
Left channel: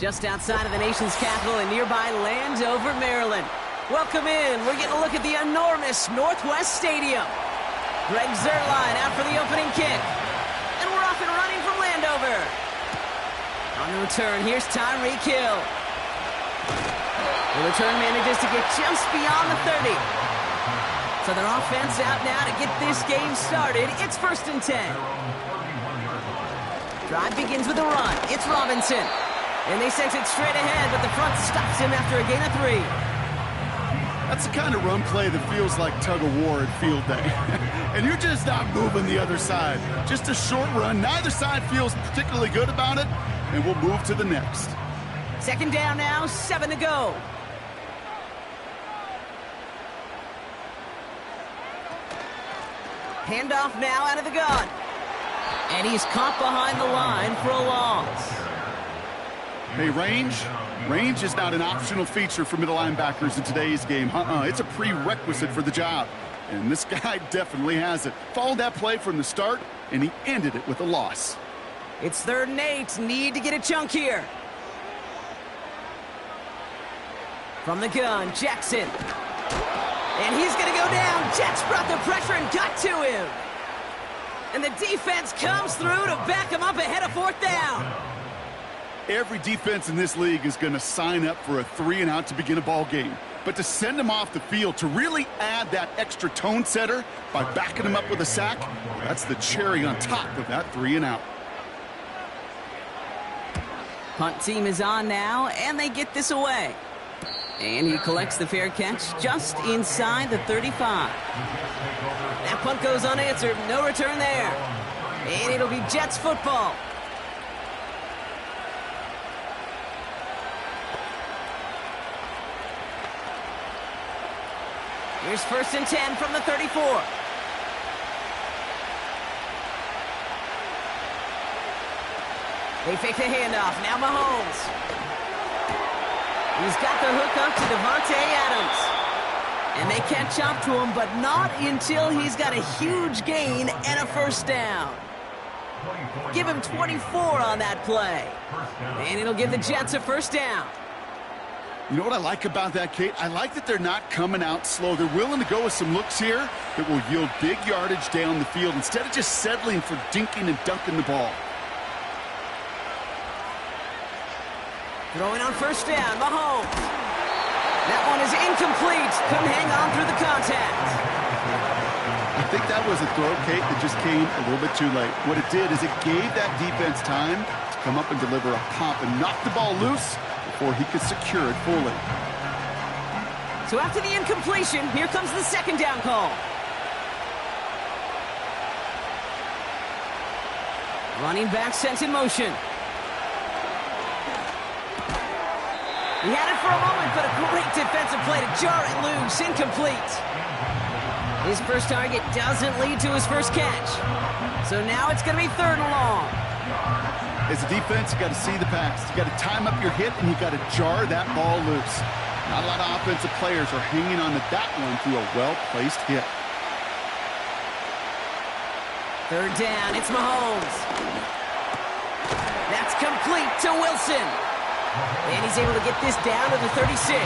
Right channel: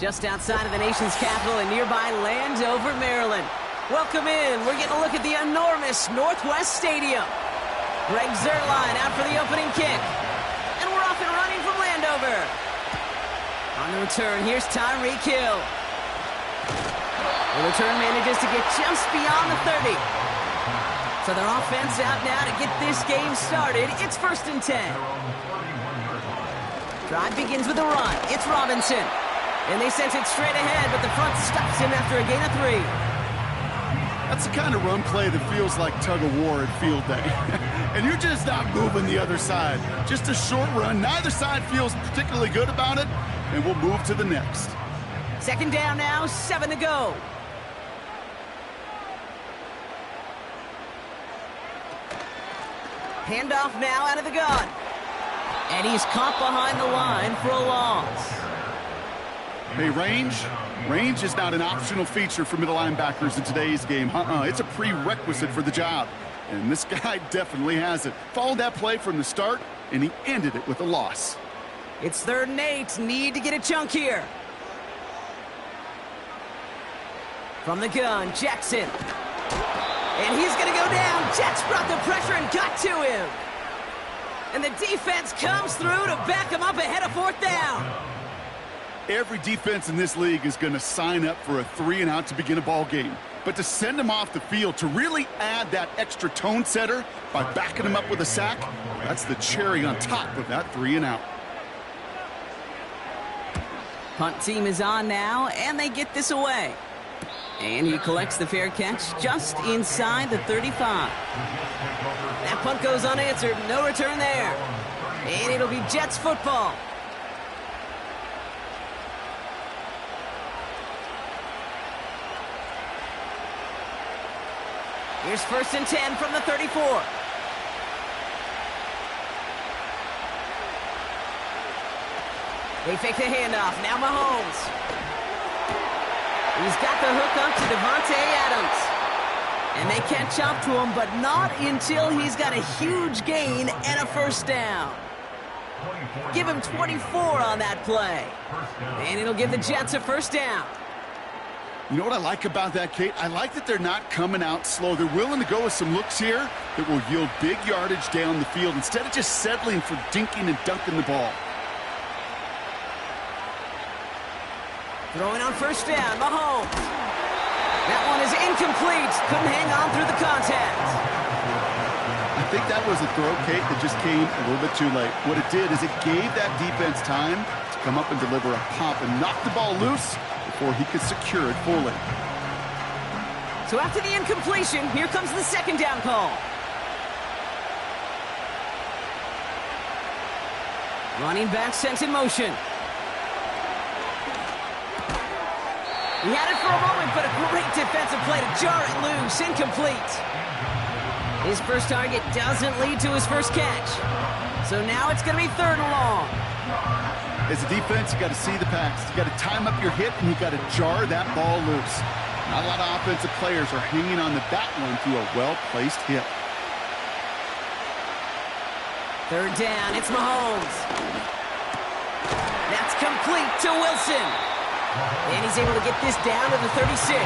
just outside of the nation's capital in nearby Landover, Maryland. Welcome in. We're getting a look at the enormous Northwest Stadium. Greg Zuerlein out for the opening kick. And we're off and running from Landover. On the return, here's Tyreek Hill. The return manages to get just beyond the 30. So their offense out now to get this game started. It's 1st and 10. Drive begins with a run. It's Robinson. And they sent it straight ahead, but the front stops him after a gain of 3. That's the kind of run play that feels like tug-of-war at field day. And you're just not moving the other side. Just a short run. Neither side feels particularly good about it, and we'll move to the next. 2nd down now, 7 to go. Handoff now out of the gun. And he's caught behind the line for a loss. Hey, range is not an optional feature for middle linebackers in today's game. It's a prerequisite for the job. And this guy definitely has it. Followed that play from the start, and he ended it with a loss. It's 3rd and 8. Need to get a chunk here. From the gun, Jackson. And he's going to go down. Jets brought the pressure and got to him. And the defense comes through to back him up ahead of 4th down. Every defense in this league is going to sign up for a 3-and-out to begin a ball game. But to send him off the field, to really add that extra tone setter by backing him up with a sack, that's the cherry on top of that 3-and-out. Punt team is on now, and they get this away. And he collects the fair catch just inside the 35. That punt goes unanswered. No return there. And it'll be Jets football. Here's 1st and 10 from the 34. They fake the handoff. Now Mahomes. He's got the hook up to Devontae Adams. And they catch up to him, but not until he's got a huge gain and a 1st down. Give him 24 on that play. And it'll give the Jets a 1st down. You know what I like about that, Kate? I like that they're not coming out slow. They're willing to go with some looks here that will yield big yardage down the field instead of just settling for dinking and dunking the ball. Throwing on 1st down, Mahomes. That one is incomplete. Couldn't hang on through the contact. I think that was a throw, Kate, that just came a little bit too late. What it did is it gave that defense time to come up and deliver a pop and knock the ball loose before he could secure it fully. So after the incompletion, here comes the 2nd down call. Running back sent in motion. He had it for a moment, but a great defensive play to jar it loose. Incomplete. His first target doesn't lead to his first catch. So now it's going to be 3rd and long. As a defense, you got to see the pass. You got to time up your hit, and you got to jar that ball loose. Not a lot of offensive players are hanging on to that one through a well-placed hit. 3rd down, it's Mahomes. That's complete to Wilson. And he's able to get this down to the 36.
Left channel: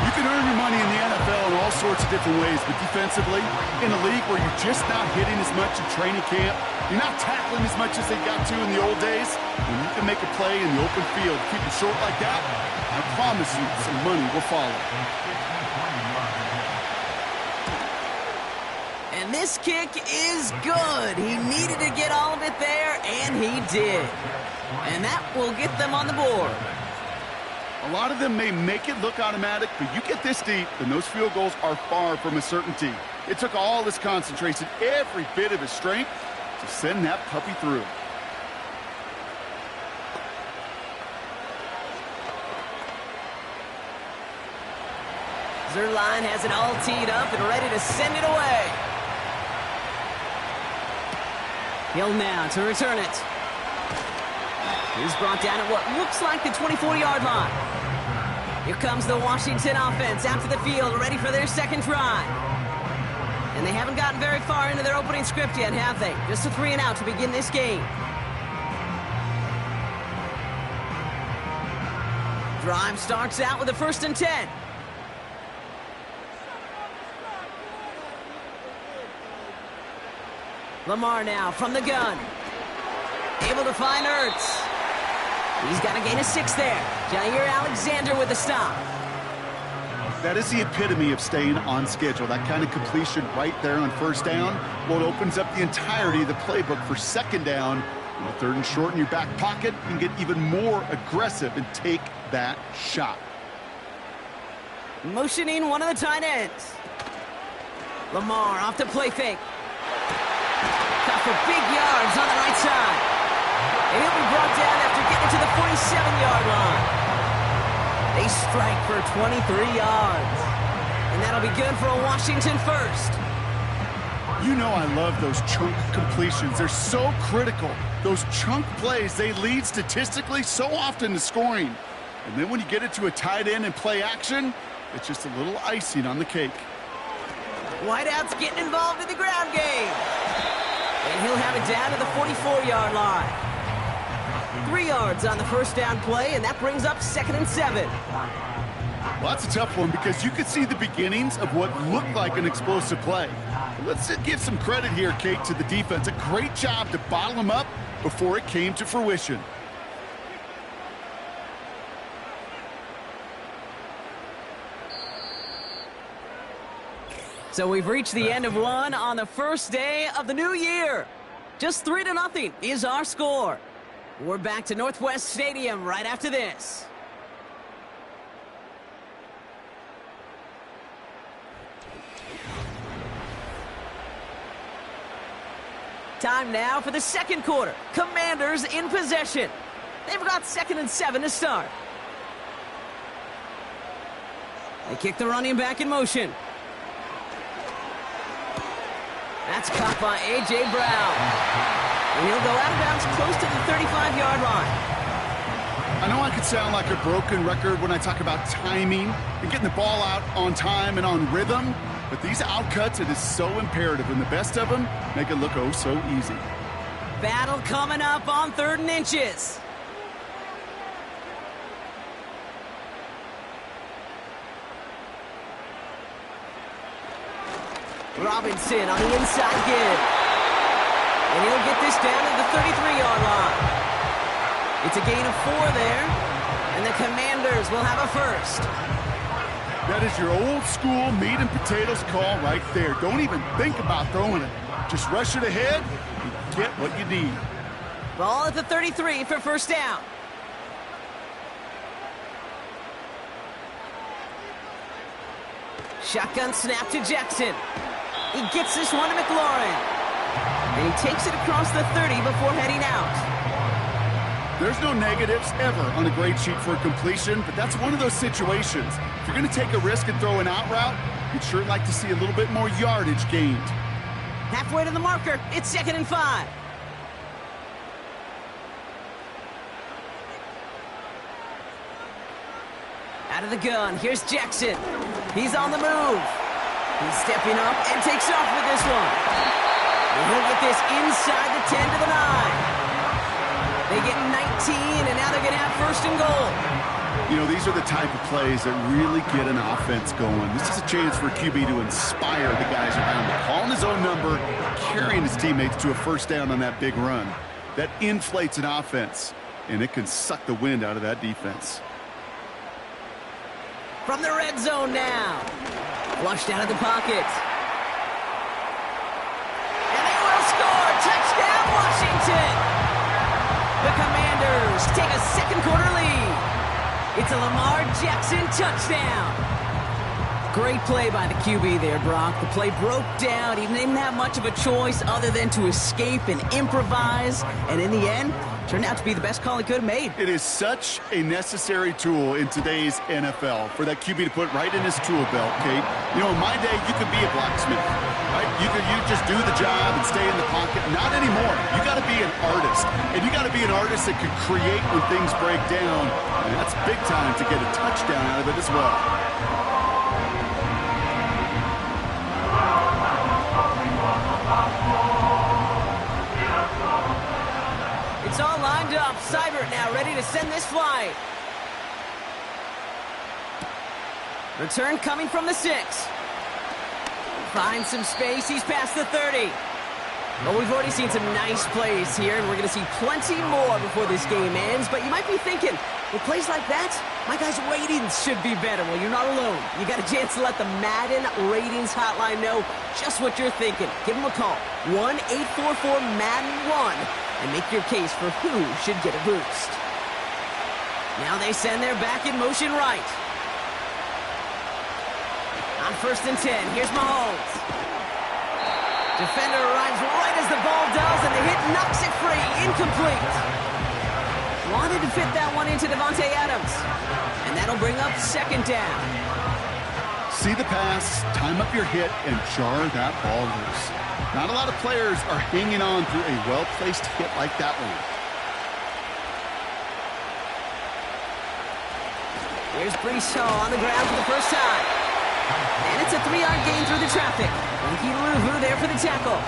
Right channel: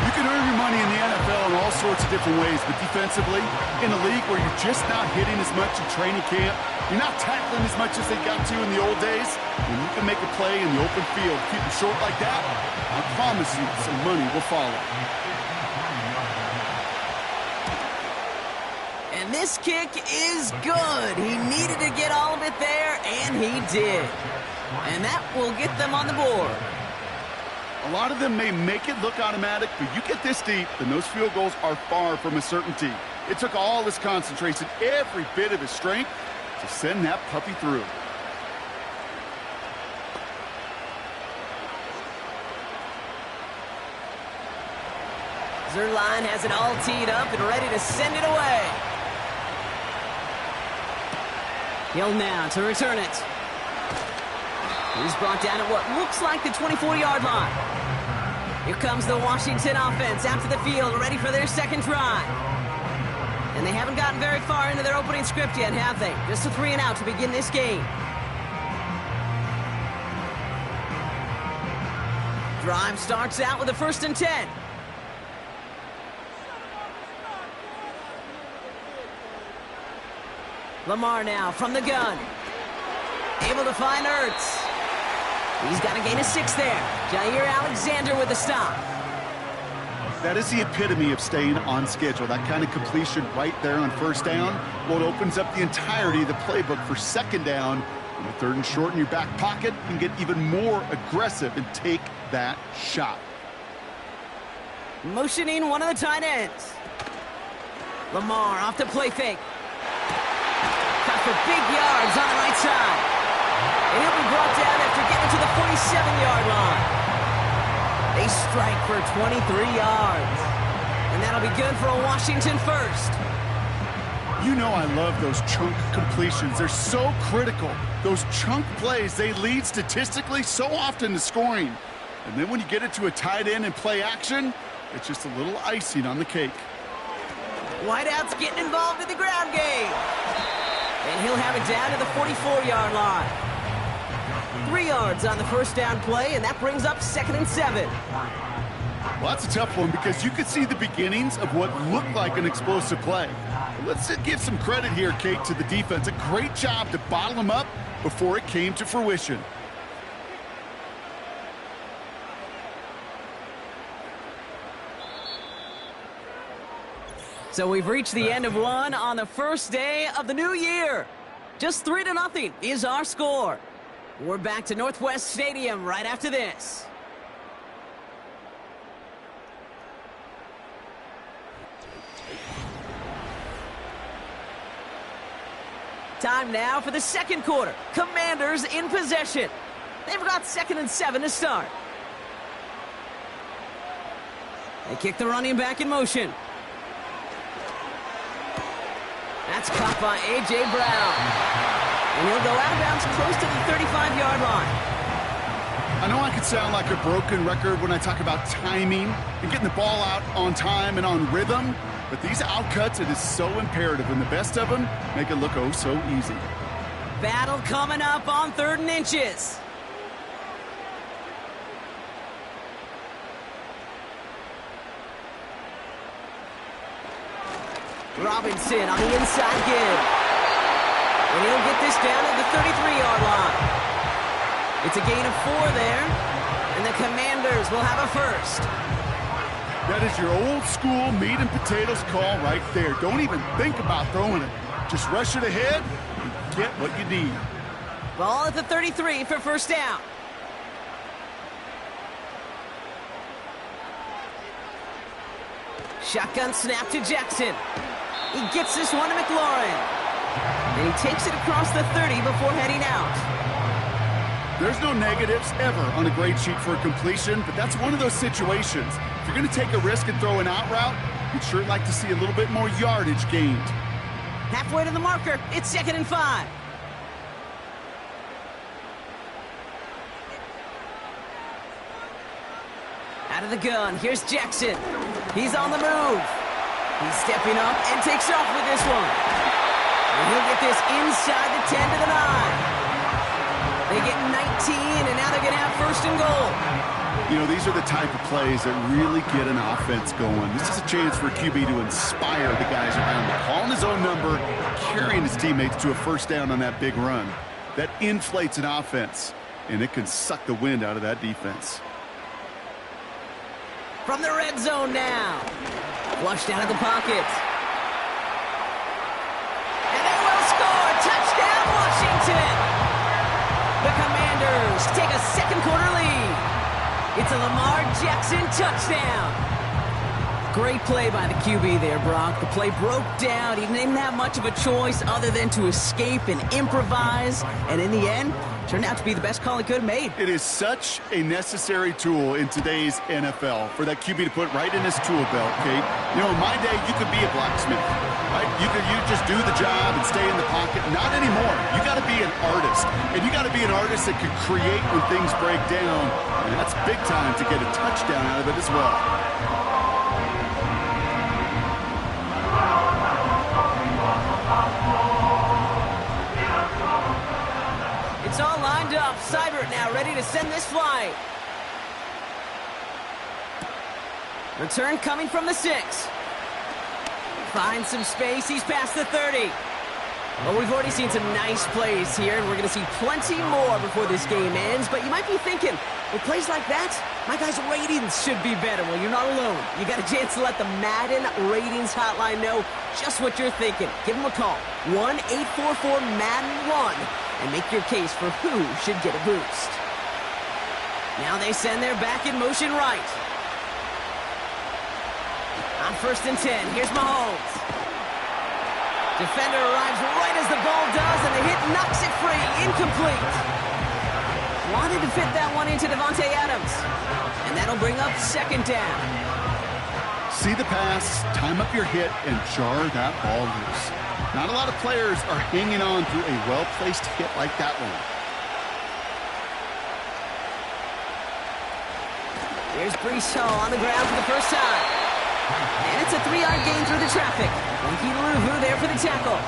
You can earn your money in the NFL in all sorts of different ways, but defensively, in a league where you're just not hitting as much in training camp, you're not tackling as much as they got to in the old days, when you can make a play in the open field, keep it short like that, I promise you some money will follow. And this kick is good. He needed to get all of it there, and he did. And that will get them on the board. A lot of them may make it look automatic, but you get this deep, and those field goals are far from a certainty. It took all his concentration, every bit of his strength, to send that puppy through. Zuerlein has it all teed up and ready to send it away. Hill now to return it. He's brought down at what looks like the 24-yard line. Here comes the Washington offense out to the field, ready for their 2nd try. And they haven't gotten very far into their opening script yet, have they? Just a 3-and-out to begin this game. Drive starts out with a 1st and 10. Lamar now from the gun. Able to find Ertz. He's got to gain a 6 there. Jair Alexander with the stop. That is the epitome of staying on schedule. That kind of completion right there on 1st down. Well, it opens up the entirety of the playbook for 2nd down. On the 3rd and short in your back pocket, you can get even more aggressive and take that shot. Motioning one of the tight ends. Lamar off the play fake. Caught for big yards on the right side. And he'll be brought down after getting to the 47-yard line. They strike for 23 yards. And that'll be good for a Washington 1st. You know I love those chunk completions. They're so critical. Those chunk plays, they lead statistically so often to scoring. And then when you get it to a tight end and play action, it's just a little icing on the cake. Whiteout's getting involved in the ground game. And he'll have it down to the 44-yard line. 3 yards on the 1st down play, and that brings up 2nd and 7. Well, that's a tough one because you could see the beginnings of what looked like an explosive play. Let's give some credit here, Kate, to the defense. A great job to bottle them up before it came to fruition. So we've reached the end of one on the 1st day of the new year. Just 3-0 is our score. We're back to Northwest Stadium right after this. Time now for the 2nd quarter. Commanders in possession. They've got 2nd and 7 to start. They kick the running back in motion. That's caught by A.J. Brown. And he'll go out of bounds close to the 35-yard line. I know I could sound like a broken record when I talk about timing and getting the ball out on time and on rhythm, but these outcuts, it is so imperative, and the best of them make it look oh so easy. Battle coming up on 3rd and inches. Robinson on the inside give. And he'll get this down to the 33-yard line. It's a gain of 4 there. And the Commanders will have a 1st. That is your old school meat and potatoes call right there. Don't even think about throwing it. Just rush it ahead and get what you need. Ball at the 33 for 1st down. Shotgun snap to Jackson. He gets this one to McLaurin. And he takes it across the 30 before heading out. There's no negatives ever on a grade sheet for a completion, but that's one of those situations. If you're going to take a risk and throw an out route, you'd sure like to see a little bit more yardage gained. Halfway to the marker, it's 2nd and 5. Out of the gun, here's Jackson. He's on the move. He's stepping up and takes off with this one. And he'll get this inside the 10 to the 9. They get 19, and now they're going to have 1st and goal. You know, these are the type of plays that really get an offense going. This is a chance for QB to inspire the guys around him. Calling his own number, carrying his teammates to a 1st down on that big run. That inflates an offense, and it can suck the wind out of that defense. From the red zone now. Flushed out of the pocket. And they will score. Touchdown, Washington. The Commanders take a 2nd quarter lead. It's a Lamar Jackson touchdown. Great play by the QB there, Brock. The play broke down. He didn't have much of a choice other than to escape and improvise. And in the end, turned out to be the best call he could have made. It is such a necessary tool in today's NFL for that QB to put right in his tool belt, Kate. You know, in my day, you could be a blacksmith, right? You just do the job and stay in the pocket. Not anymore. You got to be an artist, and you got to be an artist that can create when things break down, and that's big time to get a touchdown out of it as well. It's all lined up. Seibert now ready to send this flight. Return coming from the 6. Finds some space. He's past the 30. Well, we've already seen some nice plays here, and we're going to see plenty more before this game ends. But you might be thinking, with plays like that, my guys' ratings should be better. Well, you're not alone. You got a chance to let the Madden ratings hotline know just what you're thinking. Give them a call, 1-844-MADDEN-1, and make your case for who should get a boost. Now they send their back in motion right. On 1st and 10, here's Mahomes. Defender arrives right as the ball does, and the hit knocks it free. Incomplete. Wanted to fit that one into Davante Adams. And that'll bring up 2nd down. See the pass, time up your hit, and jar that ball loose. Not a lot of players are hanging on through a well-placed hit like that one. Here's Breece Hall on the ground for the first time. And it's a 3-yard gain through the traffic. Linky Luvu there for the tackle.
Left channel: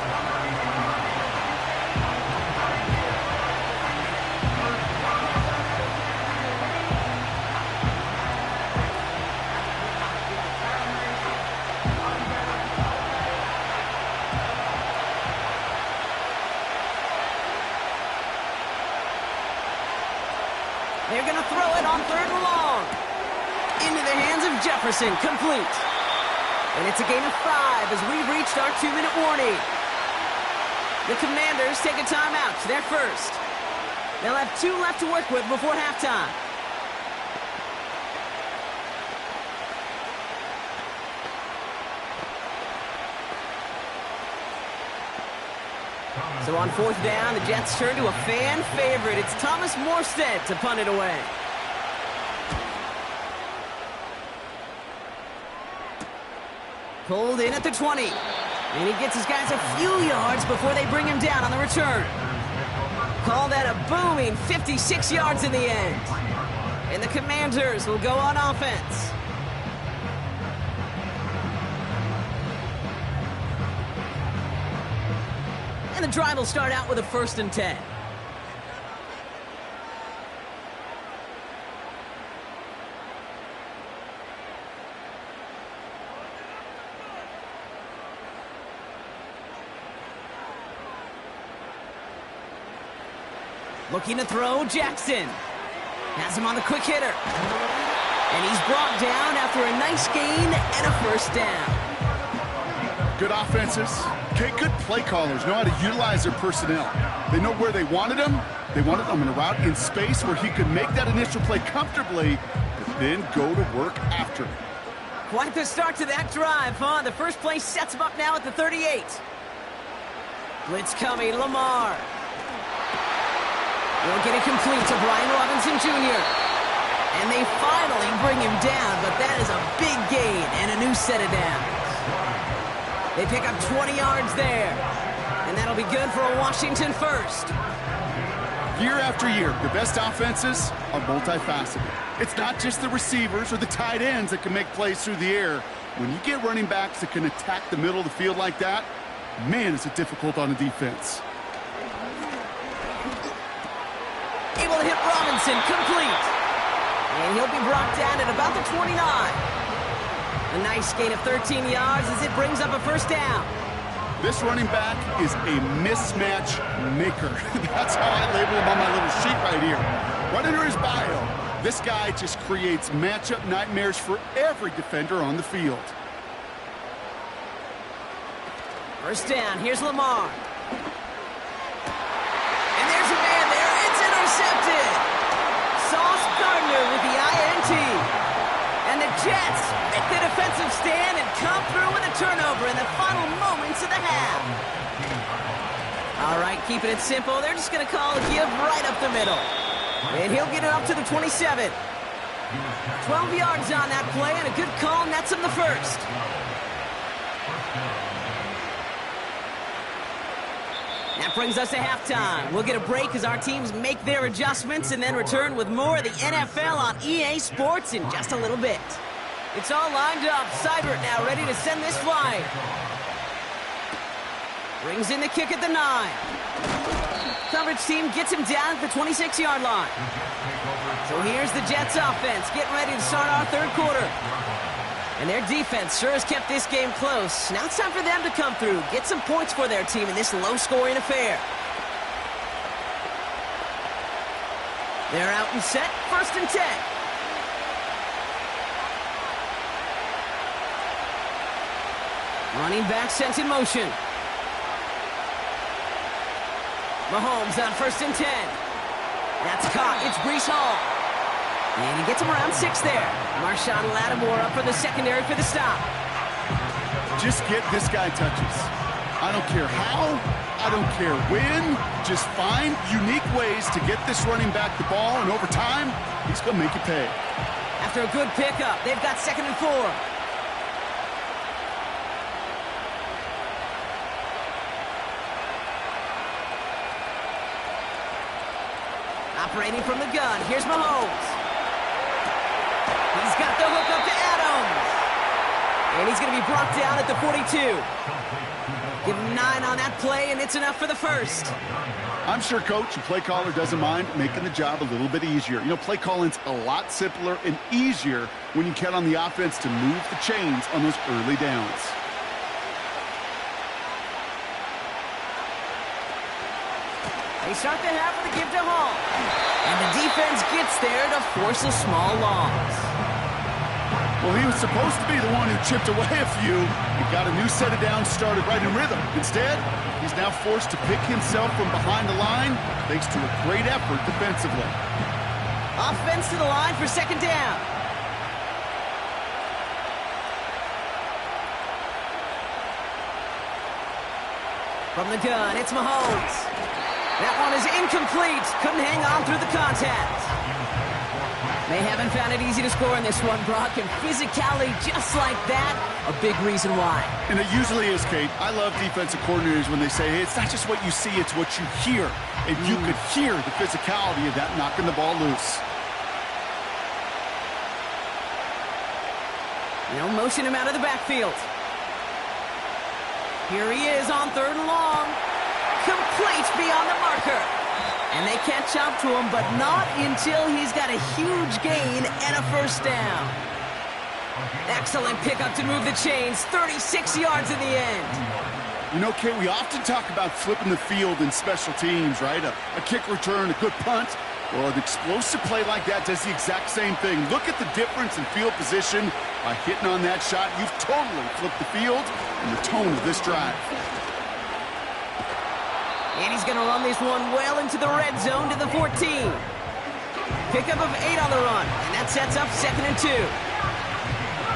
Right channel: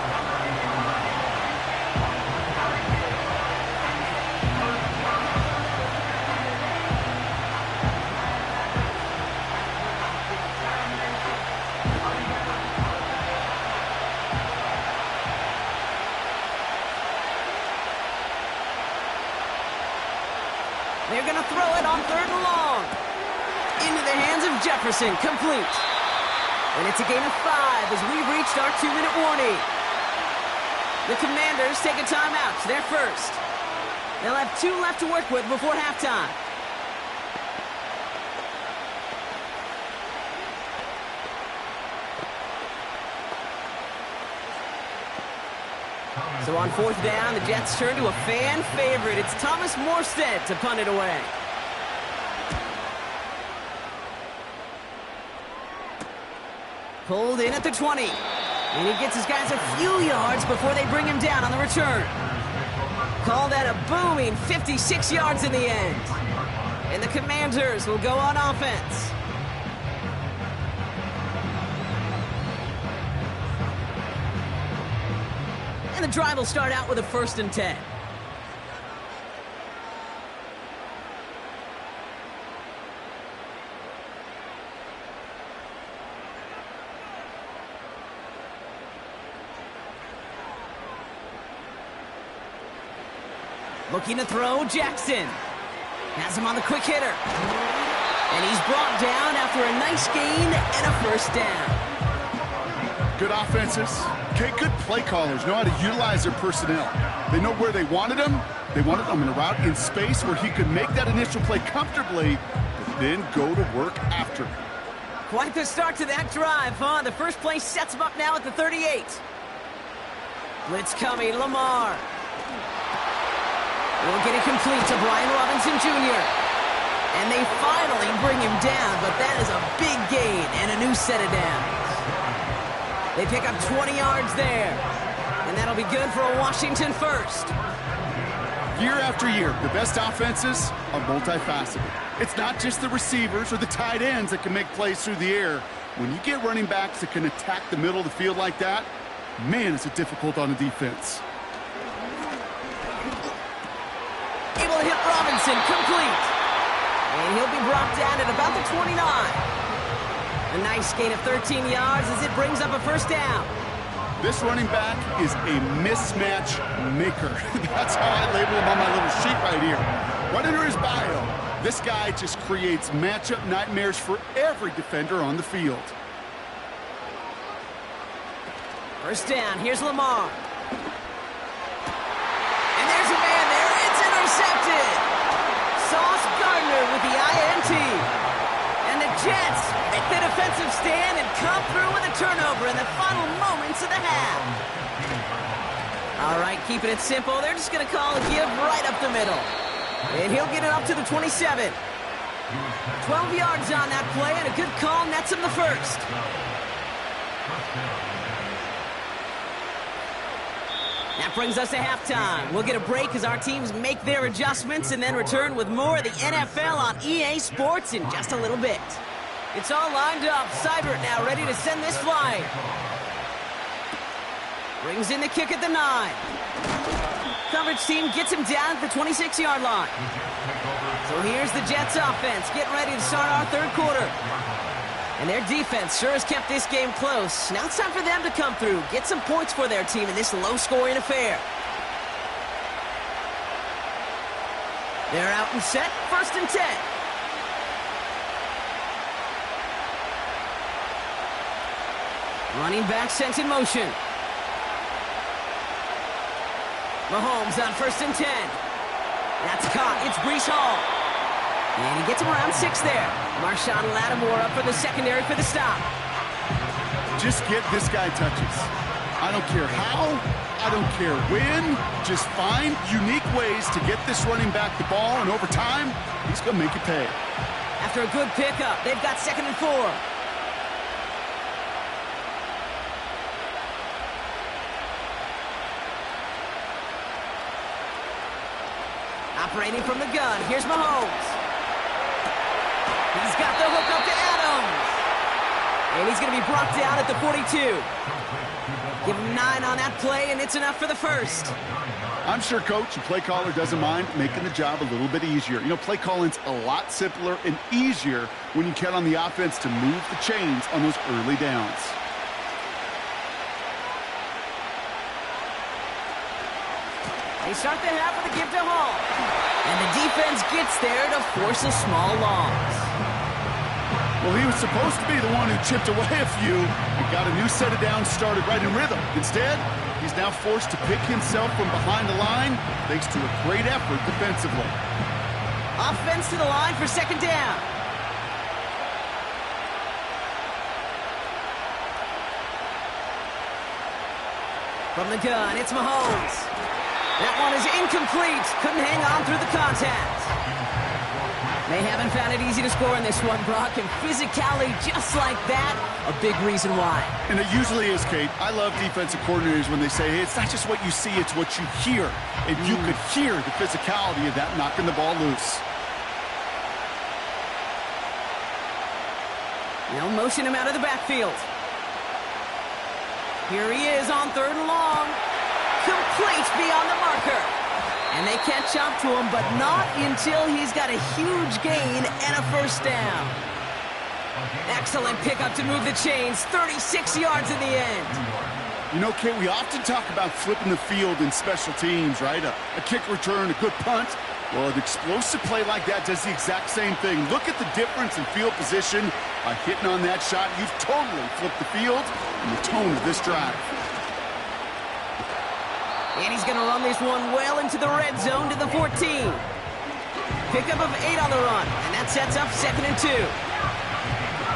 They're going to throw it on 3rd and long. Into the hands of Jefferson, complete. And it's a gain of 5 as we've reached our 2-minute warning. The Commanders take a timeout. They're first. They'll have 2 left to work with before halftime. So on 4th down, the Jets turn to a fan favorite. It's Thomas Morstead to punt it away. Pulled in at the 20. And he gets his guys a few yards before they bring him down on the return. Call that a booming 56 yards in the end. And the Commanders will go on offense. And the drive will start out with a 1st and 10. Looking to throw, Jackson. Has him on the quick hitter. And he's brought down after a nice gain and a 1st down. Good offenses. Okay, good play callers know how to utilize their personnel. They know where they wanted him. They wanted him in a route in space where he could make that initial play comfortably, but then go to work after. Quite the start to that drive, huh? The first play sets him up now at the 38. Blitz coming, Lamar. Will get it complete to Brian Robinson Jr. And they finally bring him down, but that is a big gain and a new set of downs. They pick up 20 yards there, and that'll be good for a Washington first. Year after year, the best offenses are multifaceted. It's not just the receivers or the tight ends that can make plays through the air. When you get running backs that can attack the middle of the field like that, man, is it difficult on the defense. Able to hit Robinson, complete. And he'll be brought down at about the 29. A nice gain of 13 yards as it brings up a 1st down. This running back is a mismatch maker. That's how I label him on my little sheet right here. Right under his bio, this guy just creates matchup nightmares for every defender on the field. 1st down, here's Lamar. And there's a man there, it's intercepted. Sauce Gardner with the INT. And the Jets make the defensive stand and come through with a turnover in the final moments of the half. All right, keeping it simple. They're just going to call a give right up the middle. And he'll get it up to the 27. 12 yards on that play, and a good call nets him the 1st. That brings us to halftime. We'll get a break as our teams make their adjustments and then return with more of the NFL on EA Sports in just a little bit. It's all lined up. Seibert now ready to send this flying. Brings in the kick at the 9. Coverage team gets him down at the 26-yard line. So here's the Jets offense getting ready to start our 3rd quarter. And their defense sure has kept this game close. Now it's time for them to come through, get some points for their team in this low-scoring affair. They're out and set, 1st and 10. Running back sent in motion. Mahomes on 1st and 10. That's caught. It's Breece Hall. And he gets him around 6 there. Marshawn Lattimore up for the secondary for the stop. Just get this guy touches. I don't care how. I don't care when. Just find unique ways to get this running back the ball, and over time, he's going to make you pay. After a good pickup, they've got 2nd and 4. Operating from the gun, here's Mahomes. He's got the hook up to Adams. And he's going to be brought down at the 42. Give him 9 on that play, and it's enough for the first. I'm sure coach and play caller doesn't mind making the job a little bit easier. You know, play calling's a lot simpler and easier when you count on the offense to move the chains on those early downs. They start the half with a give to Hall. And the defense gets there to force a small loss. Well, he was supposed to be the one who chipped away a few and got a new set of downs started right in rhythm. Instead, he's now forced to pick himself from behind the line thanks to a great effort defensively. Offense to the line for 2nd down. From the gun, it's Mahomes. That one is incomplete. Couldn't hang on through the contact. They haven't found it easy to score in this one, Brock, and physicality just like that, a big reason why. And it usually is, Kate. I love defensive coordinators when they say, hey, it's not just what you see, it's what you hear. And you could hear the physicality of that knocking the ball loose. They'll motion him out of the backfield. Here he is on 3rd and long. Complete beyond the marker. And they catch up to him, but not until he's got a huge gain and a 1st down. Excellent pickup to move the chains. 36 yards in the end. You know, Kate, we often talk about flipping the field in special teams, right? A kick return, a good punt. Well, an explosive play like that does the exact same thing. Look at the difference in field position. By hitting on that shot, you've totally flipped the field and the tone of this drive. And he's going to run this one well into the red zone to the 14. Pickup of 8 on the run, and that sets up 2nd and 2.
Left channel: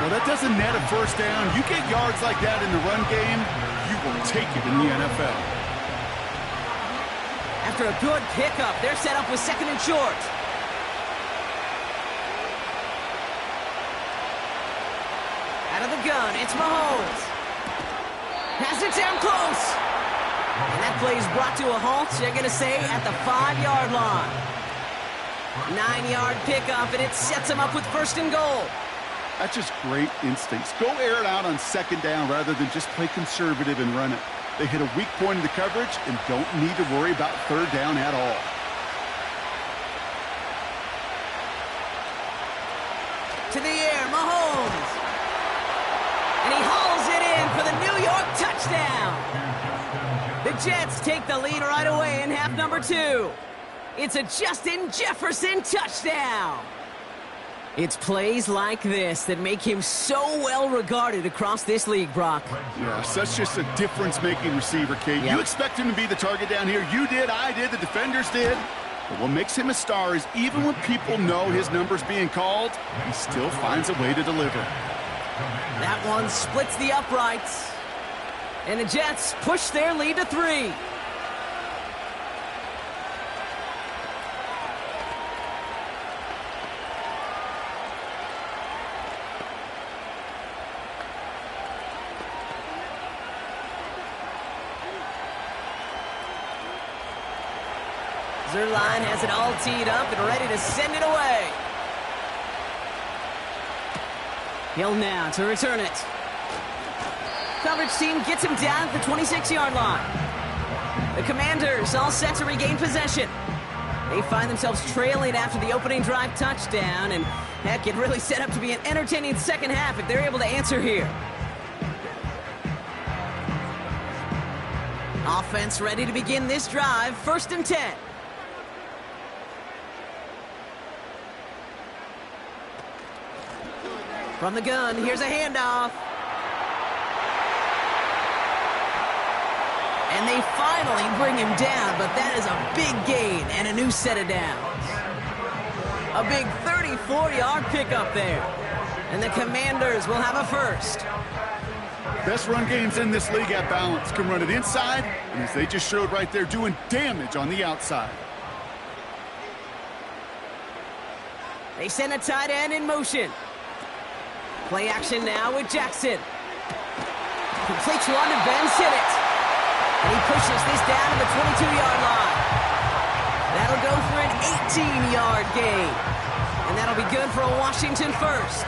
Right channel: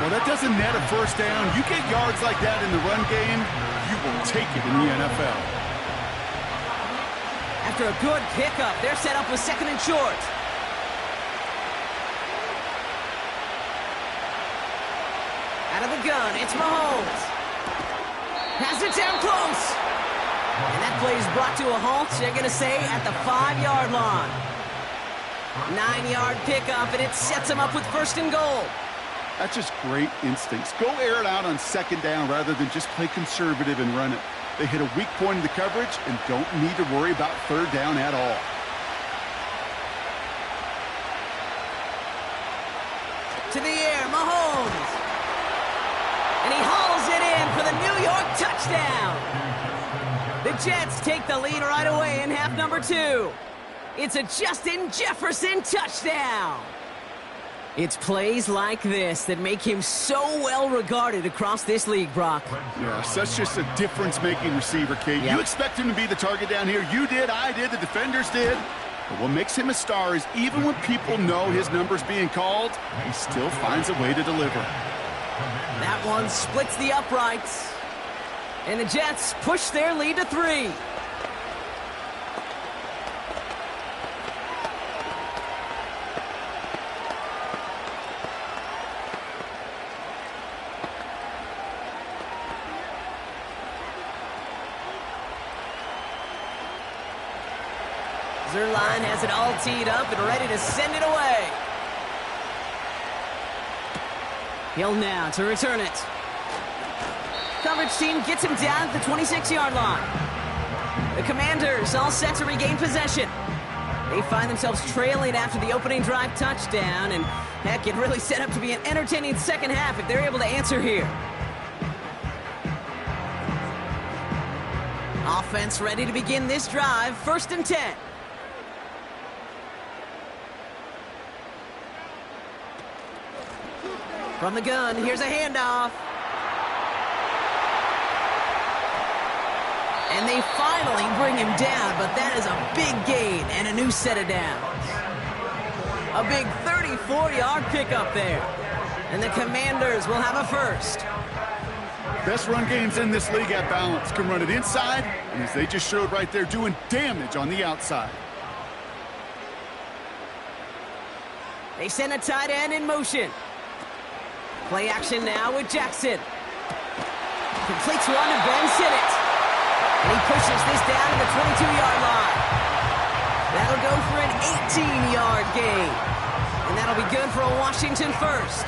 Well, that doesn't net a 1st down. You get yards like that in the run game, you will take it in the NFL. After a good pickup, they're set up with 2nd and short. Out of the gun, it's Mahomes. Has it down close. And that play is brought to a halt, they're going to say, at the 5-yard line. 9-yard pickup, and it sets them up with 1st and goal. That's just great instincts. Go air it out on 2nd down rather than just play conservative and run it. They hit a weak point in the coverage and don't need to worry about 3rd down at all. To the air, Mahomes. And he hauls it in for the New York touchdown. The Jets take the lead right away in half number 2. It's a Justin Jefferson touchdown. It's plays like this that make him so well regarded across this league, Brock. Yeah, such just a difference-making receiver, Kate. Yep. You expect him to be the target down here. You did, I did, the defenders did. But what makes him a star is even when people know his number's being called, he still finds a way to deliver. That one splits the uprights. And the Jets push their lead to 3. Zerline has it all teed up and ready to send it away. Hill now to return it. Coverage team gets him down at the 26-yard line. The Commanders all set to regain possession. They find themselves trailing after the opening drive touchdown, and Heck, it really set up to be an entertaining second half if they're able to answer here. Offense ready to begin this drive. 1st and 10. From the gun, here's a handoff. And they finally bring him down, but that is a big gain and a new set of downs. A big 34-yard pickup there. And the Commanders will have a first. Best run games in this league at balance. Can run it inside, and as they just showed right there, doing damage on the outside. They send a tight end in motion. Play action now with Jackson. Completes one to Ben Sinnott. And he pushes this down to the 22-yard line. That'll go for an 18-yard gain. And that'll be good for a Washington first.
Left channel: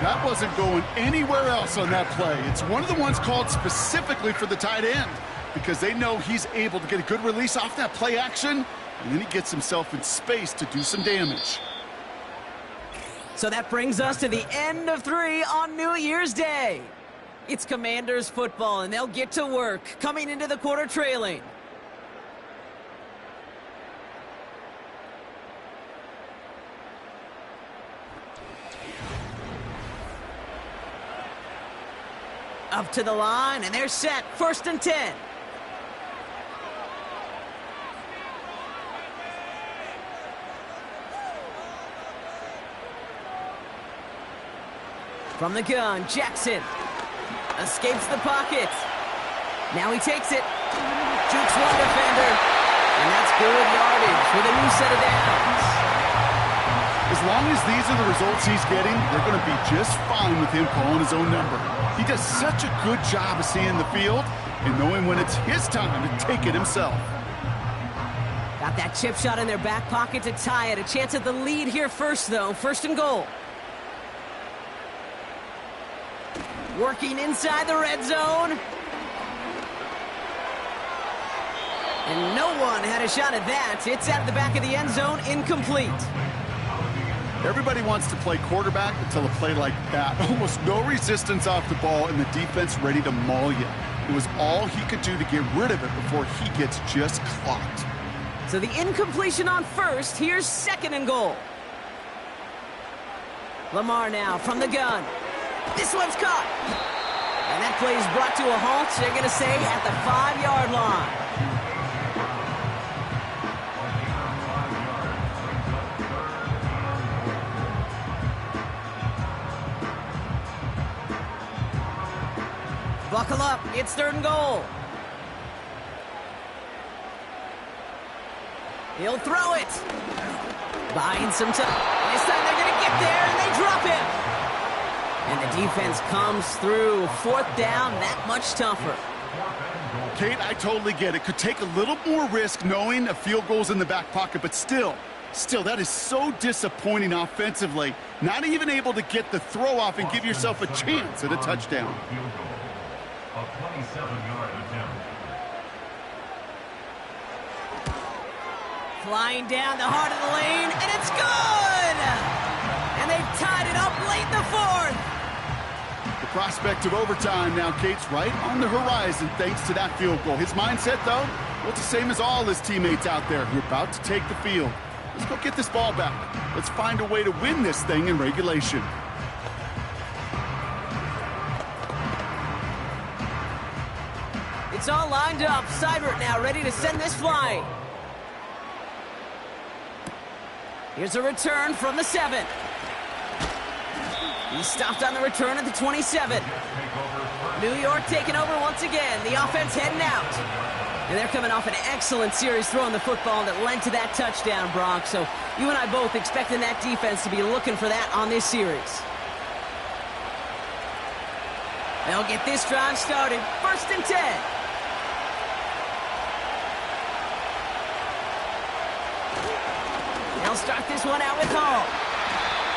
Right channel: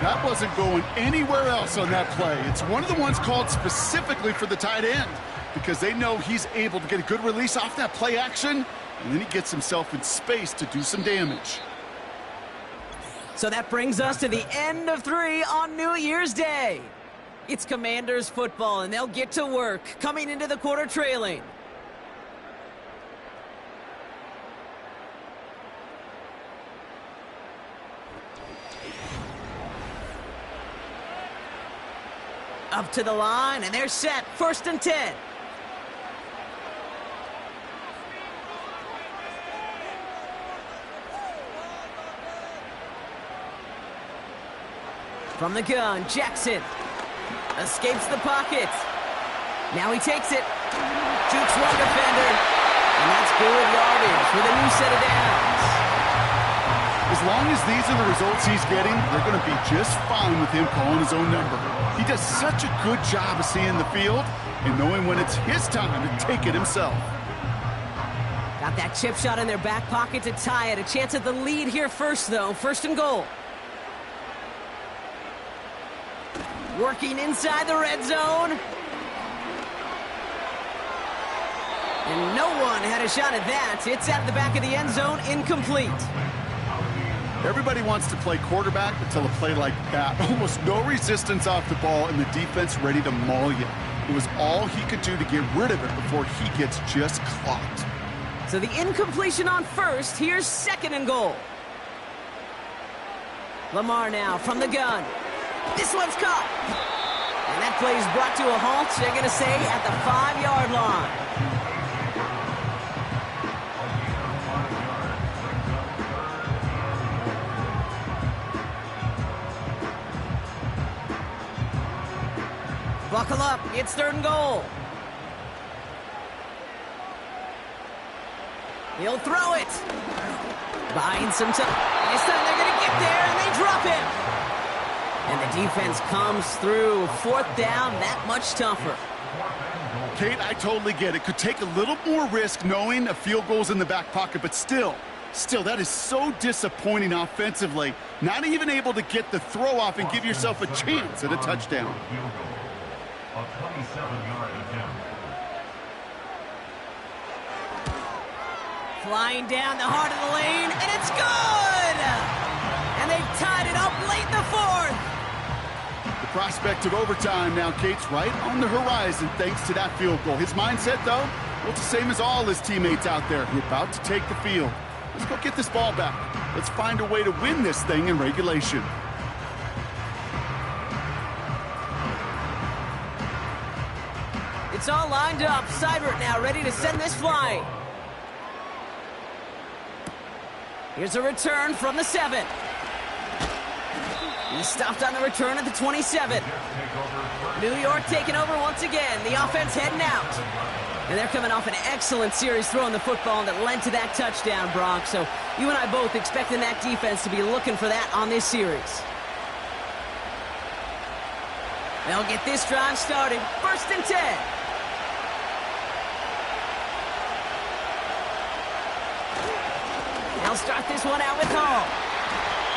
That wasn't going anywhere else on that play. It's one of the ones called specifically for the tight end because they know he's able to get a good release off that play action, and then he gets himself in space to do some damage. So that brings us to the end of 3 on New Year's Day. It's Commanders football, and they'll get to work coming into the quarter trailing. Up to the line, and they're set. 1st and 10. From the gun, Jackson escapes the pocket. Now he takes it. Jukes one defender. And that's good yardage with a new set of downs. As long as these are the results he's getting, they're going to be just fine with him calling his own number. He does such a good job of seeing the field and knowing when it's his time to take it himself. Got that chip shot in their back pocket to tie it. A chance at the lead here first, though. 1st and goal. Working inside the red zone. And no one had a shot at that. It's out of the back of the end zone, incomplete. Everybody wants to play quarterback until a play like that. Almost no resistance off the ball and the defense ready to maul you. It was all he could do to get rid of it before he gets just clocked. So the incompletion on first. Here's 2nd and goal. Lamar now from the gun. This one's caught. And that play is brought to a halt, they're going to say, at the 5-yard line. Buckle up, it's 3rd and goal. He'll throw it. Buying some time. This time they're going to get there, and they drop him. And the defense comes through. 4th down, that much tougher. Kate, I totally get it. Could take a little more risk knowing a field goal's in the back pocket, but still, that is so disappointing offensively. Not even able to get the throw off and give yourself a chance at a touchdown. A 27-yard attempt. Flying down the heart of the lane, and it's good! And they've tied it up late in the 4th. The prospect of overtime now, Kate's right on the horizon thanks to that field goal. His mindset, though, well, it's the same as all his teammates out there who are about to take the field. Let's go get this ball back. Let's find a way to win this thing in regulation. It's all lined up. Seibert now ready to send this flying. Here's a return from the 7. He stopped on the return at the 27. New York taking over once again. The offense heading out. And they're coming off an excellent series throwing the football that led to that touchdown, Brock. So you and I both expecting that defense to be looking for that on this series. They'll get this drive started. 1st and 10. They'll start this one out with Hall.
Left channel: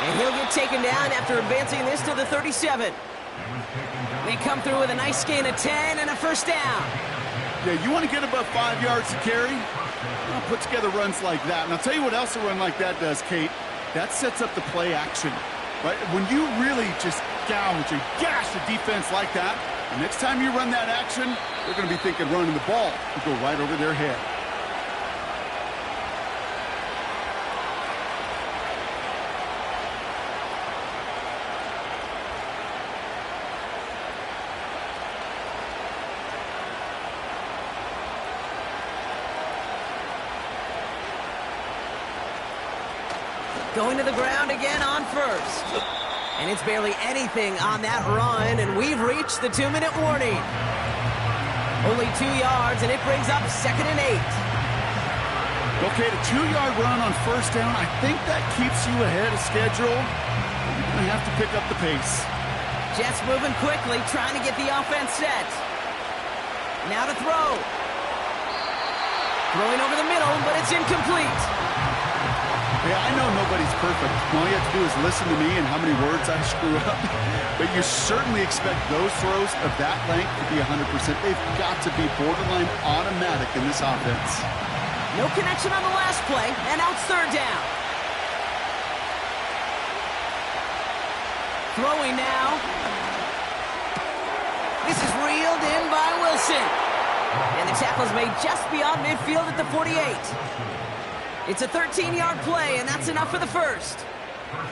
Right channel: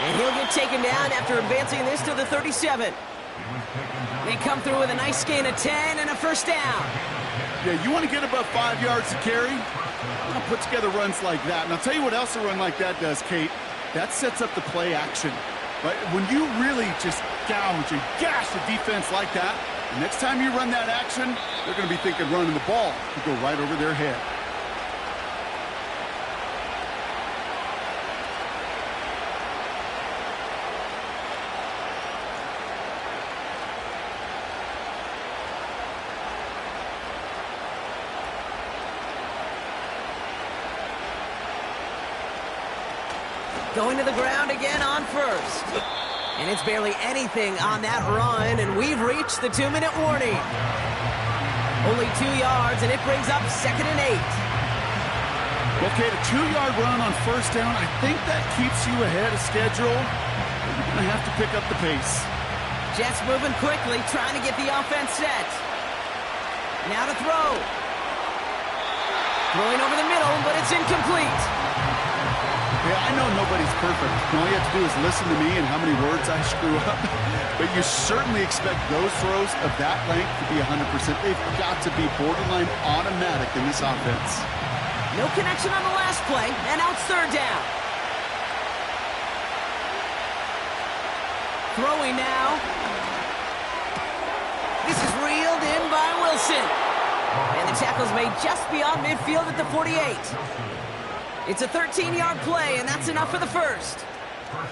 And he'll get taken down after advancing this to the 37. They come through with a nice gain of 10 and a 1st down. Yeah, you want to get above 5 yards to carry? Well, put together runs like that. And I'll tell you what else a run like that does, Kate. that sets up the play action. Right? When you really just gouge and gash the defense like that, the next time you run that action, they're going to be thinking running the ball will go right over their head. Going to the ground again on first. And it's barely anything on that run, and we've reached the 2-minute warning. Only 2 yards, and it brings up 2nd and 8. Okay, the 2-yard run on first down, I think that keeps you ahead of schedule. You're going to have to pick up the pace. Jets moving quickly, trying to get the offense set. Now to throw. Throwing over the middle, but it's incomplete. Yeah, I know nobody's perfect. All you have to do is listen to me and how many words I screw up. But you certainly expect those throws of that length to be 100%. They've got to be borderline automatic in this offense. No connection on the last play, and now it's 3rd down. Throwing now. This is reeled in by Wilson. And the tackle's made just beyond midfield at the 48. It's a 13-yard play, and that's enough for the first.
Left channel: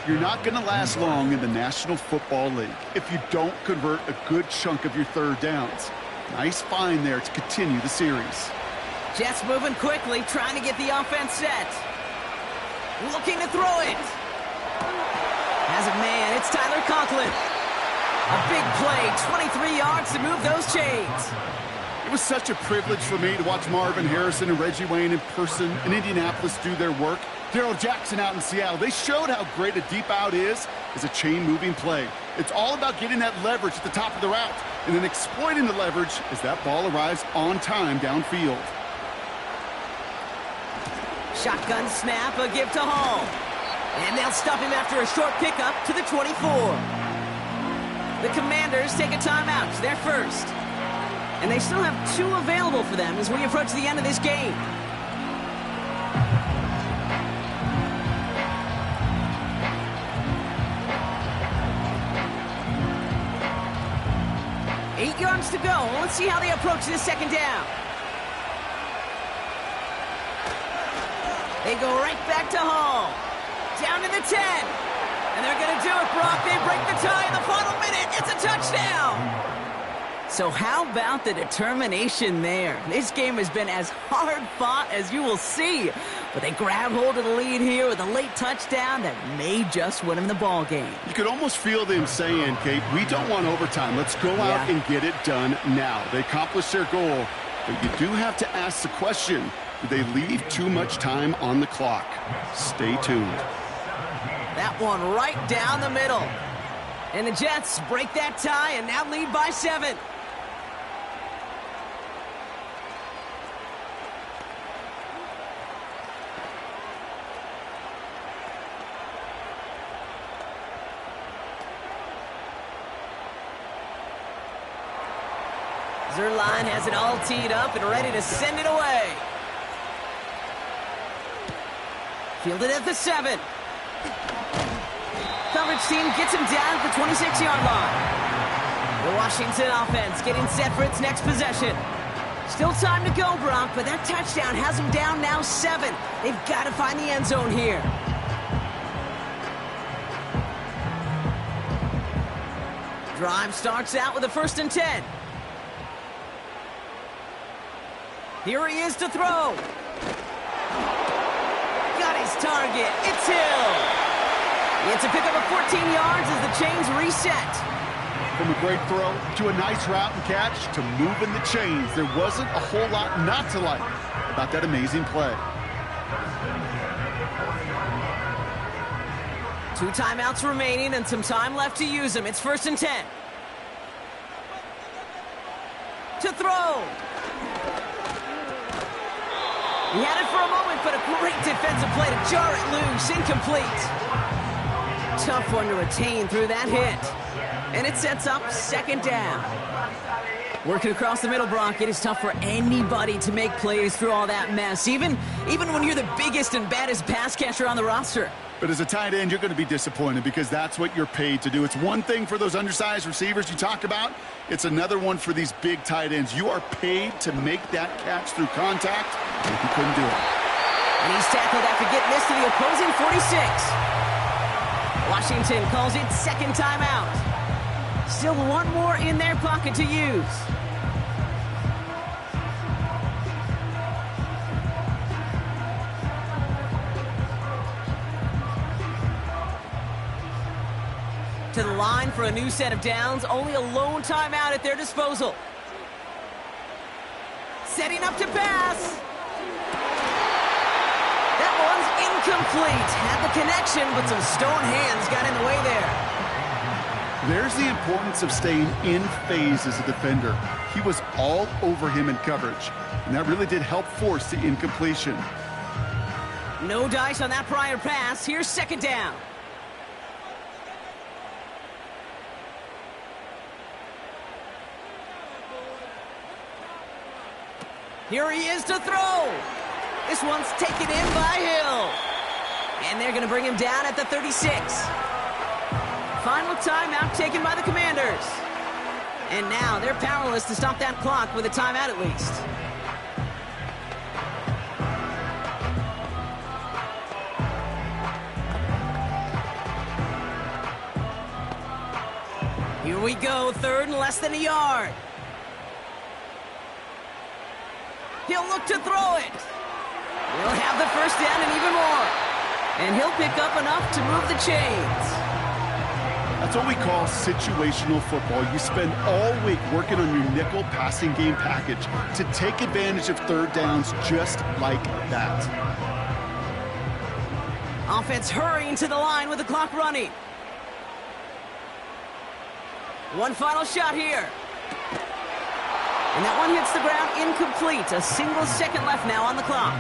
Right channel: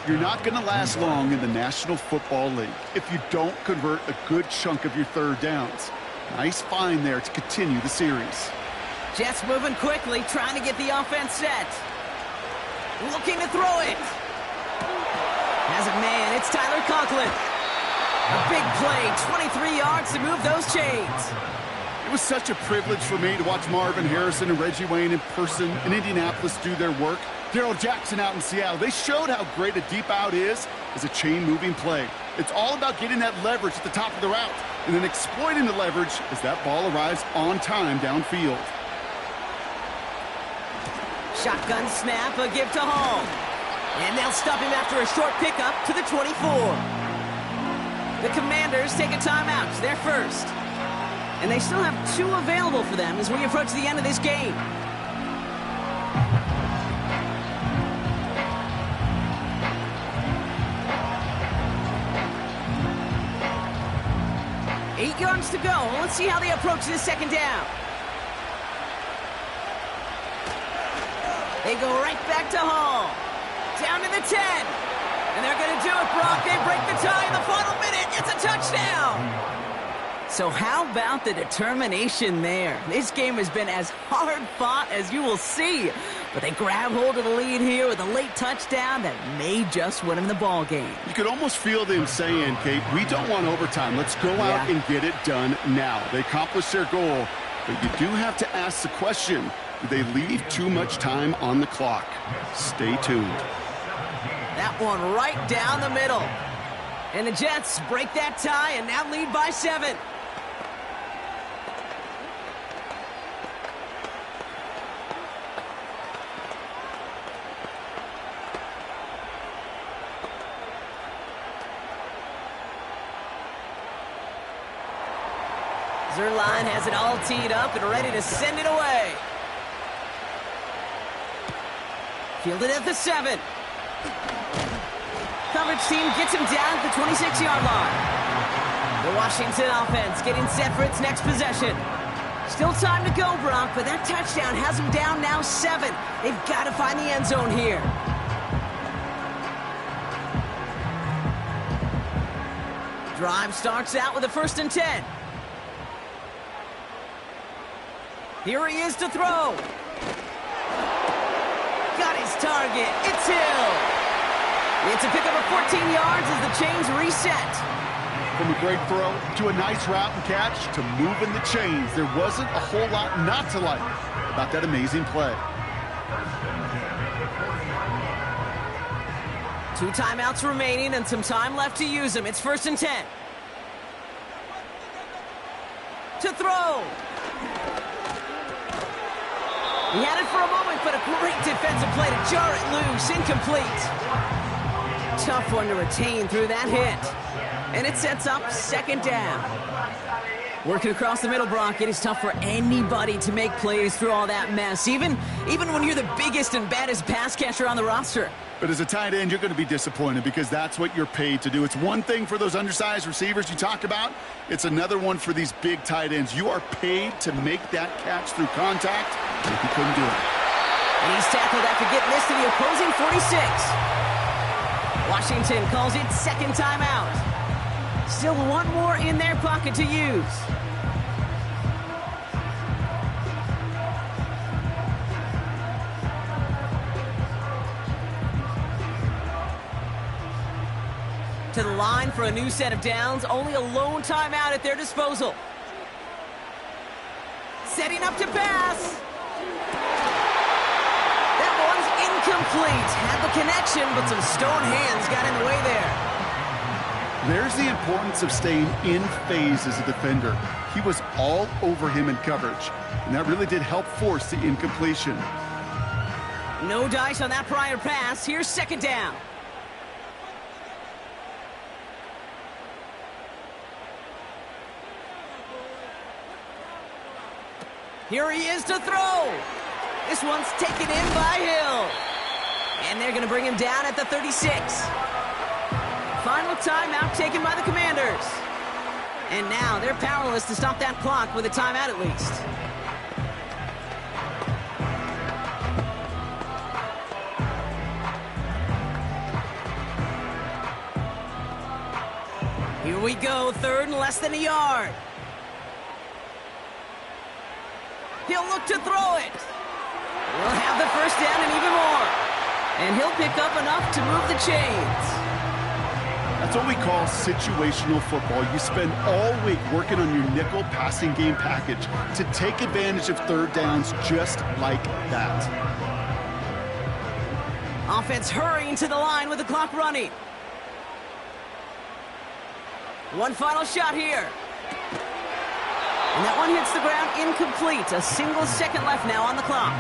You're not going to last long in the National Football League if you don't convert a good chunk of your 3rd downs. Nice find there to continue the series. Jets moving quickly, trying to get the offense set. Looking to throw it. Has a man, it's Tyler Conklin. A big play, 23 yards to move those chains. It was such a privilege for me to watch Marvin Harrison and Reggie Wayne in person in Indianapolis do their work. Darrell Jackson out in Seattle. They showed how great a deep out is as a chain-moving play. It's all about getting that leverage at the top of the route and then exploiting the leverage as that ball arrives on time downfield. Shotgun snap, a give to Hall. And they'll stop him after a short pickup to the 24. The Commanders take a timeout. They're first. And they still have 2 available for them as we approach the end of this game. Eight yards to go. Let's see how they approach this 2nd down. They go right back to Hall. Down to the 10. And they're going to do it, Brock. They break the tie in the final minute. It's a touchdown. So how about the determination there? This game has been as hard fought as you will see. But they grab hold of the lead here with a late touchdown that may just win them the ball game. You could almost feel them saying, Kate, we don't want overtime. Let's go out and get it done now. They accomplished their goal, but you do have to ask the question, do they leave too much time on the clock? Stay tuned. That one right down the middle. And the Jets break that tie and now lead by 7. Zerline has it all teed up and ready to send it away. Fielded at the 7. Coverage team gets him down at the 26-yard line. The Washington offense getting set for its next possession. Still time to go, Brock, but that touchdown has them down now 7. They've got to find the end zone here. Drive starts out with a 1st and 10. Here he is to throw. Got his target. It's Hill. It's a pickup of 14 yards as the chains reset. From a great throw to a nice route and catch to moving the chains, there wasn't a whole lot not to like about that amazing play. 2 timeouts remaining and some time left to use them. It's 1st and 10. To throw. He had it for a moment, but a great defensive play to jar it loose. Incomplete. Tough one to retain through that hit. And it sets up 2nd down. Working across the middle, Brock, it is tough for anybody to make plays through all that mess, even when you're the biggest and baddest pass catcher on the roster. But as a tight end, you're going to be disappointed because that's what you're paid to do. It's one thing for those undersized receivers you talk about. It's another one for these big tight ends. You are paid to make that catch through contact, and he couldn't do it. And he's tackled after getting this to the opposing 46. Washington calls it second timeout. Still one more in their pocket to use. To the line for a new set of downs. Only a lone timeout at their disposal. Setting up to pass. That one's incomplete. Had the connection, but some stone hands got in the way there. There's the importance of staying in phase as a defender. He was all over him in coverage, and that really did help force the incompletion. No dice on that prior pass. Here's second down. Here he is to throw. This one's taken in by Hill. And they're going to bring him down at the 36. Final timeout taken by the Commanders. And now they're powerless to stop that clock with a timeout at least. Here we go, third and less than a yard. He'll look to throw it. He'll have the first down and even more. And he'll pick up enough to move the chains. That's what we call situational football. You spend all week working on your nickel passing game package to take advantage of third downs just like that. Offense hurrying to the line with the clock running. One final shot here. And that one hits the ground incomplete. A single second left now on the clock.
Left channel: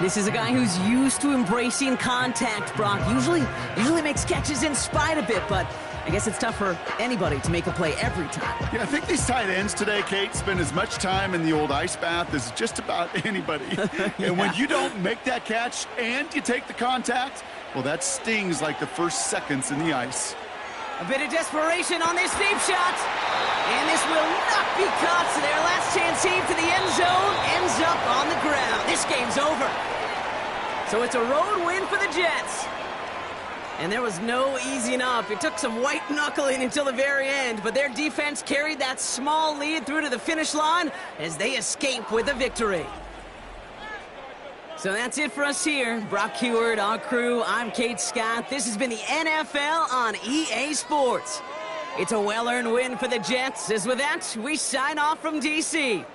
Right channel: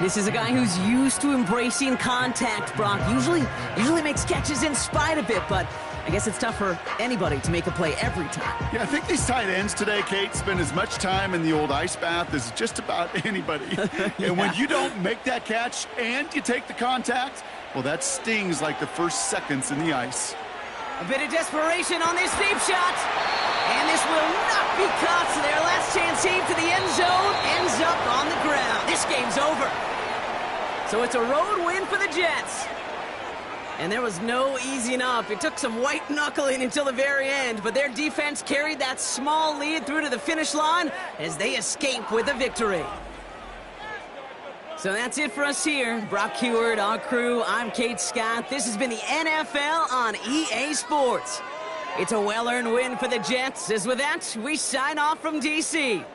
This is a guy who's used to embracing contact, Brock. Usually makes catches in spite of it, but I guess it's tough for anybody to make a play every time. Yeah, I think these tight ends today, Kate, spend as much time in the old ice bath as just about anybody. Yeah. And when you don't make that catch and you take the contact, well, that stings like the first seconds in the ice. A bit of desperation on this deep shot. And this will not be caught, so their last chance heave to the end zone ends up on the ground. This game's over. So it's a road win for the Jets. And there was no easing up. It took some white knuckling until the very end, but their defense carried that small lead through to the finish line as they escape with a victory. So that's it for us here. Brock Heward, our crew, I'm Kate Scott. This has been the NFL on EA Sports. It's a well-earned win for the Jets. As with that, we sign off from D.C.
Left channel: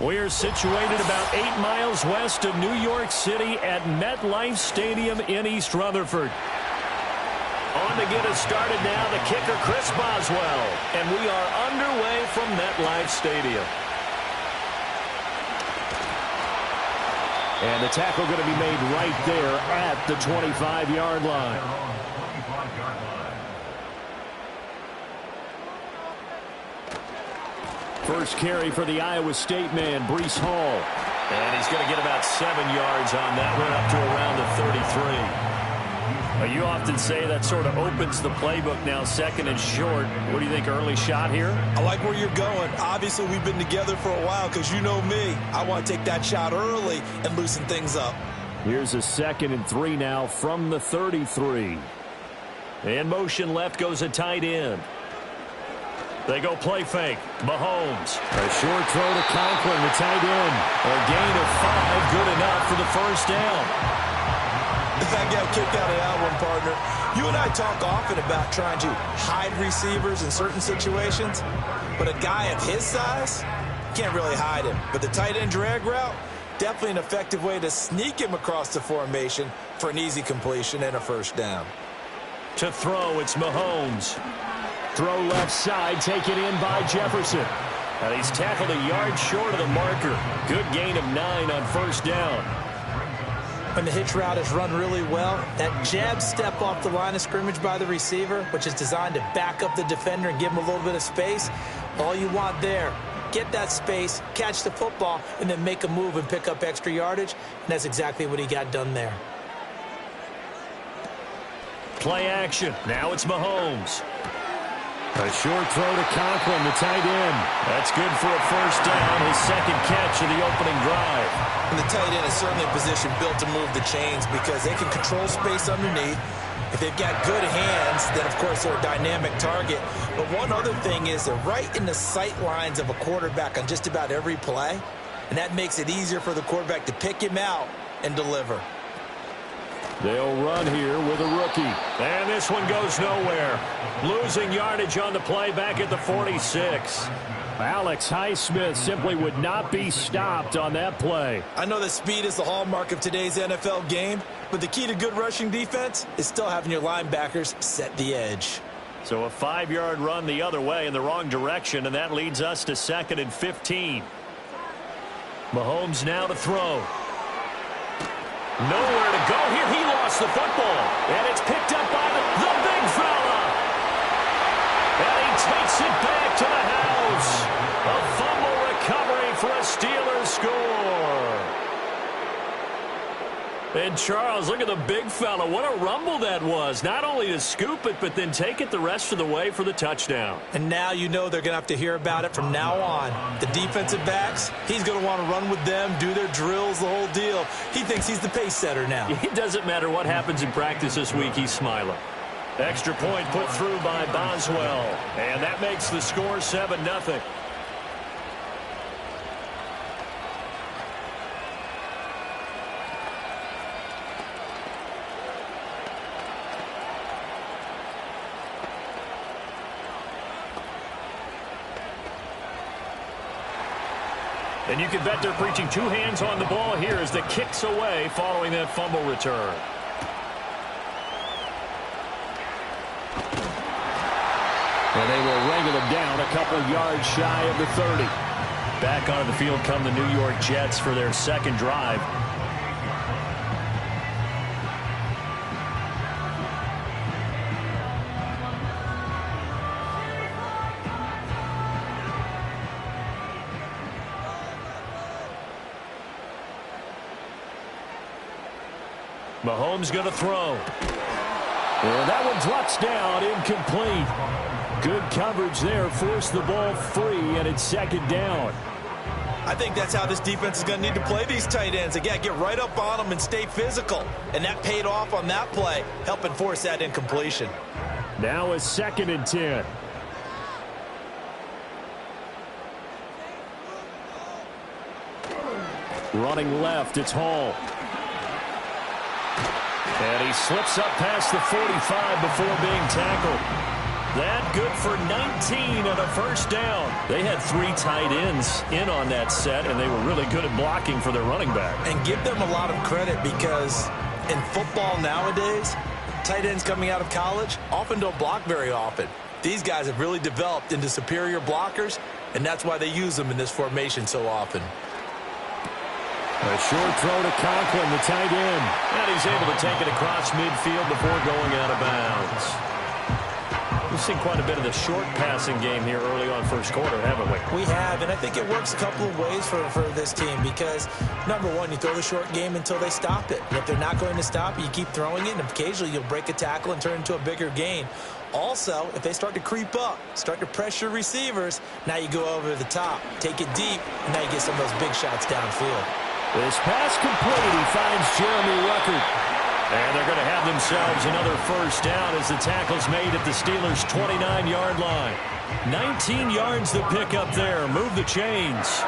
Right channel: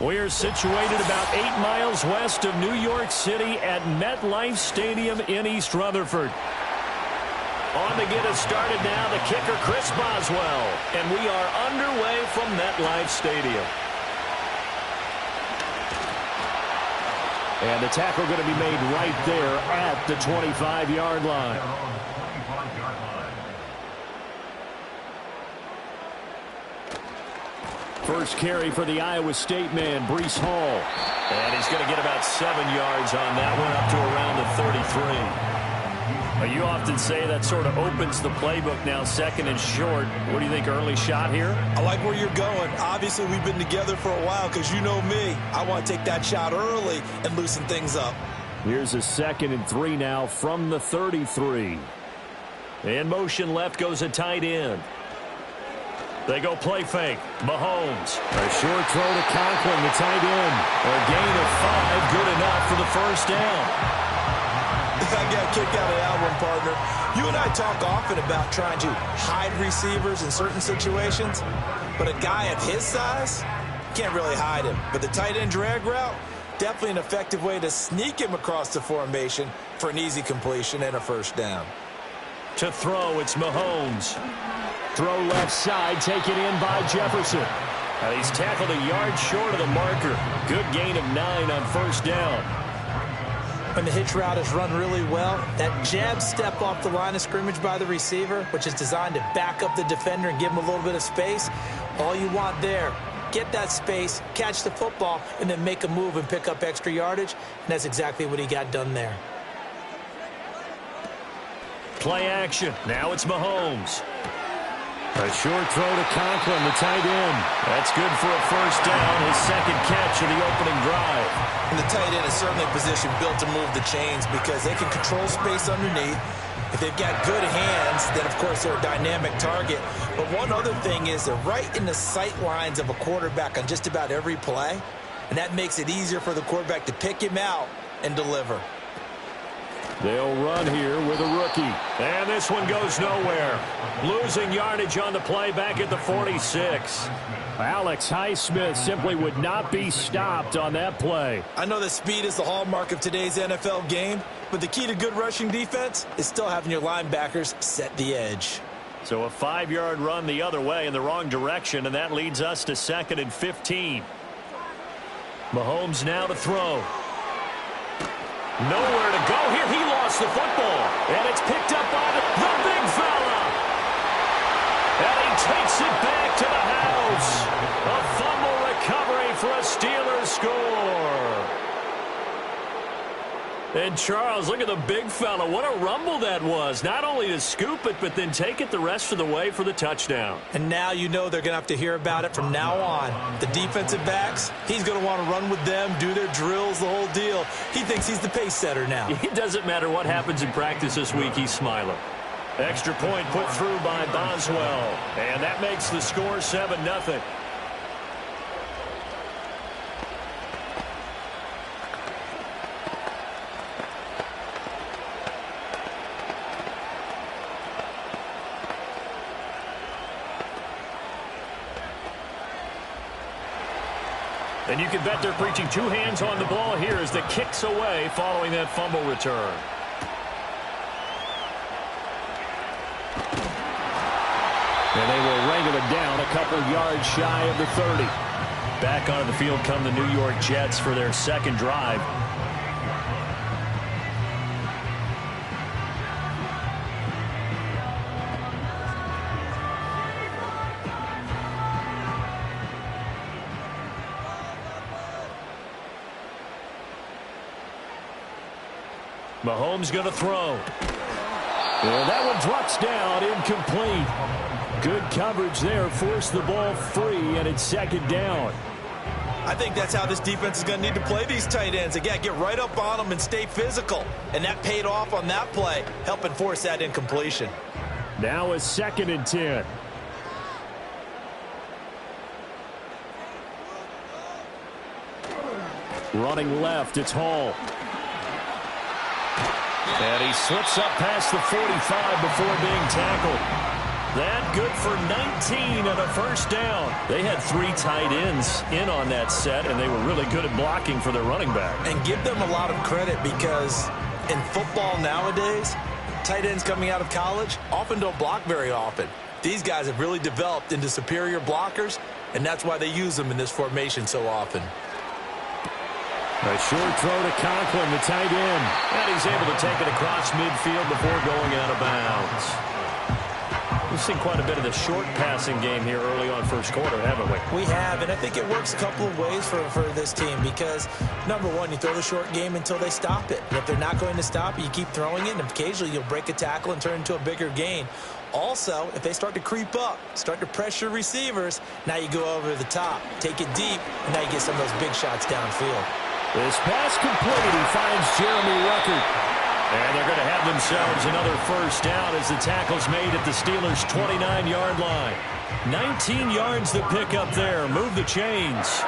We're situated about 8 miles west of New York City at MetLife Stadium in East Rutherford. On to get us started now, the kicker, Chris Boswell. And we are underway from MetLife Stadium. And the tackle going to be made right there at the 25-yard line. First carry for the Iowa State man, Breece Hall. And he's going to get about 7 yards on that one, up to around the 33. You often say that sort of opens the playbook now, second and short. What do you think, early shot here? I like where you're going. Obviously, we've been together for a while because you know me. I want to take that shot early and loosen things up. Here's a 2nd and 3 now from the 33. In motion left goes a tight end. They go play fake. Mahomes. A short throw to Conklin, the tight end. A gain of 5, good enough for the first down. I got a kick out of that one, partner. You and I talk often about trying to hide receivers in certain situations, but a guy of his size, can't really hide him. But the tight end drag route, definitely an effective way to sneak him across the formation for an easy completion and a first down. To throw, it's Mahomes. Throw left side, taken in by Jefferson. And he's tackled a yard short of the marker. Good gain of 9 on first down. When the hitch route is run really well, that jab step off the line of scrimmage by the receiver, which is designed to back up the defender and give him a little bit of space, all you want there, get that space, catch the football, and then make a move and pick up extra yardage, and that's exactly what he got done there. Play action. Now it's Mahomes. A short throw to Conklin, the tight end. That's good for a first down, his second catch of the opening drive. And the tight end is certainly a position built to move the chains because they can control space underneath. If they've got good hands, then, of course, they're a dynamic target. But one other thing is they're right in the sight lines of a quarterback on just about every play, and that makes it easier for the quarterback to pick him out and deliver. They'll run here with a rookie. And this one goes nowhere. Losing yardage on the play back at the 46. Alex Highsmith simply would not be stopped on that play. I know that speed is the hallmark of today's NFL game, but the key to good rushing defense is still having your linebackers set the edge. So a 5-yard run the other way in the wrong direction, and that leads us to 2nd and 15. Mahomes now to throw. Nowhere to go here. He lost the football. And it's picked up by the big fella. And he takes it back to the house. A fumble recovery for a Steelers score. And Charles, look at the big fella. What a rumble that was. Not only to scoop it, but then take it the rest of the way for the touchdown. And now you know they're going to have to hear about it from now on. The defensive backs, he's going to want to run with them, do their drills, the whole deal. He thinks he's the pace setter now. It doesn't matter what happens in practice this week. He's smiling. Extra point put through by Boswell. And that makes the score 7-0. And you can bet they're preaching 2 hands on the ball here as the kick's away following that fumble return. And they will wrangle it down a couple yards shy of the 30. Back onto the field come the New York Jets for their second drive. Mahomes going to throw. And that one drops down, incomplete. Good coverage there, forced the ball free, and it's second down. I think that's how this defense is going to need to play these tight ends. Again, get right up on them and stay physical. And that paid off on that play, helping force that incompletion. Now a 2nd and 10. Running left, it's Hall. And he slips up past the 45 before being tackled. That good for 19 and a first down. They had 3 tight ends in on that set, and they were really good at blocking for their running back. And give them a lot of credit because in football nowadays, tight ends coming out of college often don't block very often. These guys have really developed into superior blockers, and that's why they use them in this formation so often. A short throw to Conklin, the tight end. And he's able to take it across midfield before going out of bounds. We've seen quite a bit of the short passing game here early on first quarter, haven't we? We have, and I think it works a couple of ways for this team because, number one, you throw the short game until they stop it. And if they're not going to stop it, you keep throwing it, and occasionally you'll break a tackle and turn into a bigger gain. Also, if they start to creep up, start to pressure receivers, now you go over the top, take it deep, and now you get some of those big shots downfield. This pass complete. He finds Jeremy Ruckert. And they're going to have themselves another first down as the tackle's made at the Steelers' 29-yard line. 19 yards to pick up there. Move the chains.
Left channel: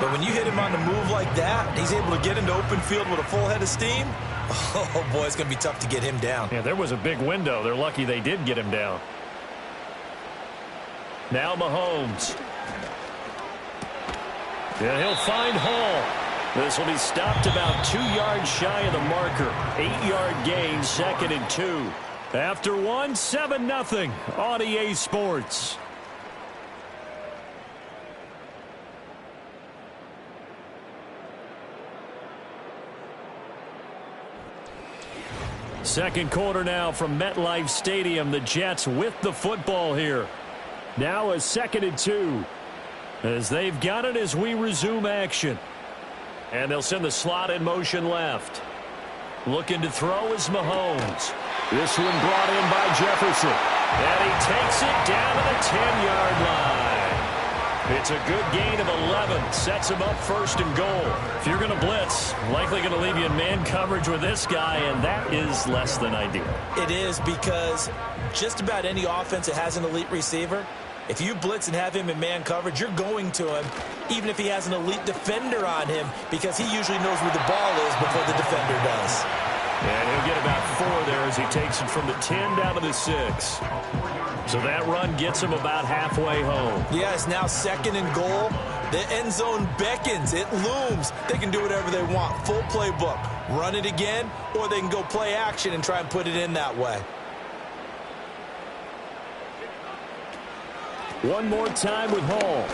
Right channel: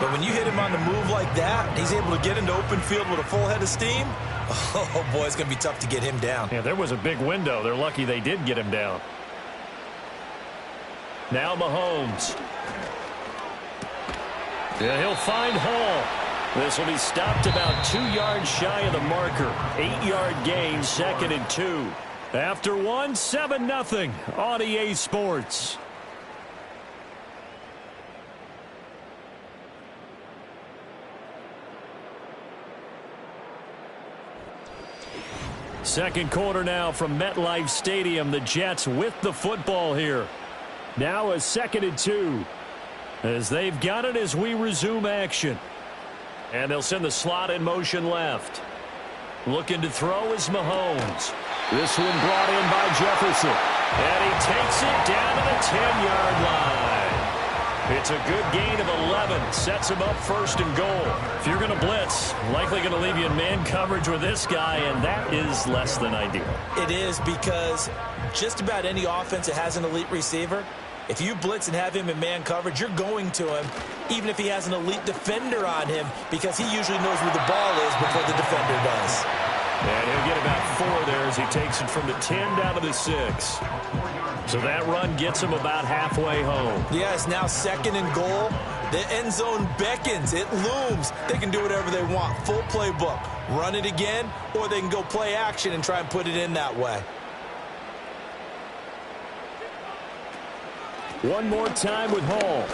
But when you hit him on the move like that, he's able to get into open field with a full head of steam. Oh, boy, it's going to be tough to get him down. Yeah, there was a big window. They're lucky they did get him down. Now Mahomes. Yeah, he'll find Hall. This will be stopped about 2 yards shy of the marker. 8-yard gain, 2nd and 2. After 1, 7-0 on EA Sports. Second quarter now from MetLife Stadium. The Jets with the football here. Now a 2nd and 2. As they've got it as we resume action. And they'll send the slot in motion left. Looking to throw is Mahomes. This one brought in by Jefferson. And he takes it down to the 10-yard line. It's a good gain of 11. Sets him up 1st and goal. If you're going to blitz, likely going to leave you in man coverage with this guy, and that is less than ideal. It is, because just about any offense that has an elite receiver, if you blitz and have him in man coverage, you're going to him, even if he has an elite defender on him, because he usually knows where the ball is before the defender does. And he'll get about 4 there as he takes it from the 10 down to the 6. So that run gets him about halfway home. Yes, now 2nd and goal. The end zone beckons. It looms. They can do whatever they want. Full playbook. Run it again, or they can go play action and try and put it in that way. One more time with Hall.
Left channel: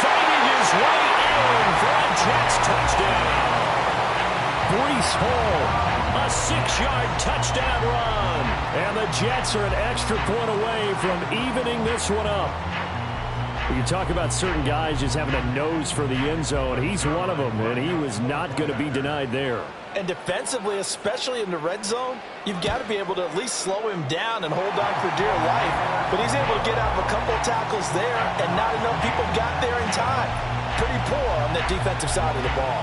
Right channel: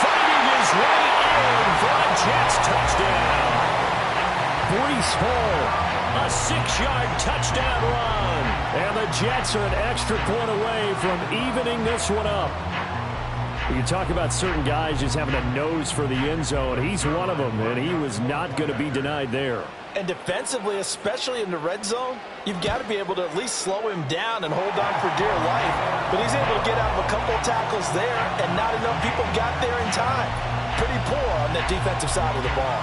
Fighting his way in for a Jets touchdown. Breece Hall, a 6-yard touchdown run. And the Jets are an extra point away from evening this one up. You talk about certain guys just having a nose for the end zone. He's one of them, and he was not going to be denied there. And defensively, especially in the red zone, you've got to be able to at least slow him down and hold on for dear life. But he's able to get out of a couple tackles there, and not enough people got there in time. Pretty poor on the defensive side of the ball.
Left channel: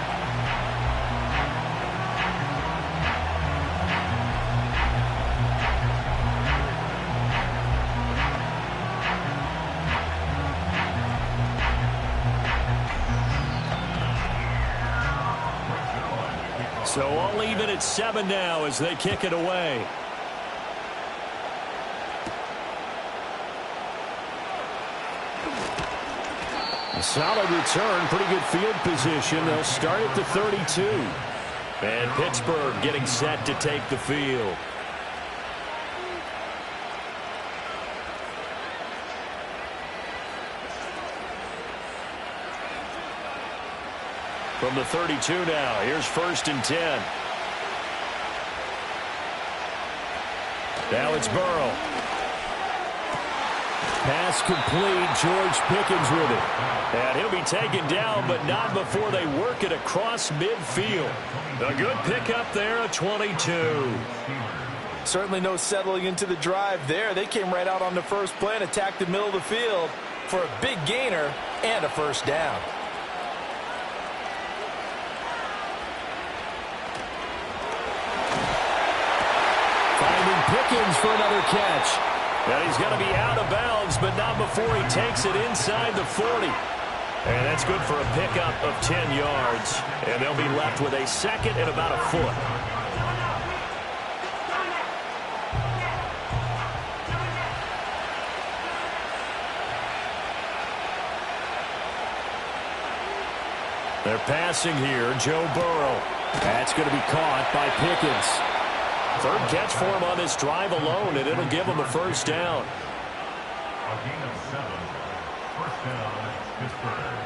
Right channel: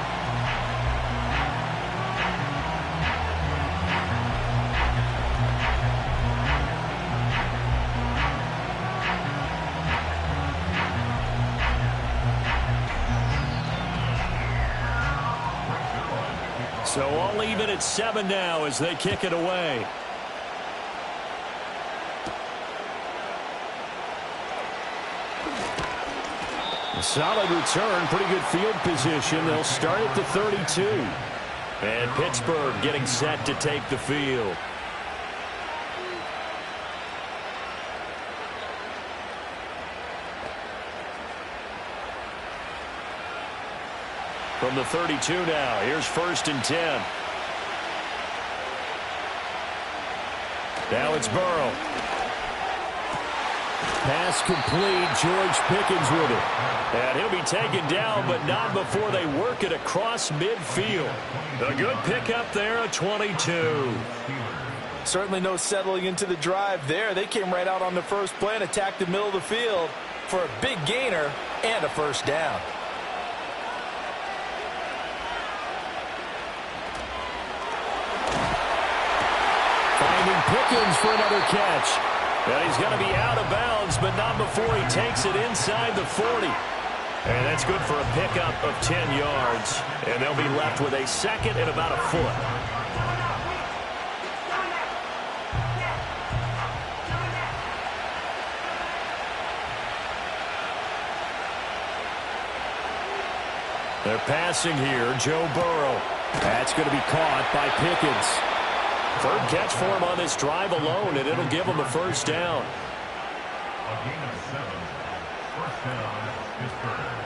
So all even at 7 now as they kick it away. A solid return, pretty good field position. They'll start at the 32. And Pittsburgh getting set to take the field. From the 32 now, here's 1st and 10. Now it's Burrow. Pass complete, George Pickens with it. And he'll be taken down, but not before they work it across midfield. A good pickup there, a 22. Certainly no settling into the drive there. They came right out on the first play and attacked the middle of the field for a big gainer and a first down. Finding Pickens for another catch. And he's going to be out of bounds, but not before he takes it inside the 40. And that's good for a pickup of 10 yards. And they'll be left with a 2nd and about a foot. They're passing here, Joe Burrow. That's going to be caught by Pickens. 3rd catch for him on this drive alone, and it'll give him a first down. A gain of 7. First down, Pittsburgh.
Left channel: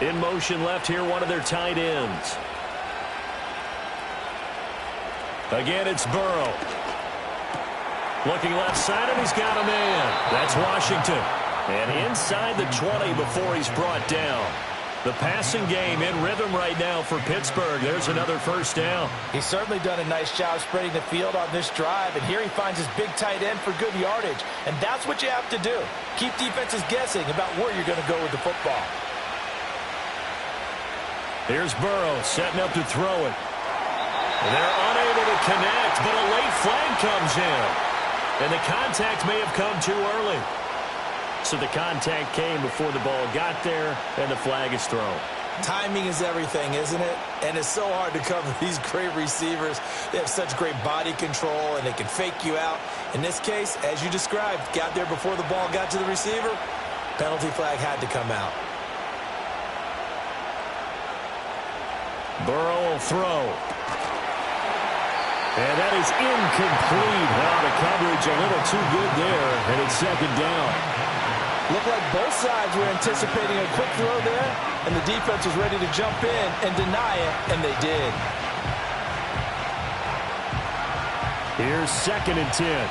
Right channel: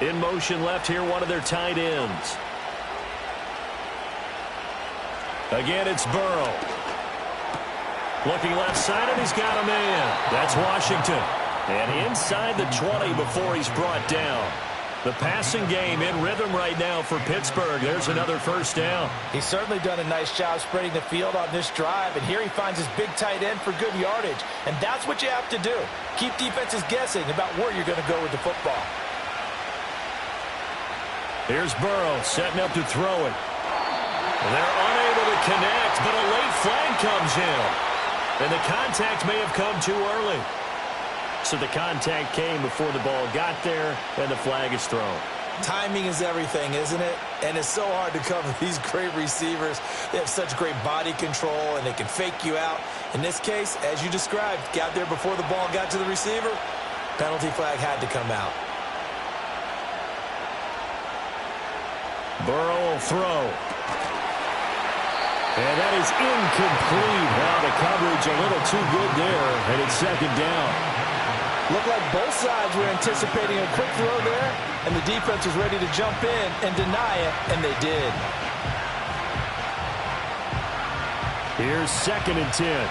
In motion left here, one of their tight ends. Again, it's Burrow. Looking left side, and he's got a man. That's Washington. And inside the 20 before he's brought down. The passing game in rhythm right now for Pittsburgh. There's another first down. He's certainly done a nice job spreading the field on this drive, and here he finds his big tight end for good yardage. And that's what you have to do. Keep defenses guessing about where you're going to go with the football. Here's Burrow setting up to throw it. And they're unable to connect, but a late flag comes in. And the contact may have come too early. So the contact came before the ball got there, and the flag is thrown. Timing is everything, isn't it? And it's so hard to cover these great receivers. They have such great body control, and they can fake you out. In this case, as you described, got there before the ball got to the receiver. Penalty flag had to come out. Burrow will throw. And that is incomplete. Wow, the coverage a little too good there, and it's second down. Looked like both sides were anticipating a quick throw there, and the defense was ready to jump in and deny it, and they did. Here's 2nd and 10.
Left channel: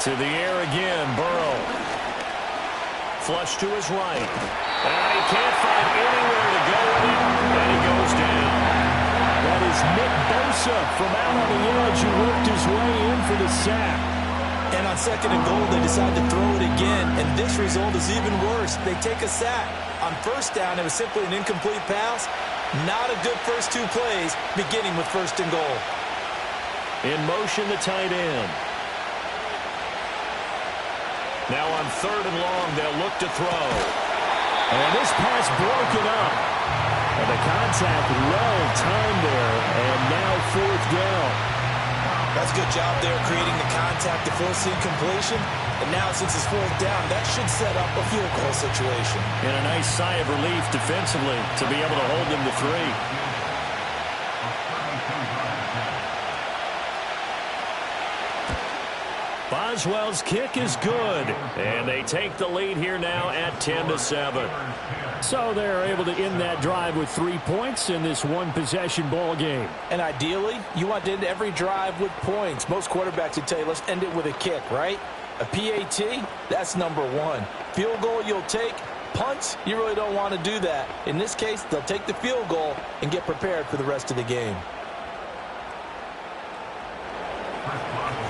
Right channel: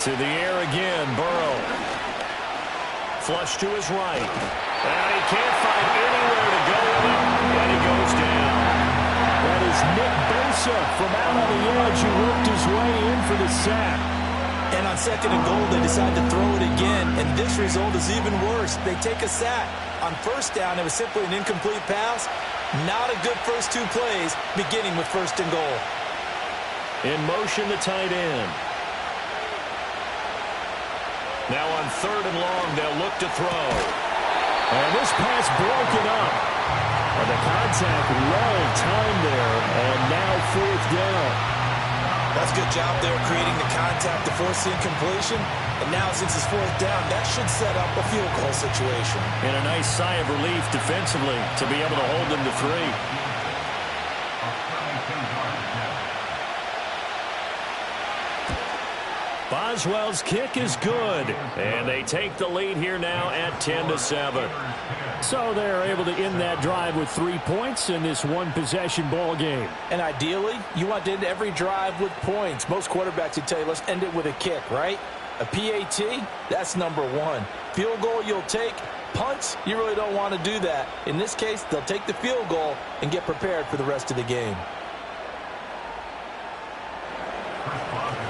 To the air again, Burrow. Flush to his right. And he can't find anywhere to go with it, and he goes down. That is Nick Bosa from out on the edge who worked his way in for the sack. And on 2nd and goal, they decide to throw it again, and this result is even worse. They take a sack. On 1st down, it was simply an incomplete pass. Not a good first 2 plays, beginning with 1st and goal. In motion, the tight end. Now on 3rd and long, they'll look to throw. And this pass broken up. And the contact well-timed there, and now 4th down. That's a good job there creating the contact to force the incompletion. And now since it's 4th down, that should set up a field goal situation. And a nice sigh of relief defensively to be able to hold them to 3. Boswell's kick is good, and they take the lead here now at 10-7. So they're able to end that drive with 3 points in this one-possession ball game. And ideally, you want to end every drive with points. Most quarterbacks would tell you, let's end it with a kick, right? A PAT, that's number 1. Field goal you'll take. Punts, you really don't want to do that. In this case, they'll take the field goal and get prepared for the rest of the game.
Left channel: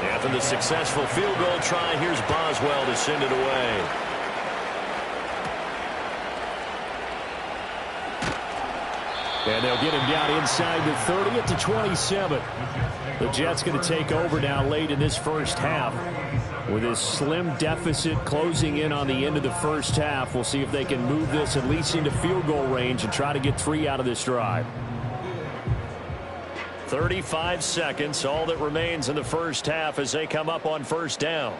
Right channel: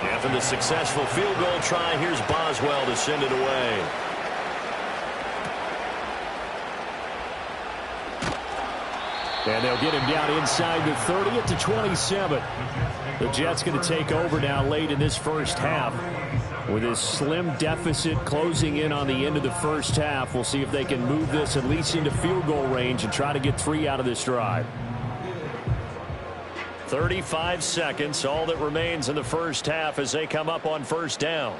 After the successful field goal try, here's Boswell to send it away. And they'll get him down inside the 30 at the 27. The Jets going to take over now late in this first half. With this slim deficit closing in on the end of the first half, we'll see if they can move this at least into field goal range and try to get 3 out of this drive. 35 seconds, all that remains in the first half as they come up on 1st down.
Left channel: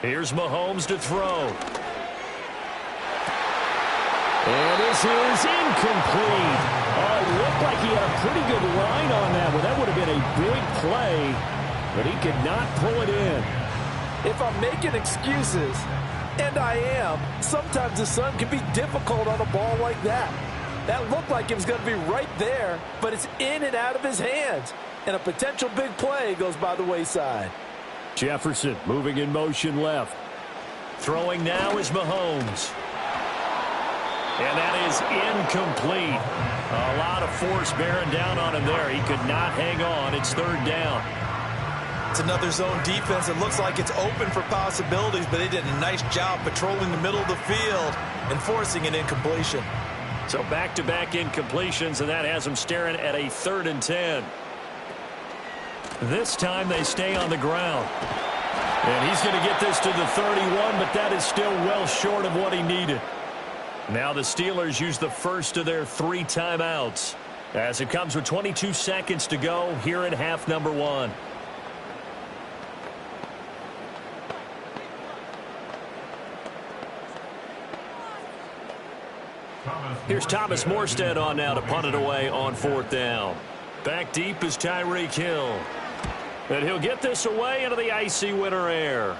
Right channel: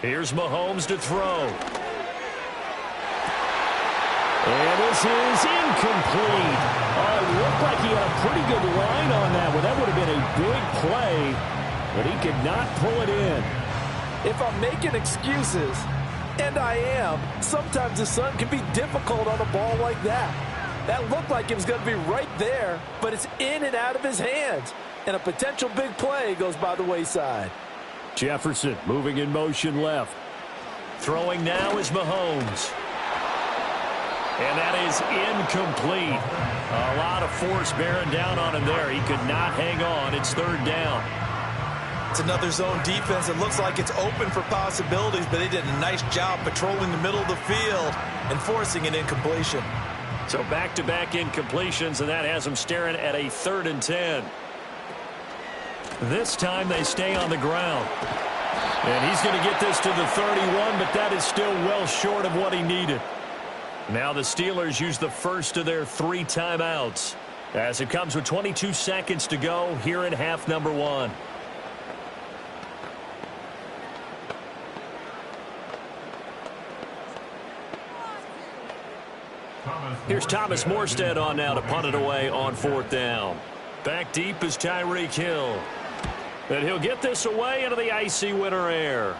Here's Mahomes to throw. And this is incomplete. It looked like he had a pretty good line on that one. That would have been a big play, but he could not pull it in. If I'm making excuses, and I am, sometimes the sun can be difficult on a ball like that. That looked like it was going to be right there, but it's in and out of his hands. And a potential big play goes by the wayside. Jefferson moving in motion left. Throwing now is Mahomes. And that is incomplete. A lot of force bearing down on him there. He could not hang on. It's 3rd down. It's another zone defense. It looks like it's open for possibilities, but they did a nice job patrolling the middle of the field and forcing an incompletion. So back-to-back incompletions, and that has them staring at a 3rd and 10. This time they stay on the ground. And he's going to get this to the 31, but that is still well short of what he needed. Now the Steelers use the first of their 3 timeouts as it comes with 22 seconds to go here in half number 1. Here's Thomas Morstead on now to punt it away on 4th down. Back deep is Tyreek Hill. And he'll get this away into the icy winter air.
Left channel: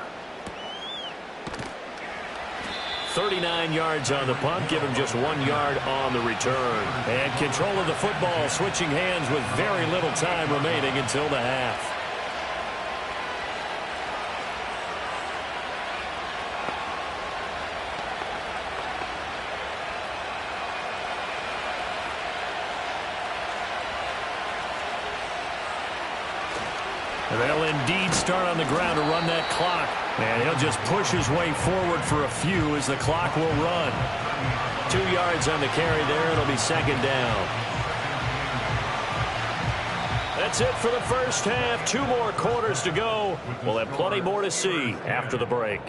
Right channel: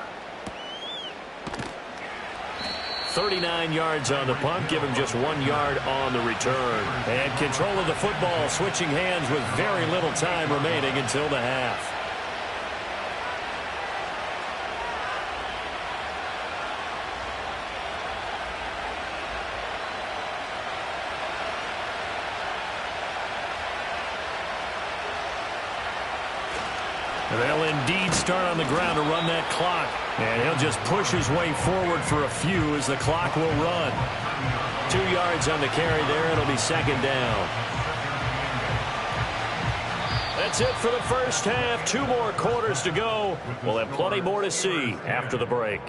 39 yards on the punt, give him just 1 yard on the return. And control of the football, switching hands with very little time remaining until the half. They'll indeed start on the ground to run that clock. And he'll just push his way forward for a few as the clock will run. 2 yards on the carry there. It'll be second down. That's it for the first half. 2 more quarters to go. We'll have plenty more to see after the break.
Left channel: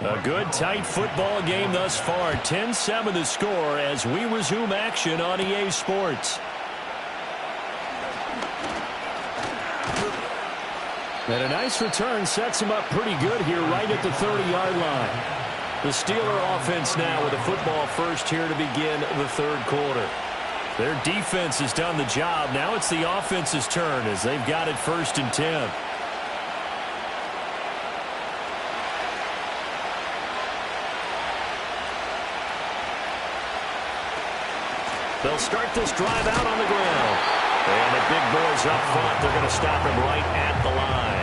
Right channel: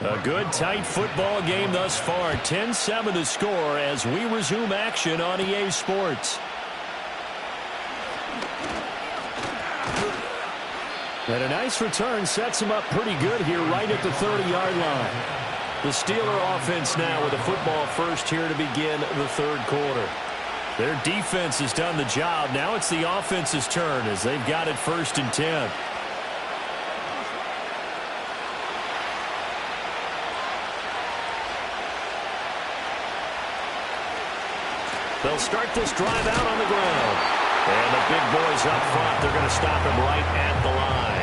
A good, tight football game thus far. 10-7 the score as we resume action on EA Sports. And a nice return sets him up pretty good here right at the 30-yard line. The Steeler offense now with a football first here to begin the third quarter. Their defense has done the job. Now it's the offense's turn as they've got it 1st and 10. They'll start this drive out on the ground. And the big boys up front, they're going to stop him right at the line.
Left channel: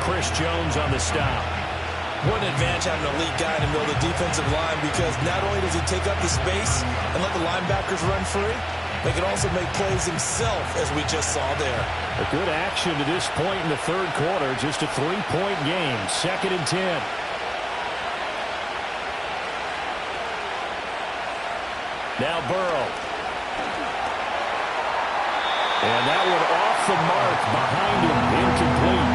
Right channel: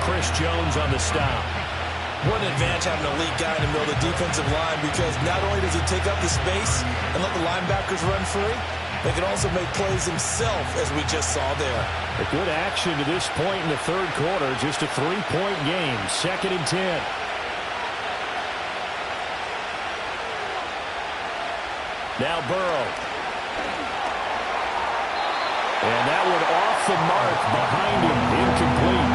Chris Jones on the stop. What an advantage having an elite guy in the middle of the defensive line, because not only does he take up the space and let the linebackers run free, but he can also make plays himself, as we just saw there. A good action to this point in the third quarter. Just a 3-point game. 2nd and 10. Now Burrow. And that one off the mark behind him, incomplete.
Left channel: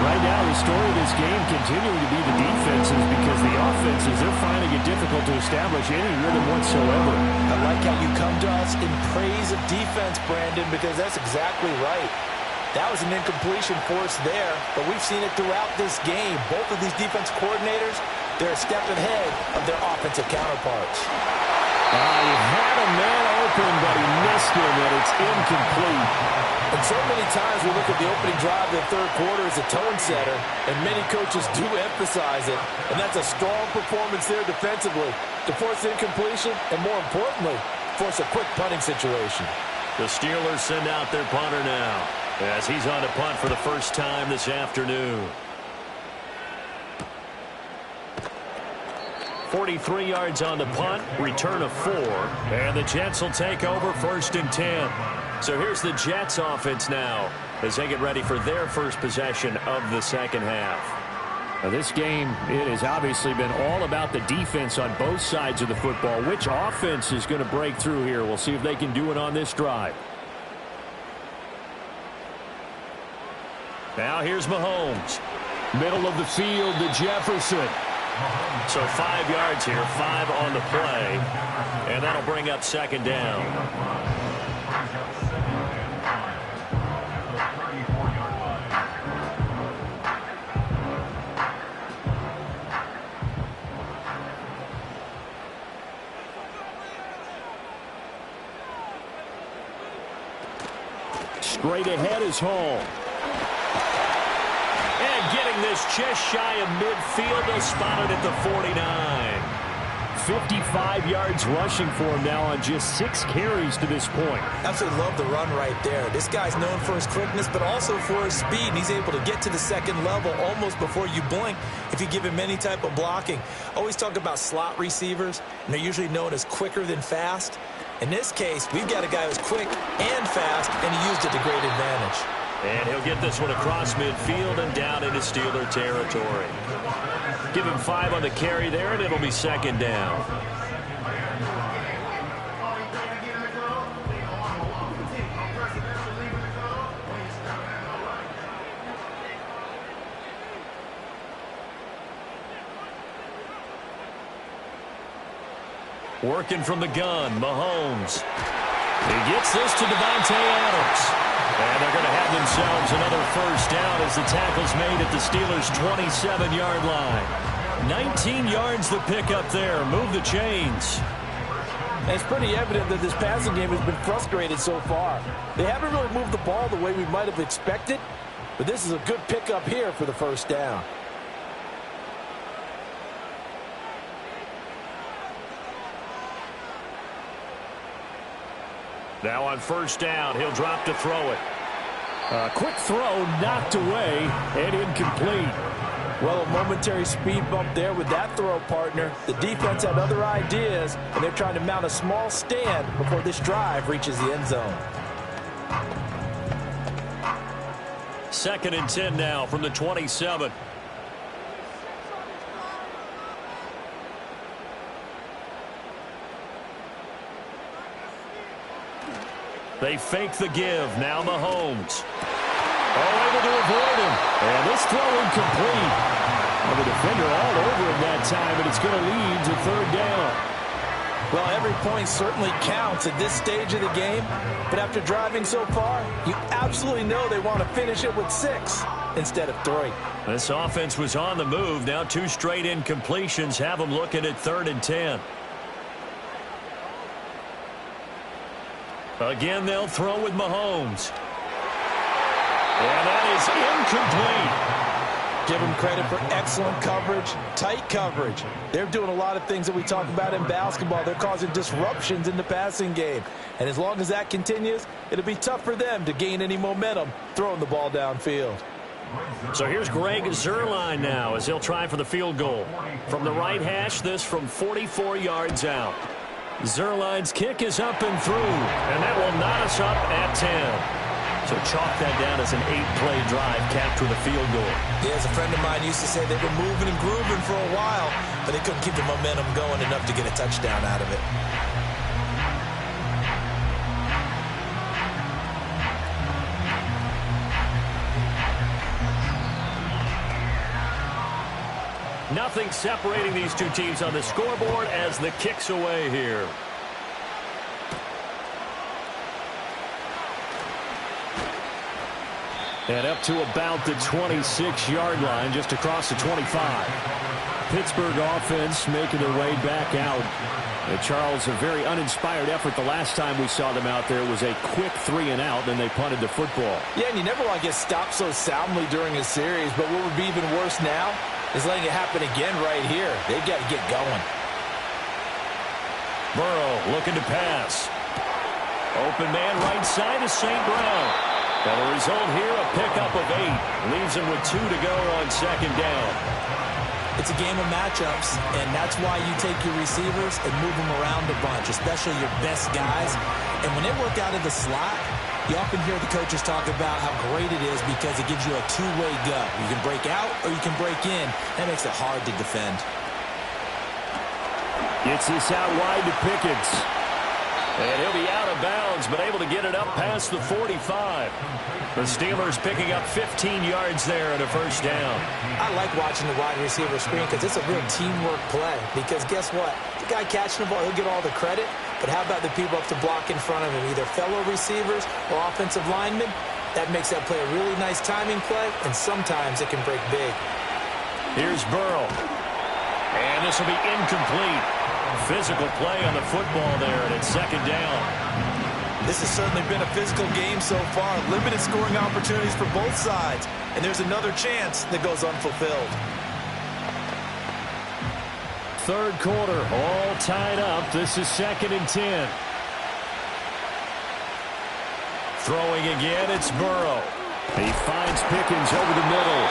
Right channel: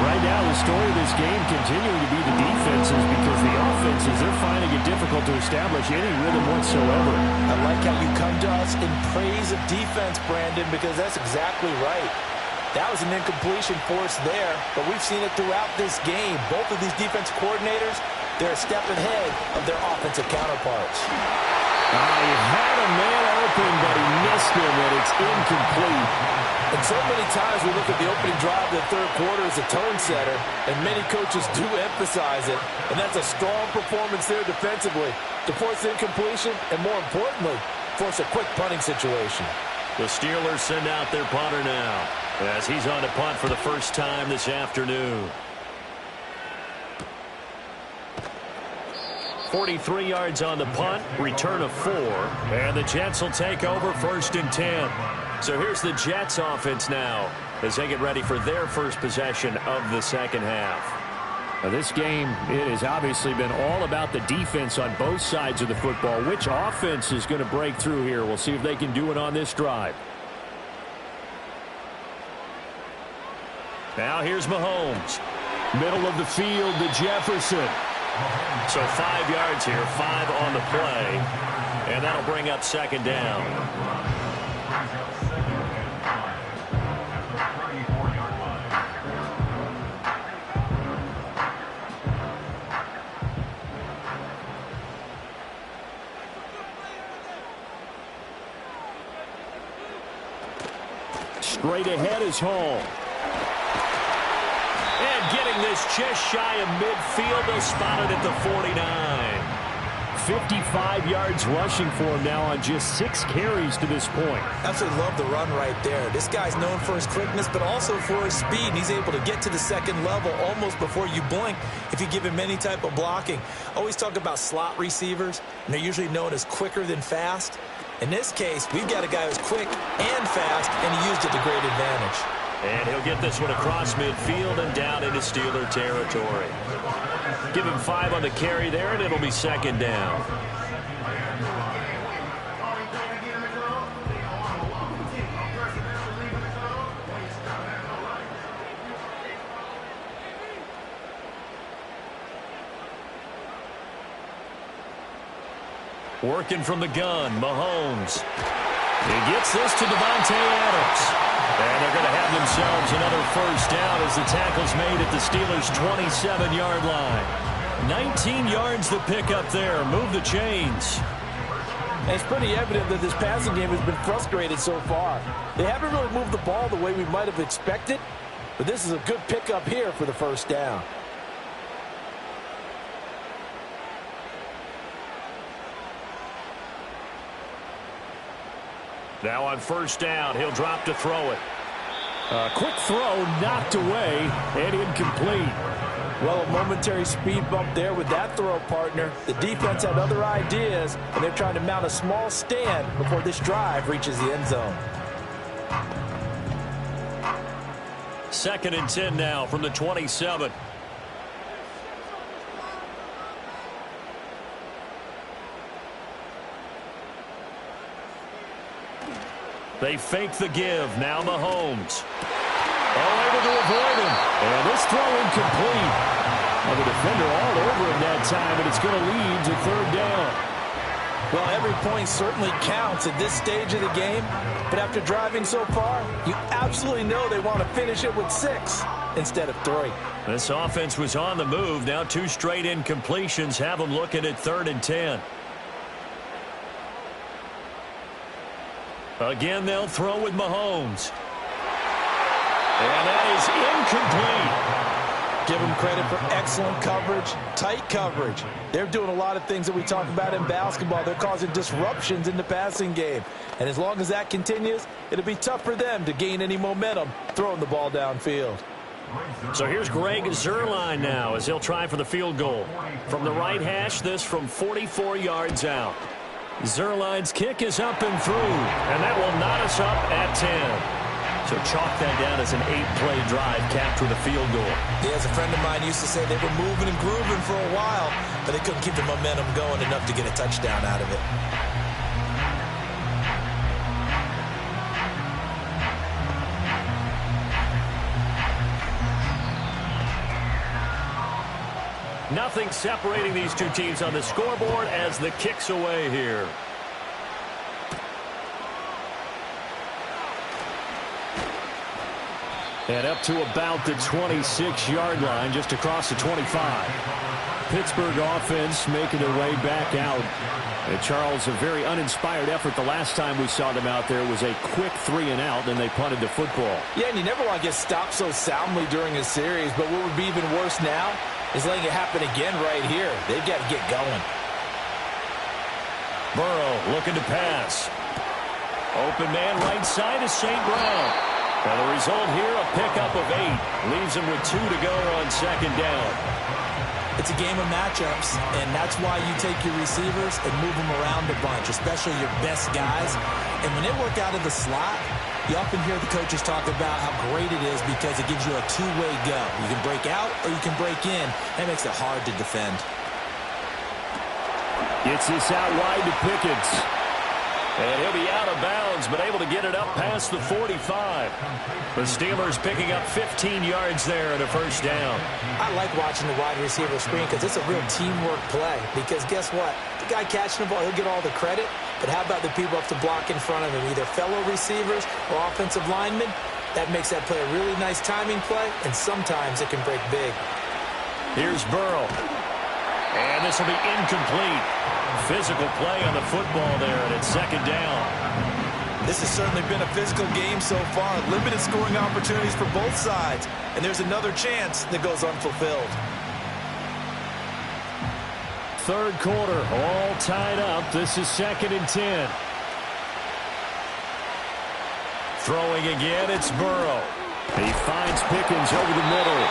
Right now, the story of this game continuing to be the defenses, because the offenses, they're finding it difficult to establish any rhythm whatsoever. I like how you come to us in praise of defense, Brandon, because that's exactly right. That was an incompletion force there, but we've seen it throughout this game. Both of these defense coordinators, they're a step ahead of their offensive counterparts. He had a man open, but he missed him, and it's incomplete. And so many times we look at the opening drive of the third quarter as a tone setter, and many coaches do emphasize it. And that's a strong performance there defensively to force incompletion and, more importantly, force a quick punting situation. The Steelers send out their punter now as he's on to punt for the first time this afternoon. 43 yards on the punt, return of 4, and the Jets will take over 1st and 10. So here's the Jets offense now as they get ready for their first possession of the second half. Now this game, it has obviously been all about the defense on both sides of the football. Which offense is going to break through here? We'll see if they can do it on this drive. Now here's Mahomes. Middle of the field to Jefferson. So 5 yards here, 5 on the play, and that'll bring up second down. Straight ahead is Hall. And getting this just shy of midfield, they'll spot it at the 49. 55 yards rushing for him now on just 6 carries to this point. Absolutely love the run right there. This guy's known for his quickness, but also for his speed. And he's able to get to the second level almost before you blink if you give him any type of blocking. Always talk about slot receivers, and they're usually known as quicker than fast. In this case, we've got a guy who's quick and fast, and he used it to great advantage. And he'll get this one across midfield and down into Steeler territory. Give him 5 on the carry there, and it'll be second down. Working from the gun, Mahomes. He gets this to Devontae Adams. And they're going to have themselves another first down as the tackle's made at the Steelers' 27-yard line. 19 yards to pick up there. Move the chains. And it's pretty evident that this passing game has been frustrated so far. They haven't really moved the ball the way we might have expected, but this is a good pickup here for the first down. Now on first down, he'll drop to throw it. Quick throw knocked away and incomplete. Well, a momentary speed bump there with that throw, partner. The defense had other ideas, and they're trying to mount a small stand before this drive reaches the end zone. 2nd and 10 now from the 27. They fake the give. Now Mahomes. Oh, able to avoid him. And this throw incomplete. Well, the defender all over him that time, and it's going to lead to 3rd down. Well, every point certainly counts at this stage of the game. But after driving so far, you absolutely know they want to finish it with 6 instead of 3. This offense was on the move. Now 2 straight incompletions have them looking at 3rd and 10. Again, they'll throw with Mahomes. And that is incomplete. Give them credit for excellent coverage, tight coverage. They're doing a lot of things that we talk about in basketball. They're causing disruptions in the passing game. And as long as that continues, it'll be tough for them to gain any momentum throwing the ball downfield. So here's Greg Zuerlein now as he'll try for the field goal. From the right hash, this from 44 yards out. Zuerlein's kick is up and through, and that will knot us up at 10. So chalk that down as an 8-play drive capped with a field goal. Yeah, as a friend of mine used to say, they were moving and grooving for a while, but they couldn't keep the momentum going enough to get a touchdown out of it. Nothing separating these two teams on the scoreboard as the kick's away here. And up to about the 26-yard line, just across the 25. Pittsburgh offense making their way back out. And Charles, a very uninspired effort the last time we saw them out there. It was a quick 3-and-out, and they punted the football. Yeah, and you never want to get stopped so soundly during a series, but what would be even worse now is letting it happen again right here. They've got to get going. Burrow looking to pass. Open man right side is St. Brown. Now the result here, a pickup of 8. Leaves him with 2 to go on 2nd down. It's a game of matchups, and that's why you take your receivers and move them around a bunch, especially your best guys. And when they work out of the slot, you often hear the coaches talk about how great it is because it gives you a two-way go. You can break out or you can break in. That makes it hard to defend. Gets this out wide to Pickens. And he'll be out of bounds, but able to get it up past the 45. The Steelers picking up 15 yards there and a 1st down. I like watching the wide receiver screen because it's a real teamwork play. Because guess what? The guy catching the ball, he'll get all the credit. But how about the people up to block in front of him, either fellow receivers or offensive linemen? That makes that play a really nice timing play, and sometimes it can break big. Here's Burrow. And this will be incomplete. Physical play on the football there, and it's 2nd down. This has certainly been a physical game so far. Limited scoring opportunities for both sides. And there's another chance that goes unfulfilled. 3rd quarter, all tied up. This is 2nd and 10. Throwing again, it's Burrow. He finds Pickens over the middle.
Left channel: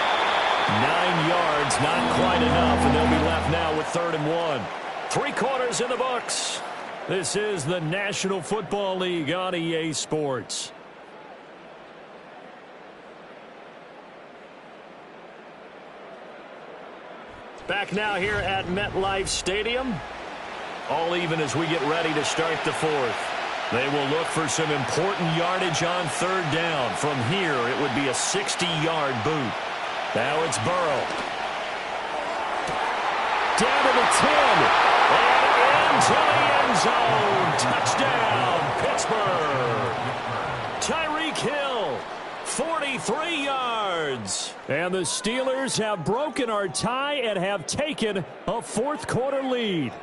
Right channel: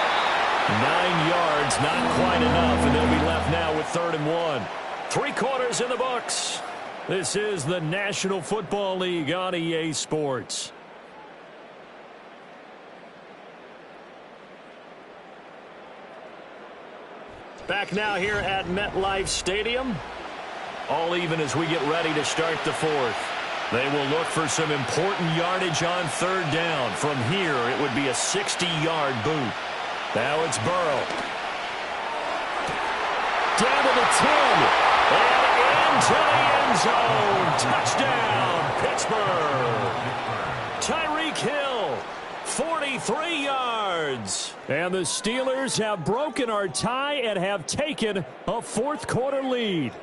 9 yards, not quite enough, and they'll be left now with 3rd and 1. 3 quarters in the books. This is the National Football League on EA Sports. Back now here at MetLife Stadium. All even as we get ready to start the 4th. They will look for some important yardage on 3rd down. From here, it would be a 60-yard boot. Now it's Burrow. Down to the 10. And into the end zone. Touchdown, Pittsburgh. Tyreek Hill, 43 yards. And the Steelers have broken our tie and have taken a 4th quarter lead.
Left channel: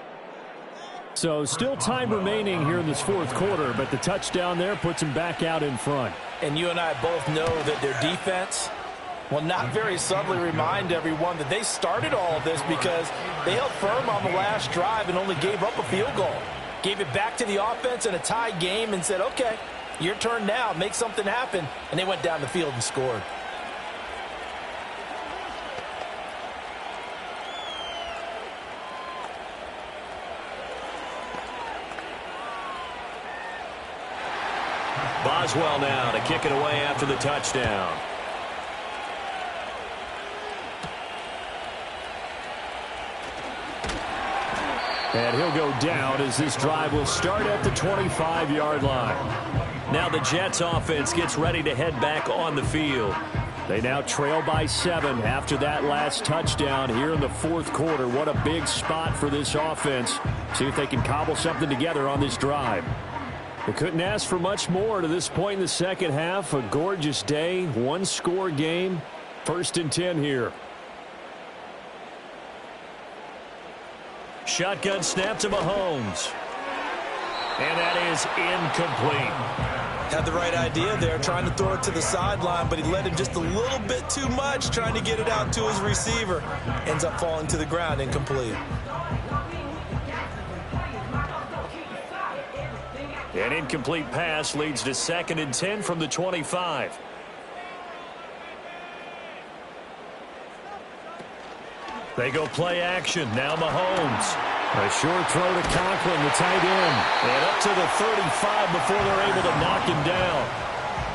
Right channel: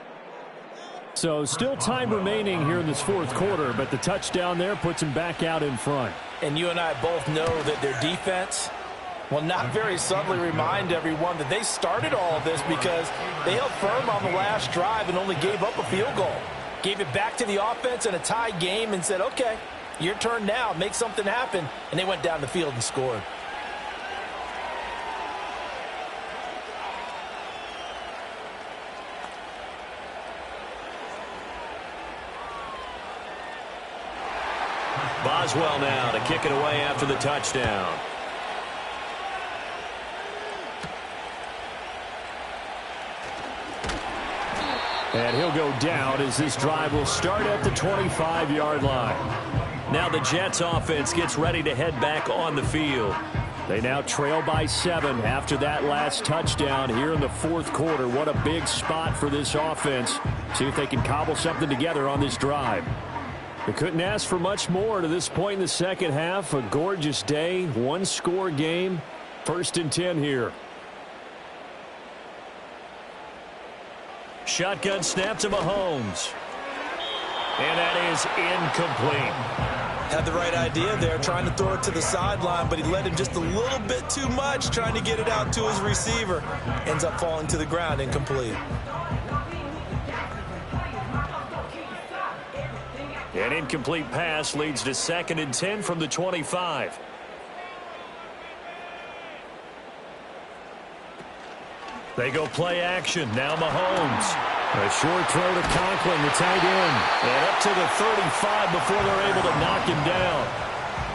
So still time remaining here in this 4th quarter, but the touchdown there puts them back out in front. And you and I both know that their defense will not very subtly remind everyone that they started all of this because they held firm on the last drive and only gave up a field goal. Gave it back to the offense in a tie game and said, okay, your turn now. Make something happen. And they went down the field and scored. Boswell now to kick it away after the touchdown. And he'll go down as this drive will start at the 25-yard line. Now the Jets offense gets ready to head back on the field. They now trail by 7 after that last touchdown here in the fourth quarter. What a big spot for this offense. See if they can cobble something together on this drive. They couldn't ask for much more to this point in the second half. A gorgeous day, one-score game. 1st and 10 here. Shotgun snap to Mahomes. And that is incomplete. Had the right idea there, trying to throw it to the sideline, but he let him just a little bit too much, trying to get it out to his receiver. Ends up falling to the ground, incomplete. An incomplete pass leads to 2nd and 10 from the 25. They go play action. Now Mahomes. A short throw to Conklin, the tight end. And up to the 35 before they're able to knock him down.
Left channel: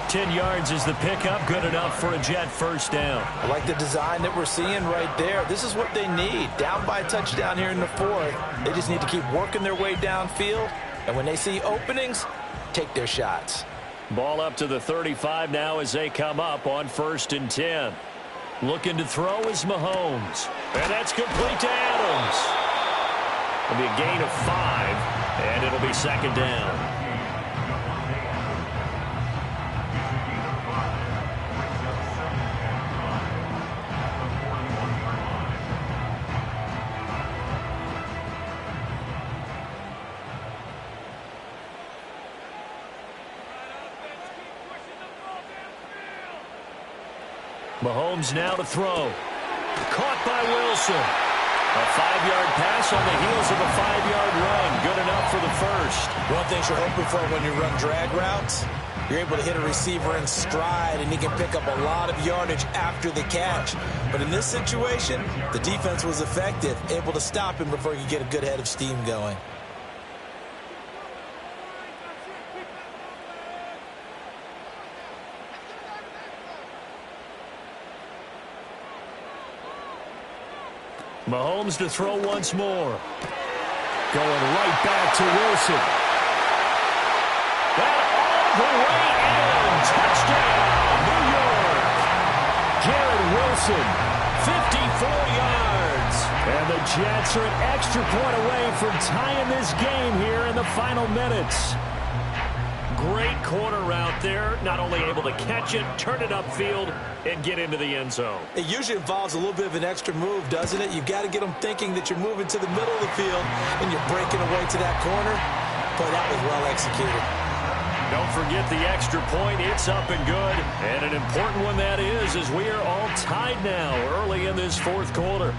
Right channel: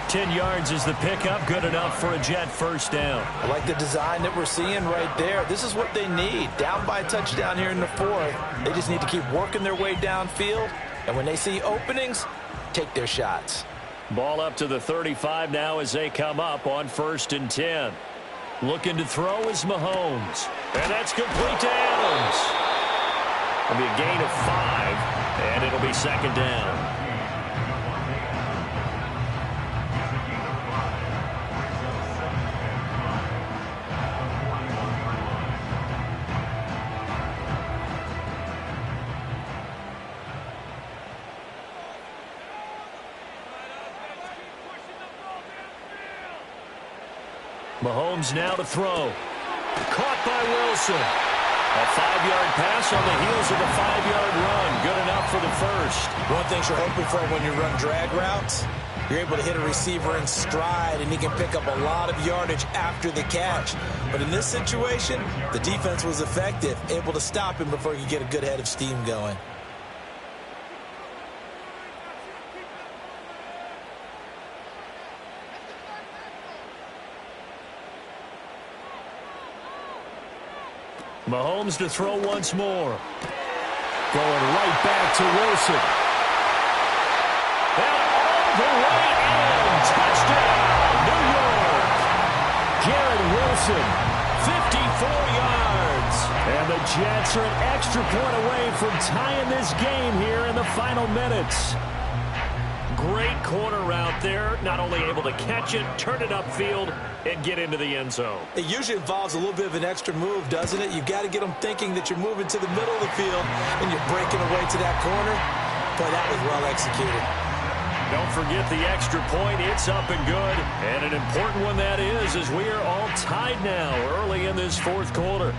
10 yards is the pickup. Good enough for a Jet first down. I like the design that we're seeing right there. This is what they need. Down by a touchdown here in the fourth. They just need to keep working their way downfield. And when they see openings, take their shots. Ball up to the 35 now as they come up on 1st and 10. Looking to throw is Mahomes. And that's complete to Adams. It'll be a gain of 5, and it'll be 2nd down. Mahomes now to throw. Caught by Wilson. A 5-yard pass on the heels of a 5-yard run. Good enough for the first. One thing you're hoping for when you run drag routes, you're able to hit a receiver in stride, and he can pick up a lot of yardage after the catch. But in this situation, the defense was effective, able to stop him before he could get a good head of steam going. Mahomes to throw once more. Going right back to Wilson. And all the way in. Touchdown, New York. Garrett Wilson, 54 yards. And the Jets are an extra point away from tying this game here in the final minutes. Great corner route there. Not only able to catch it, turn it upfield, and get into the end zone. It usually involves a little bit of an extra move, doesn't it? You've got to get them thinking that you're moving to the middle of the field and you're breaking away to that corner. Boy, that was well executed. Don't forget the extra point. It's up and good. And an important one that is, as we are all tied now early in this fourth quarter.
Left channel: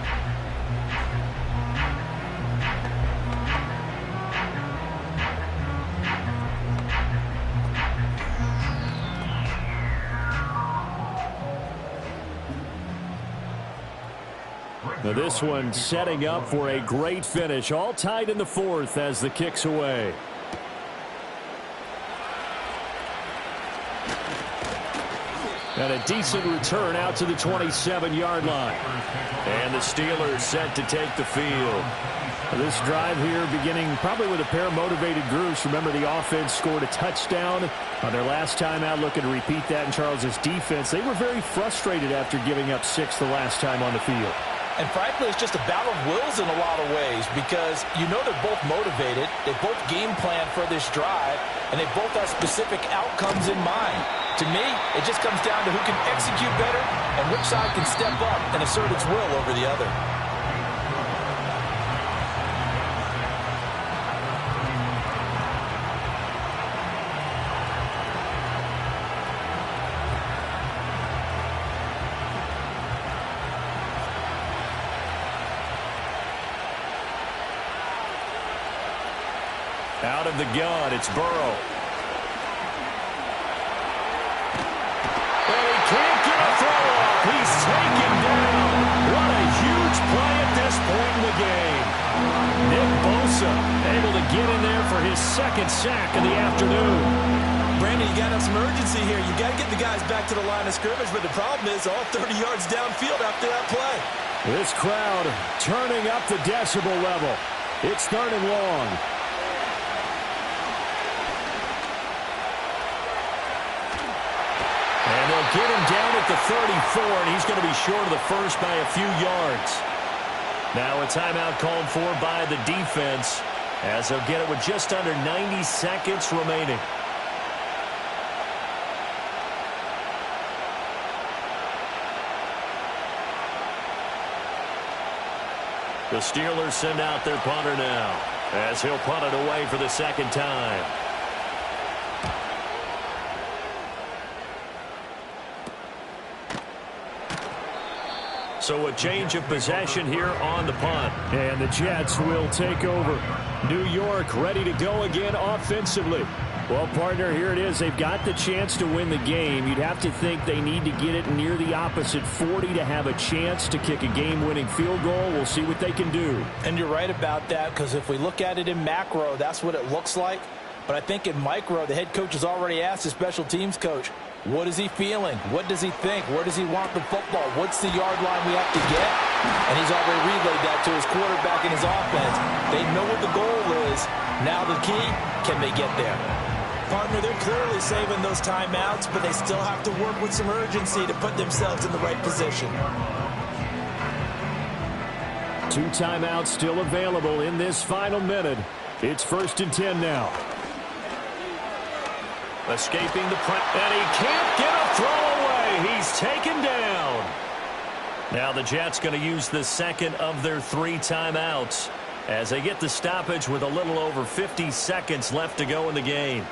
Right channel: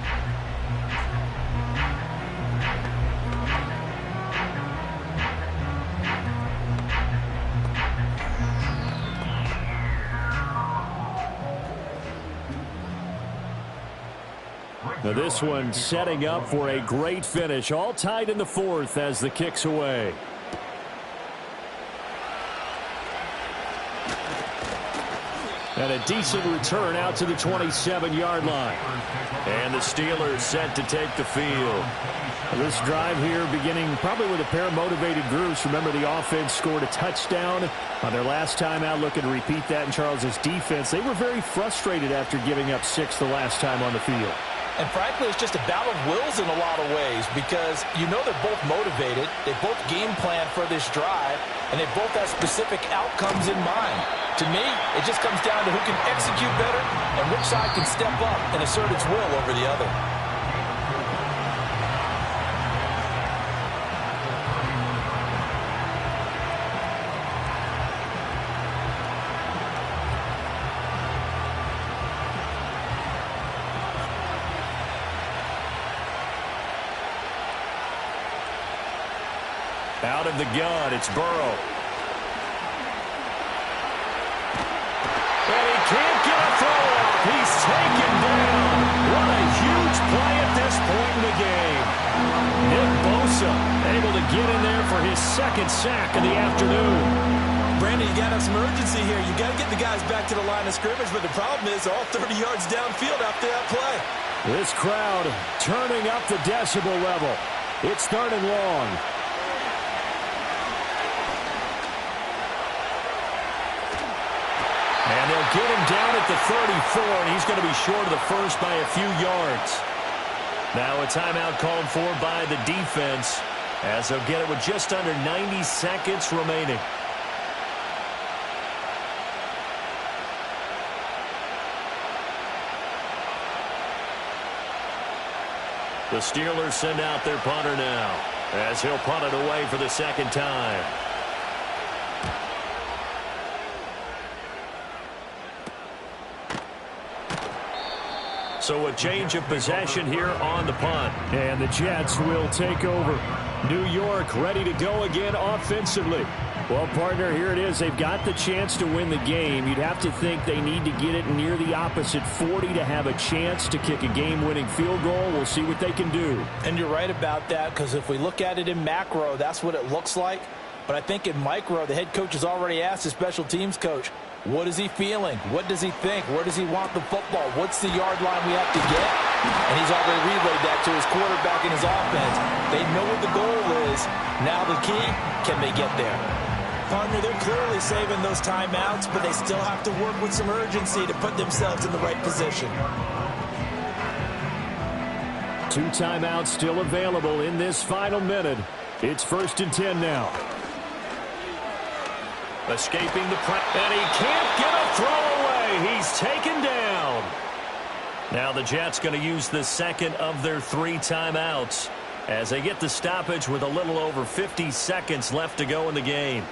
Now this one setting up for a great finish. All tied in the fourth as the kick's away. And a decent return out to the 27-yard line. And the Steelers set to take the field. This drive here beginning probably with a pair of motivated groups. Remember, the offense scored a touchdown on their last time out. Looking to repeat that in Charles's defense. They were very frustrated after giving up 6 the last time on the field. And frankly, it's just a battle of wills in a lot of ways because you know they're both motivated. They both game plan for this drive, and they both have specific outcomes in mind. To me, it just comes down to who can execute better and which side can step up and assert its will over the other. Out of the gun, it's Burrow. And he can't get a throw off. He's taken down. What a huge play at this point in the game. Nick Bosa able to get in there for his second sack of the afternoon. Brandon, you got to have some urgency here. You got to get the guys back to the line of scrimmage, but the problem is all 30 yards downfield after that play. This crowd turning up the decibel level. It's 3rd and long. And they'll get him down at the 34, and he's going to be short of the first by a few yards. Now a timeout called for by the defense, as they'll get it with just under 90 seconds remaining. The Steelers send out their punter now, as he'll punt it away for the second time. So a change of possession here on the punt. And the Jets will take over. New York ready to go again offensively. Well, partner, here it is. They've got the chance to win the game. You'd have to think they need to get it near the opposite 40 to have a chance to kick a game-winning field goal. We'll see what they can do. And you're right about that, because if we look at it in macro, that's what it looks like. But I think in micro, the head coach has already asked the special teams coach, what is he feeling? What does he think? Where does he want the football? What's the yard line we have to get? And he's already relayed that to his quarterback and his offense. They know what the goal is. Now the key, can they get there? Partner, they're clearly saving those timeouts, but they still have to work with some urgency to put themselves in the right position. 2 timeouts still available in this final minute. It's 1st and 10 now. Escaping the press, and he can't get a throw away. He's taken down. Now the Jets going to use the second of their 3 timeouts as they get the stoppage with a little over 50 seconds left to go in the game.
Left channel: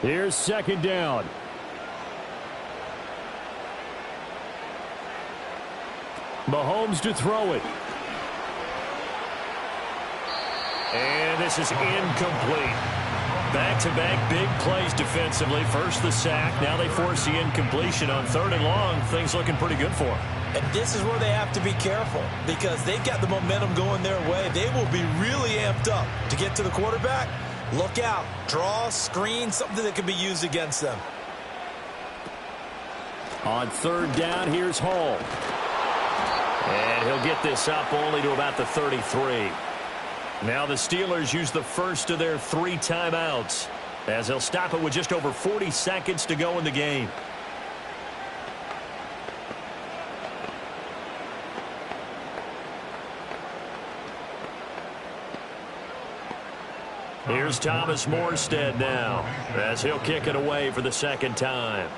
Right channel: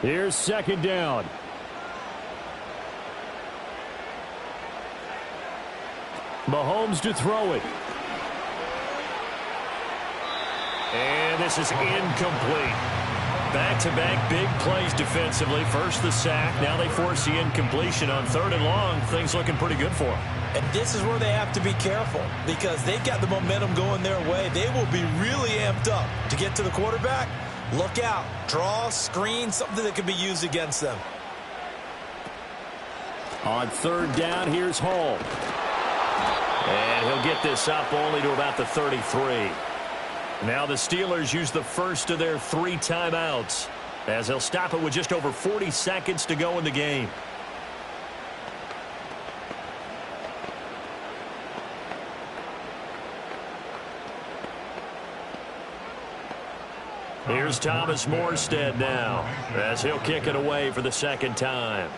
Here's 2nd down. Mahomes to throw it. And this is incomplete. Back-to-back big plays defensively. First the sack. Now they force the incompletion on 3rd and long. Things looking pretty good for them. And this is where they have to be careful, because they've got the momentum going their way. They will be really amped up to get to the quarterback. Look out. Draw, screen, something that can be used against them. On 3rd down, here's Hall. And he'll get this up only to about the 33. Now the Steelers use the first of their 3 timeouts, as they'll stop it with just over 40 seconds to go in the game. Here's Thomas Morstead now, as he'll kick it away for the 2nd time.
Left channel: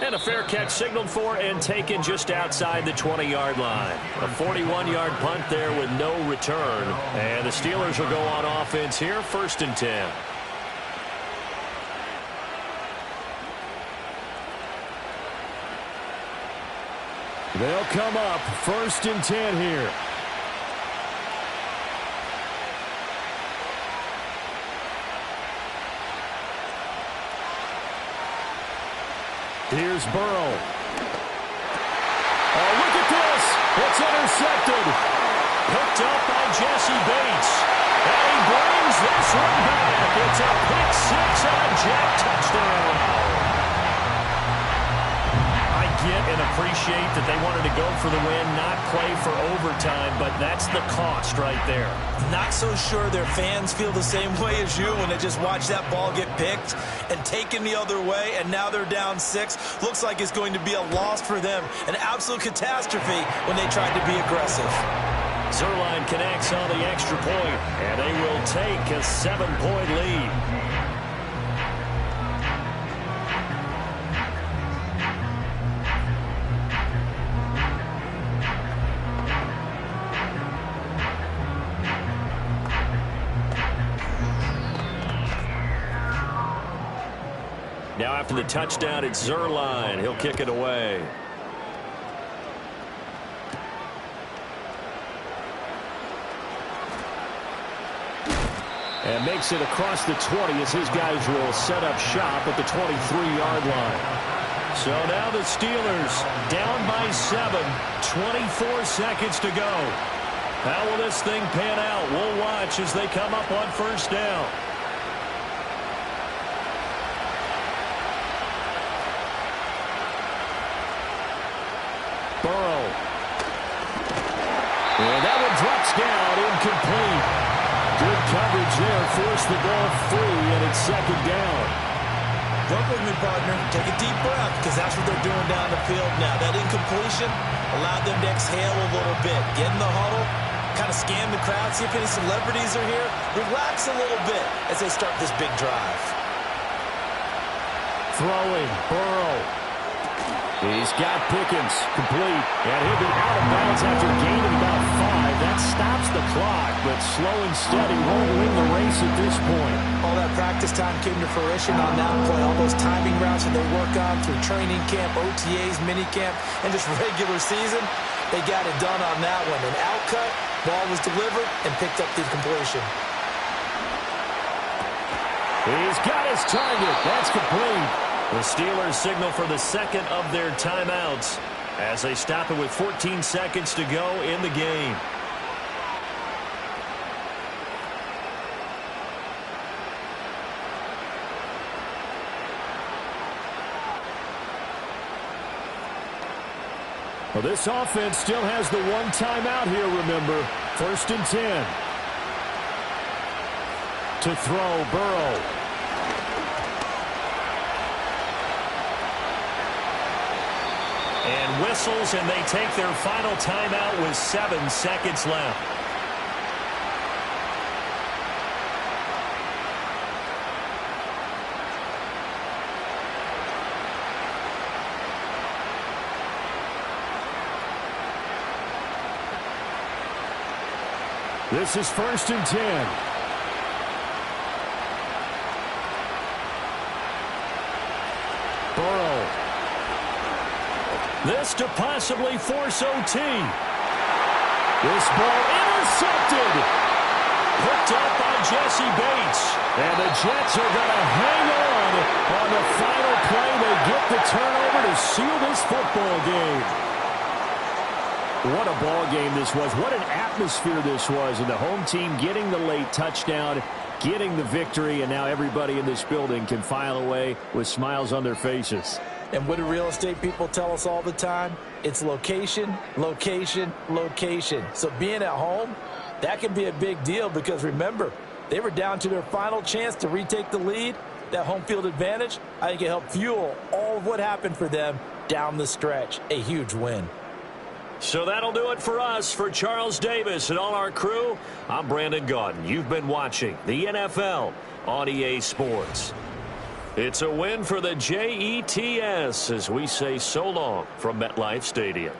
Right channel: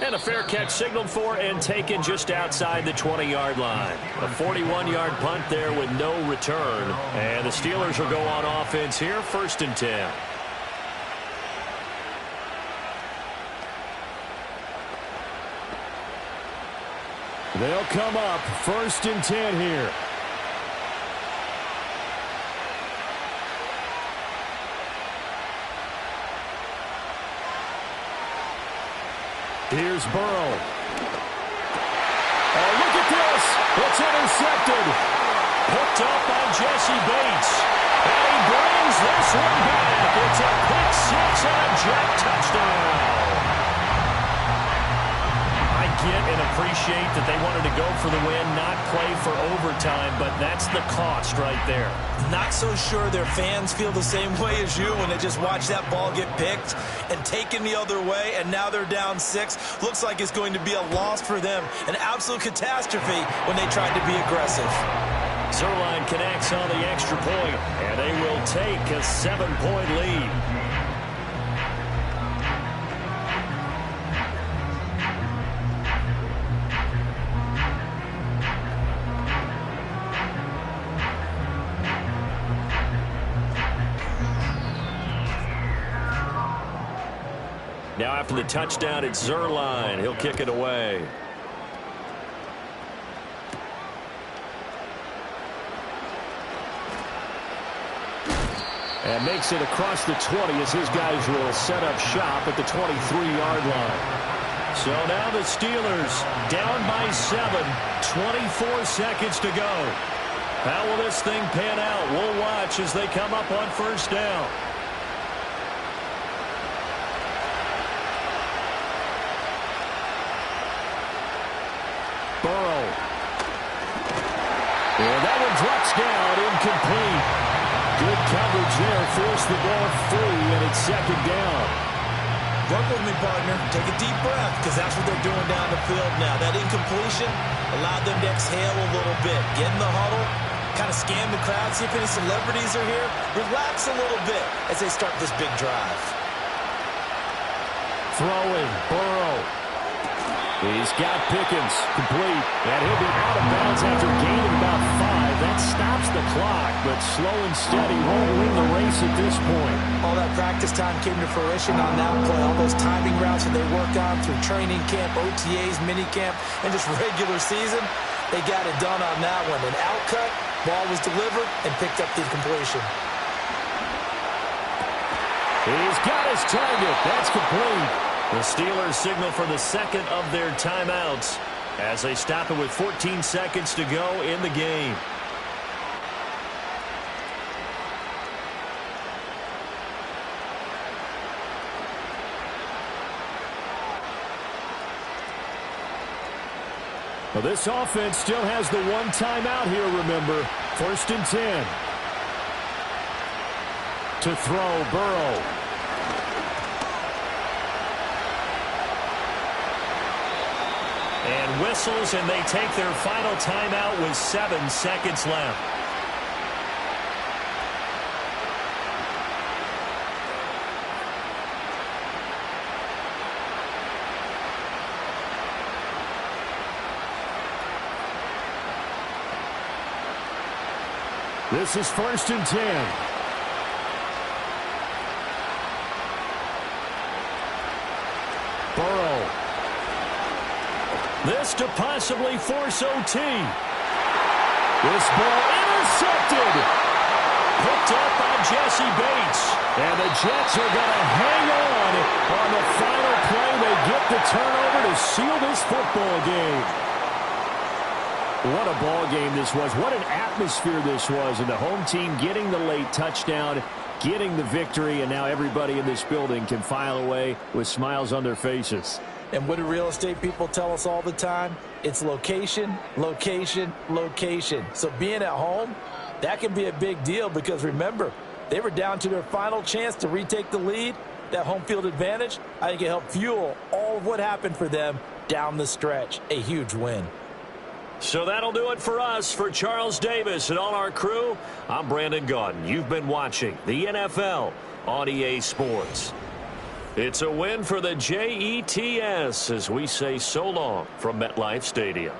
And a fair catch signaled for and taken just outside the 20-yard line. A 41-yard punt there with no return. And the Steelers will go on offense here, 1st and 10. They'll come up 1st and 10 here. Here's Burrow. Oh, look at this. It's intercepted. Picked up by Jesse Bates. And he brings this one back. It's a pick 6 and a jet touchdown. I get and appreciate that they wanted to go for the win, not play for overtime, but that's the cost right there. Not so sure their fans feel the same way as you when they just watch that ball get picked and taken the other way, and now they're down 6. Looks like it's going to be a loss for them, an absolute catastrophe when they tried to be aggressive. Zerline connects on the extra point, and they will take a 7-point lead. Now after the touchdown, it's Zerline. He'll kick it away. And makes it across the 20 as his guys will set up shop at the 23-yard line. So now the Steelers down by 7, 24 seconds to go. How will this thing pan out? We'll watch as they come up on first down. Burrow. And that one drops down, incomplete. Good coverage there, forced the ball free, and it's second down. Work with me, partner. Take a deep breath, because that's what they're doing down the field now. That incompletion allowed them to exhale a little bit. Get in the huddle, kind of scan the crowd, see if any celebrities are here. Relax a little bit as they start this big drive. Throwing, Burrow. He's got Pickens, complete, and he'll be out of bounds after gaining about 5. That stops the clock, but slow and steady won't win the race at this point. All that practice time came to fruition on that play. All those timing routes that they work on through training camp, OTAs, minicamp, and just regular season, they got it done on that one. An outcut, ball was delivered, and picked up the completion. He's got his target. That's complete. The Steelers signal for the second of their timeouts as they stop it with 14 seconds to go in the game. Well, this offense still has the one timeout here, remember. 1st and 10. To throw, Burrow. And whistles, and they take their final timeout with 7 seconds left. This is 1st and 10. Burrow. This to possibly force OT. This ball intercepted. Picked up by Jesse Bates. And the Jets are going to hang on the final play. They get the turnover to seal this football game. What a ball game this was. What an atmosphere this was. And the home team getting the late touchdown, getting the victory, and now everybody in this building can file away with smiles on their faces. And what do real estate people tell us all the time? It's location, location, location. So being at home, that can be a big deal because, remember, they were down to their final chance to retake the lead. That home field advantage, I think it helped fuel all of what happened for them down the stretch. A huge win. So that'll do it for us. For Charles Davis and all our crew, I'm Brandon Gaudin. You've been watching the NFL on EA Sports. It's a win for the Jets as we say so long from MetLife Stadium.